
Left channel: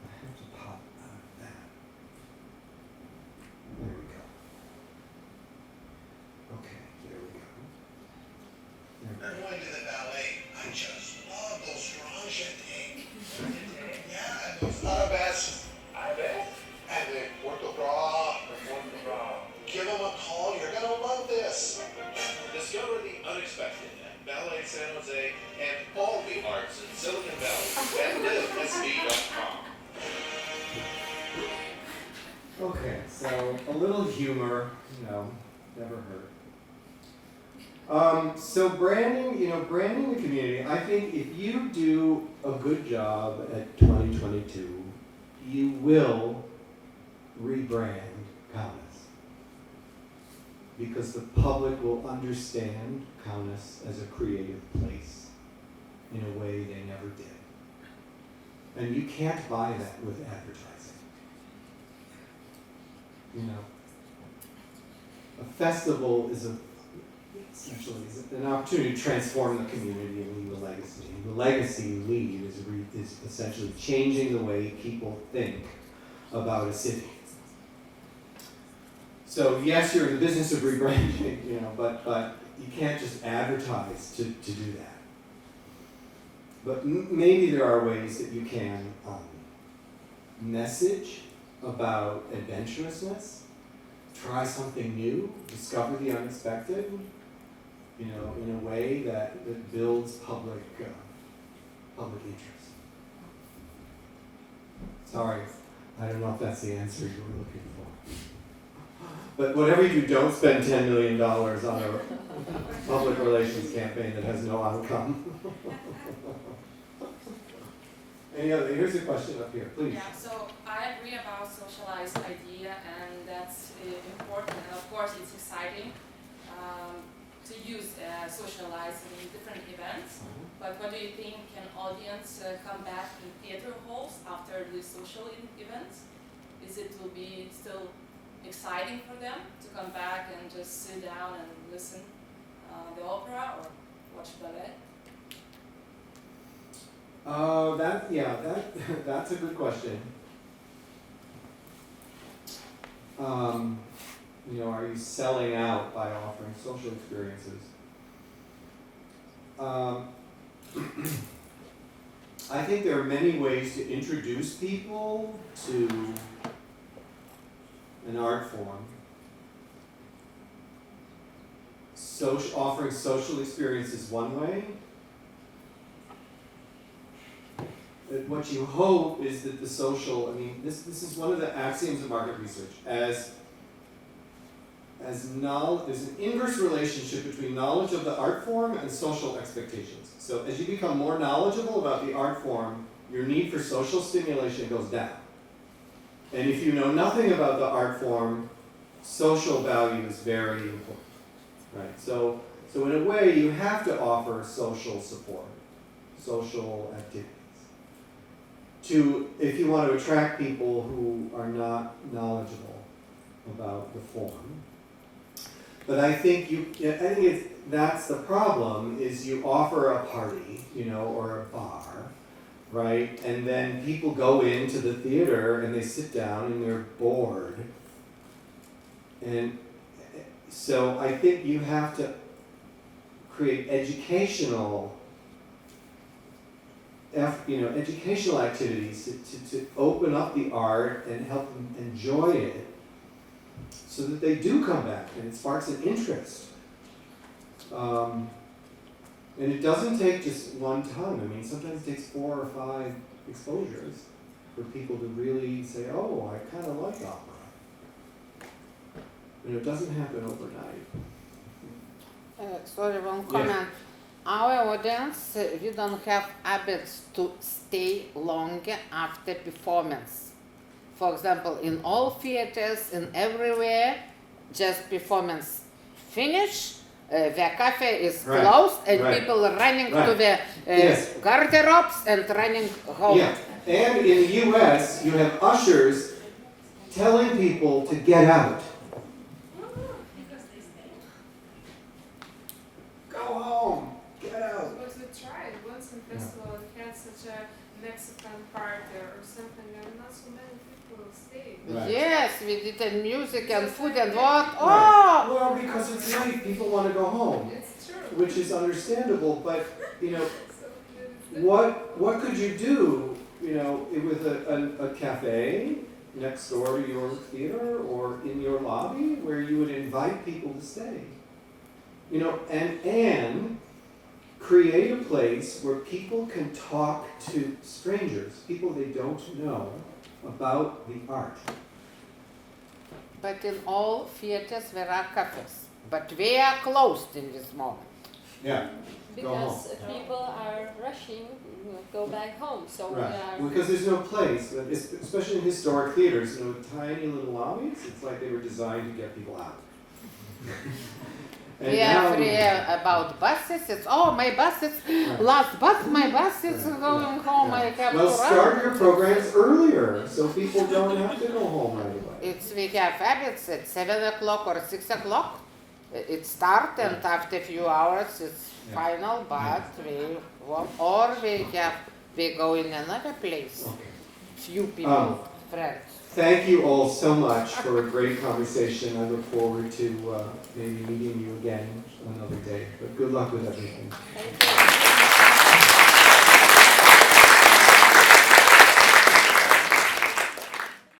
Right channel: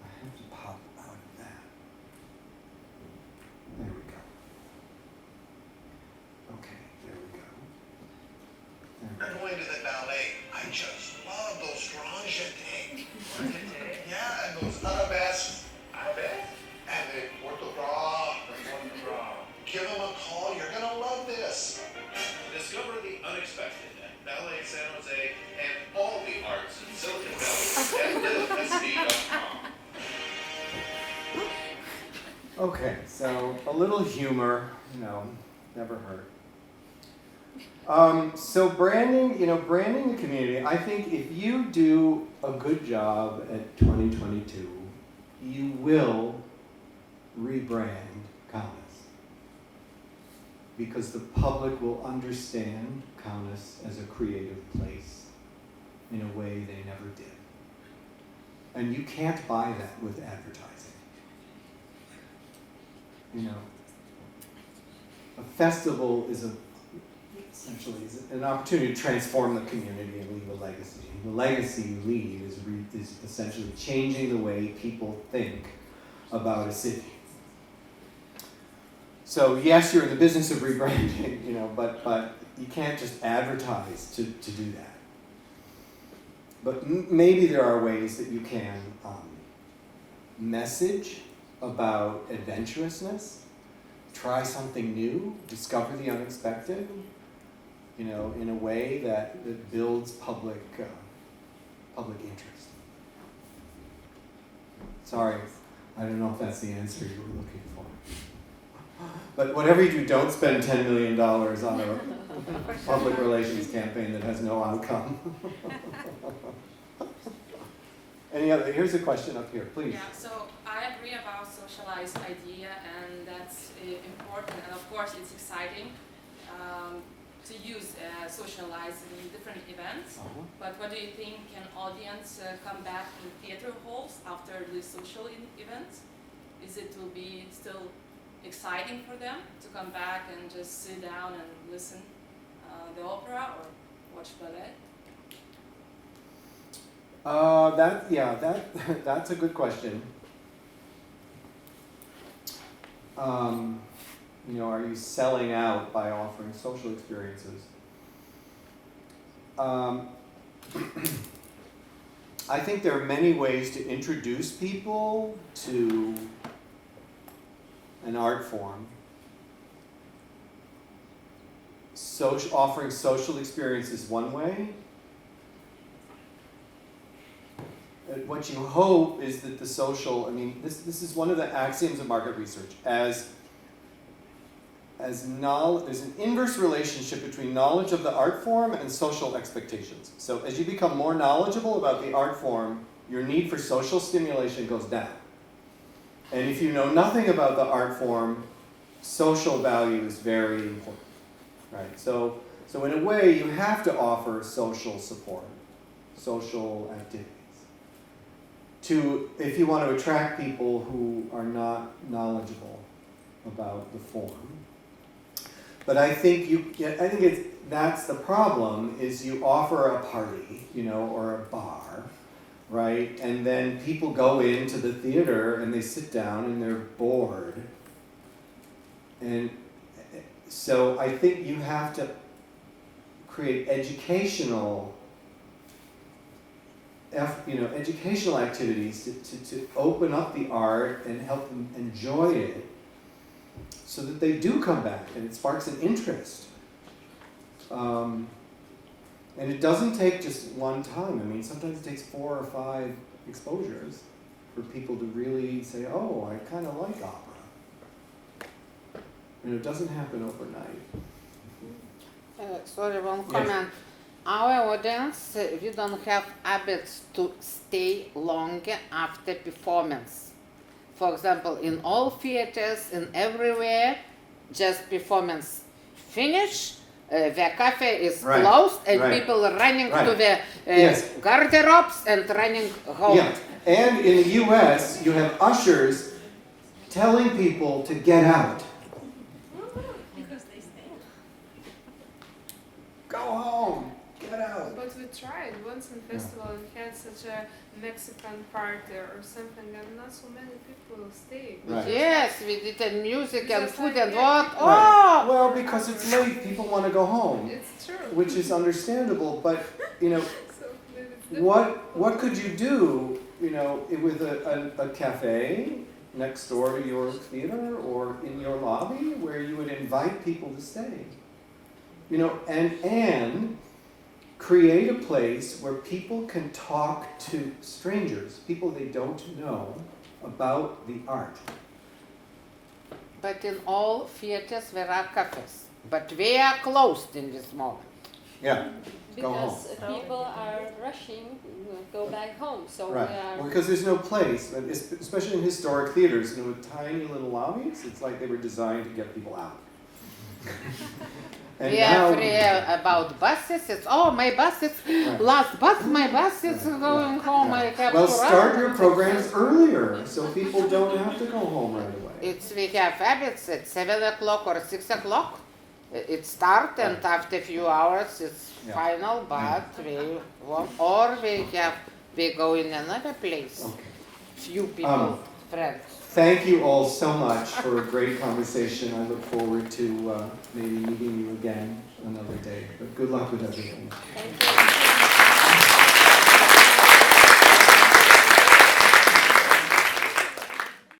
I have to pop out of that. There we go. Okay, there we go. I'm going to the ballet. I just love those franges. Yeah, and those arabesques. And the orthograph. Give them a call. You're going to love this. Discover the unexpected at Ballet San Jose and all the arts in Silicon Valley at LSD.com. Okay, so a little humor, you know, never hurt. So branding, branding the community, I think if you do a good job at 2022, you will rebrand KAUNAS. Because the public will understand KAUNAS as a creative place in a way they never did. And you can't buy that with advertising. You know, a festival is essentially an opportunity to transform the community and leave a legacy. And the legacy you leave is essentially changing the way people think about a city. So yes, you're in the business of rebranding, but you can't just advertise to do that. But maybe there are ways that you can message about adventurousness, try something new, discover the unexpected, in a way that builds public interest. Sorry, I don't know if that's the answer you were looking for. But whatever you do, don't spend $10 million on a public relations campaign that has no outcome. Any other? Here's a question up here, please. Yeah, so I agree about socialized idea, and that's important, and of course it's exciting to use socialized in different events. But what do you think? Can audience come back in theater halls after the social events? Is it will be still exciting for them to come back and just sit down and listen the opera or watch ballet? That's a good question. Are you selling out by offering social experiences? I think there are many ways to introduce people to an art form. Offering social experience is one way. What you hope is that the social, this is one of the axioms of market research. There's an inverse relationship between knowledge of the art form and social expectations. So as you become more knowledgeable about the art form, your need for social stimulation goes down. And if you know nothing about the art form, social value is very important. Right? So in a way, you have to offer social support, social activities. If you want to attract people who are not knowledgeable about the form. But I think that's the problem, is you offer a party, or a bar, right? And then people go into the theater and they sit down and they're bored. And so I think you have to create educational activities to open up the art and help them enjoy it, so that they do come back and it sparks an interest. And it doesn't take just one time. Sometimes it takes 4 or 5 exposures for people to really say, oh, I kind of like opera. And it doesn't happen overnight. Sorry, one comment. Our audience, we don't have habits to stay longer after performance. For example, in all theaters and everywhere, just performance finish, the cafe is closed, and people are running to the garderobes and running home. Yeah. And in the US, you have ushers telling people to get out. Because they stay. Go home. Get out. But we tried once in festival and had such a Mexican party or something, and not so many people stayed. Right. Yes, we did what and food and what? Oh! Well, because it's late, people want to go home. It's true. Which is understandable, but what could you do, with a cafe next door to your theater or in your lobby where you would invite people to stay? And create a place where people can talk to strangers, people they don't know, about the art. But in all theaters there are cafes, but they are closed in this moment. Yeah. Because people are rushing, go back home. So we are. Because there's no place, especially in historic theaters, tiny little lobbies. It's like they were designed to get people out. We are free about buses. It's my bus is last bus. My bus is going home. I have to start your programs earlier so people don't have to go home right away. We have habits at 7 o'clock or 6 o'clock. It starts and after a few hours it's final. But we go in another place. Few people, friends. Thank you all so much for a great conversation. I look forward to maybe meeting you again another day. But good luck with everything. Thank you.